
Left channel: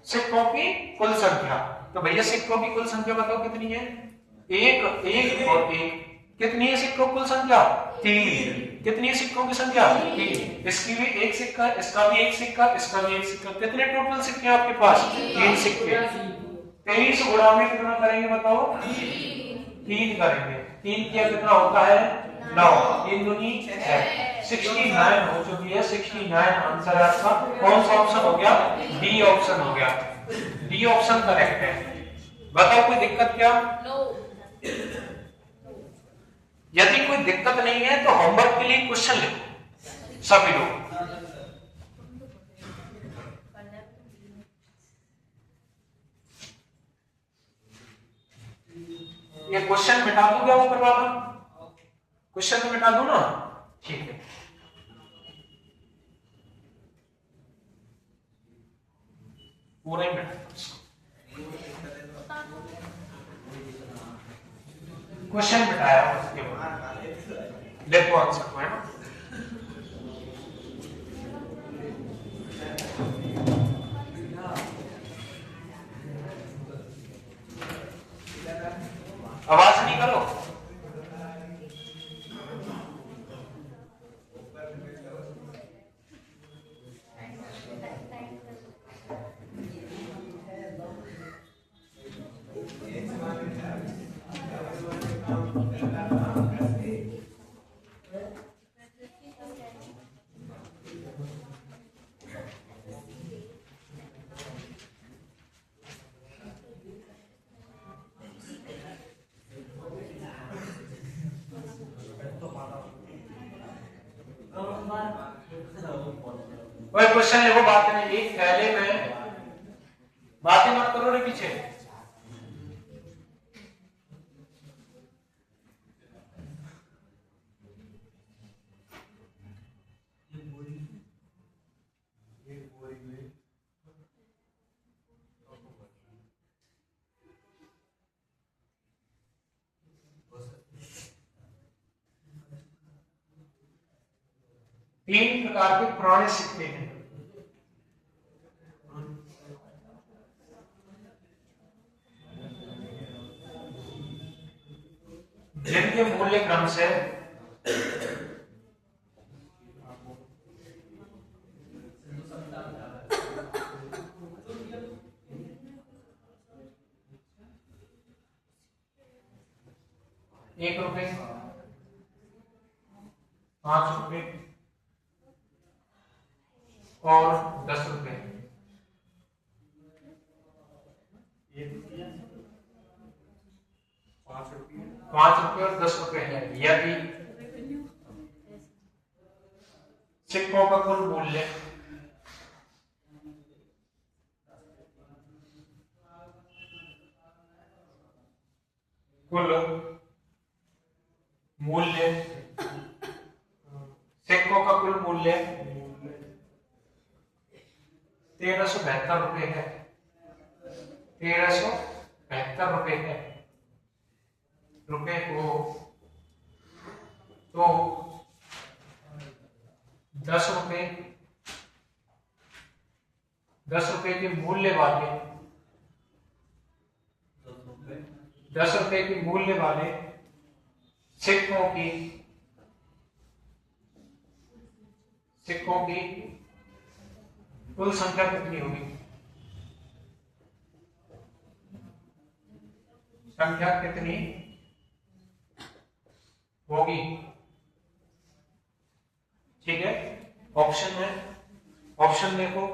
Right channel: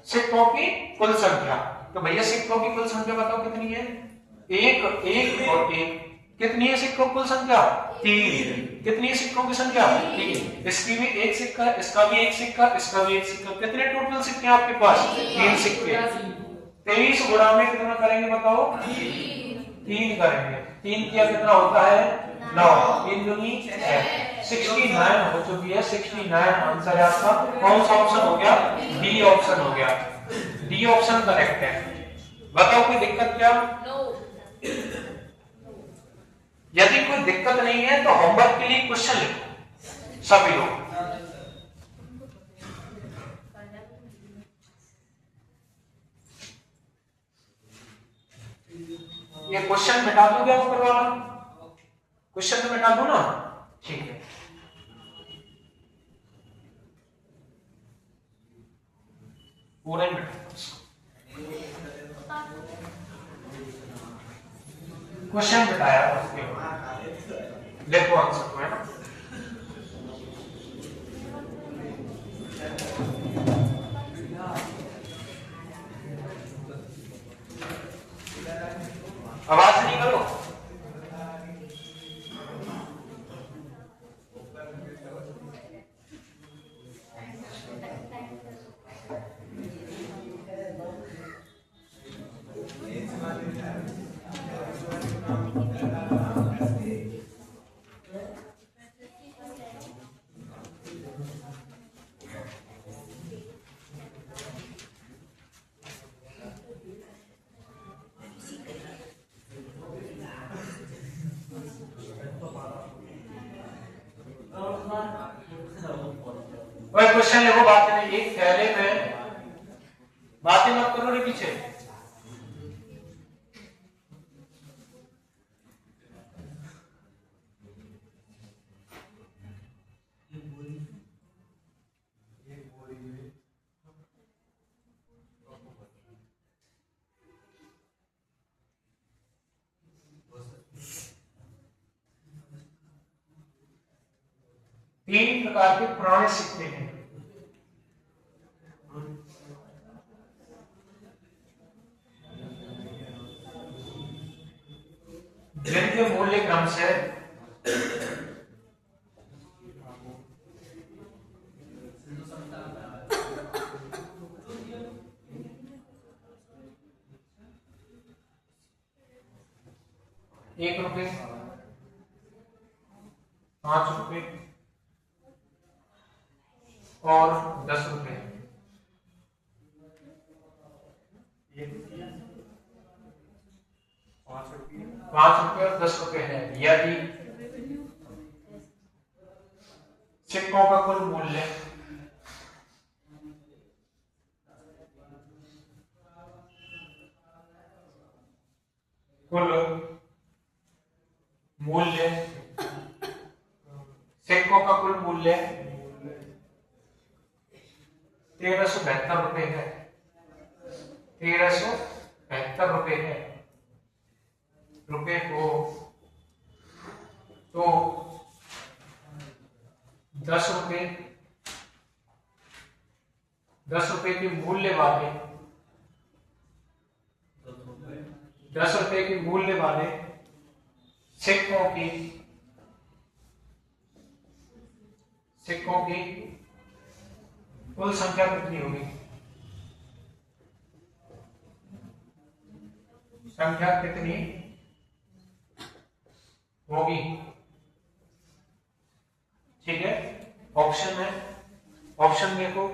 सिक्कों की कुल संख्या। तो भैया सिक्कों की कुल संख्या बताओ कितनी है? 1 1 और 1। कितनी है सिक्कों की कुल संख्या? 3। कितनी है सिक्कों की संख्या? 3। इसकी भी 1 सिक्का, इसका भी 1 सिक्का, इसका भी 1 सिक्का। कितने टोटल सिक्के आपके पास? 3 सिक्के। 23 गुणा में कितना करेंगे बताओ? 3 करेंगे। 3 किया कितना होता है? 9। 3 दूनी 6। 69 हो चुकी है। 69 आंसर है आपका। कौन सा ऑप्शन हो गया? डी ऑप्शन हो गया। डी ऑप्शन करेक्ट है। बताओ कोई दिक्कत क्या? यदि कोई दिक्कत नहीं है तो होमवर्क के लिए क्वेश्चन लिखो सभी लोग। ये क्वेश्चन मिटा दूं क्या ऊपर वाला? क्वेश्चन तो मिटा दूं ना? ठीक है। पूरा ही मिटा दो इसको। क्वेश्चन मिटाया उसके बाद देखो आंसर में। आवाज नहीं करो। कोई क्वेश्चन लिखो, बात नहीं, एक थैले में, बातें मत करो रे पीछे। तीन प्रकार के पुराने सिक्के हैं। जिनके मूल्य क्रम से ₹1, ₹5 और ₹10। ₹5 और ₹10 है। यदि सिक्कों का कुल मूल्य सिक्कों का कुल मूल्य ₹1372 है, ₹1372 है रुपए को, तो ₹10 के मूल्य वाले ₹10 के मूल्य वाले सिक्कों की कुल संख्या कितनी होगी? संख्या कितनी होगी? ठीक है, ऑप्शन है, ऑप्शन देखो।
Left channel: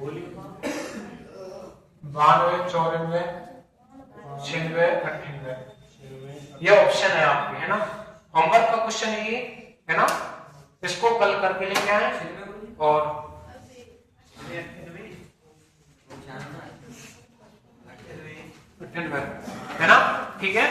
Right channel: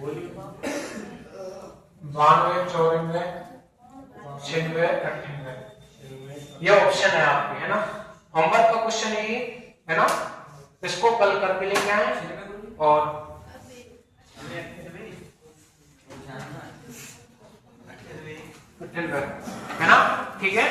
बोलिए। 92, 94, 96, 98, ये ऑप्शन है आपके, है ना। होमवर्क का क्वेश्चन ये है ना, इसको कल करके लेके आए और है ना, ठीक है।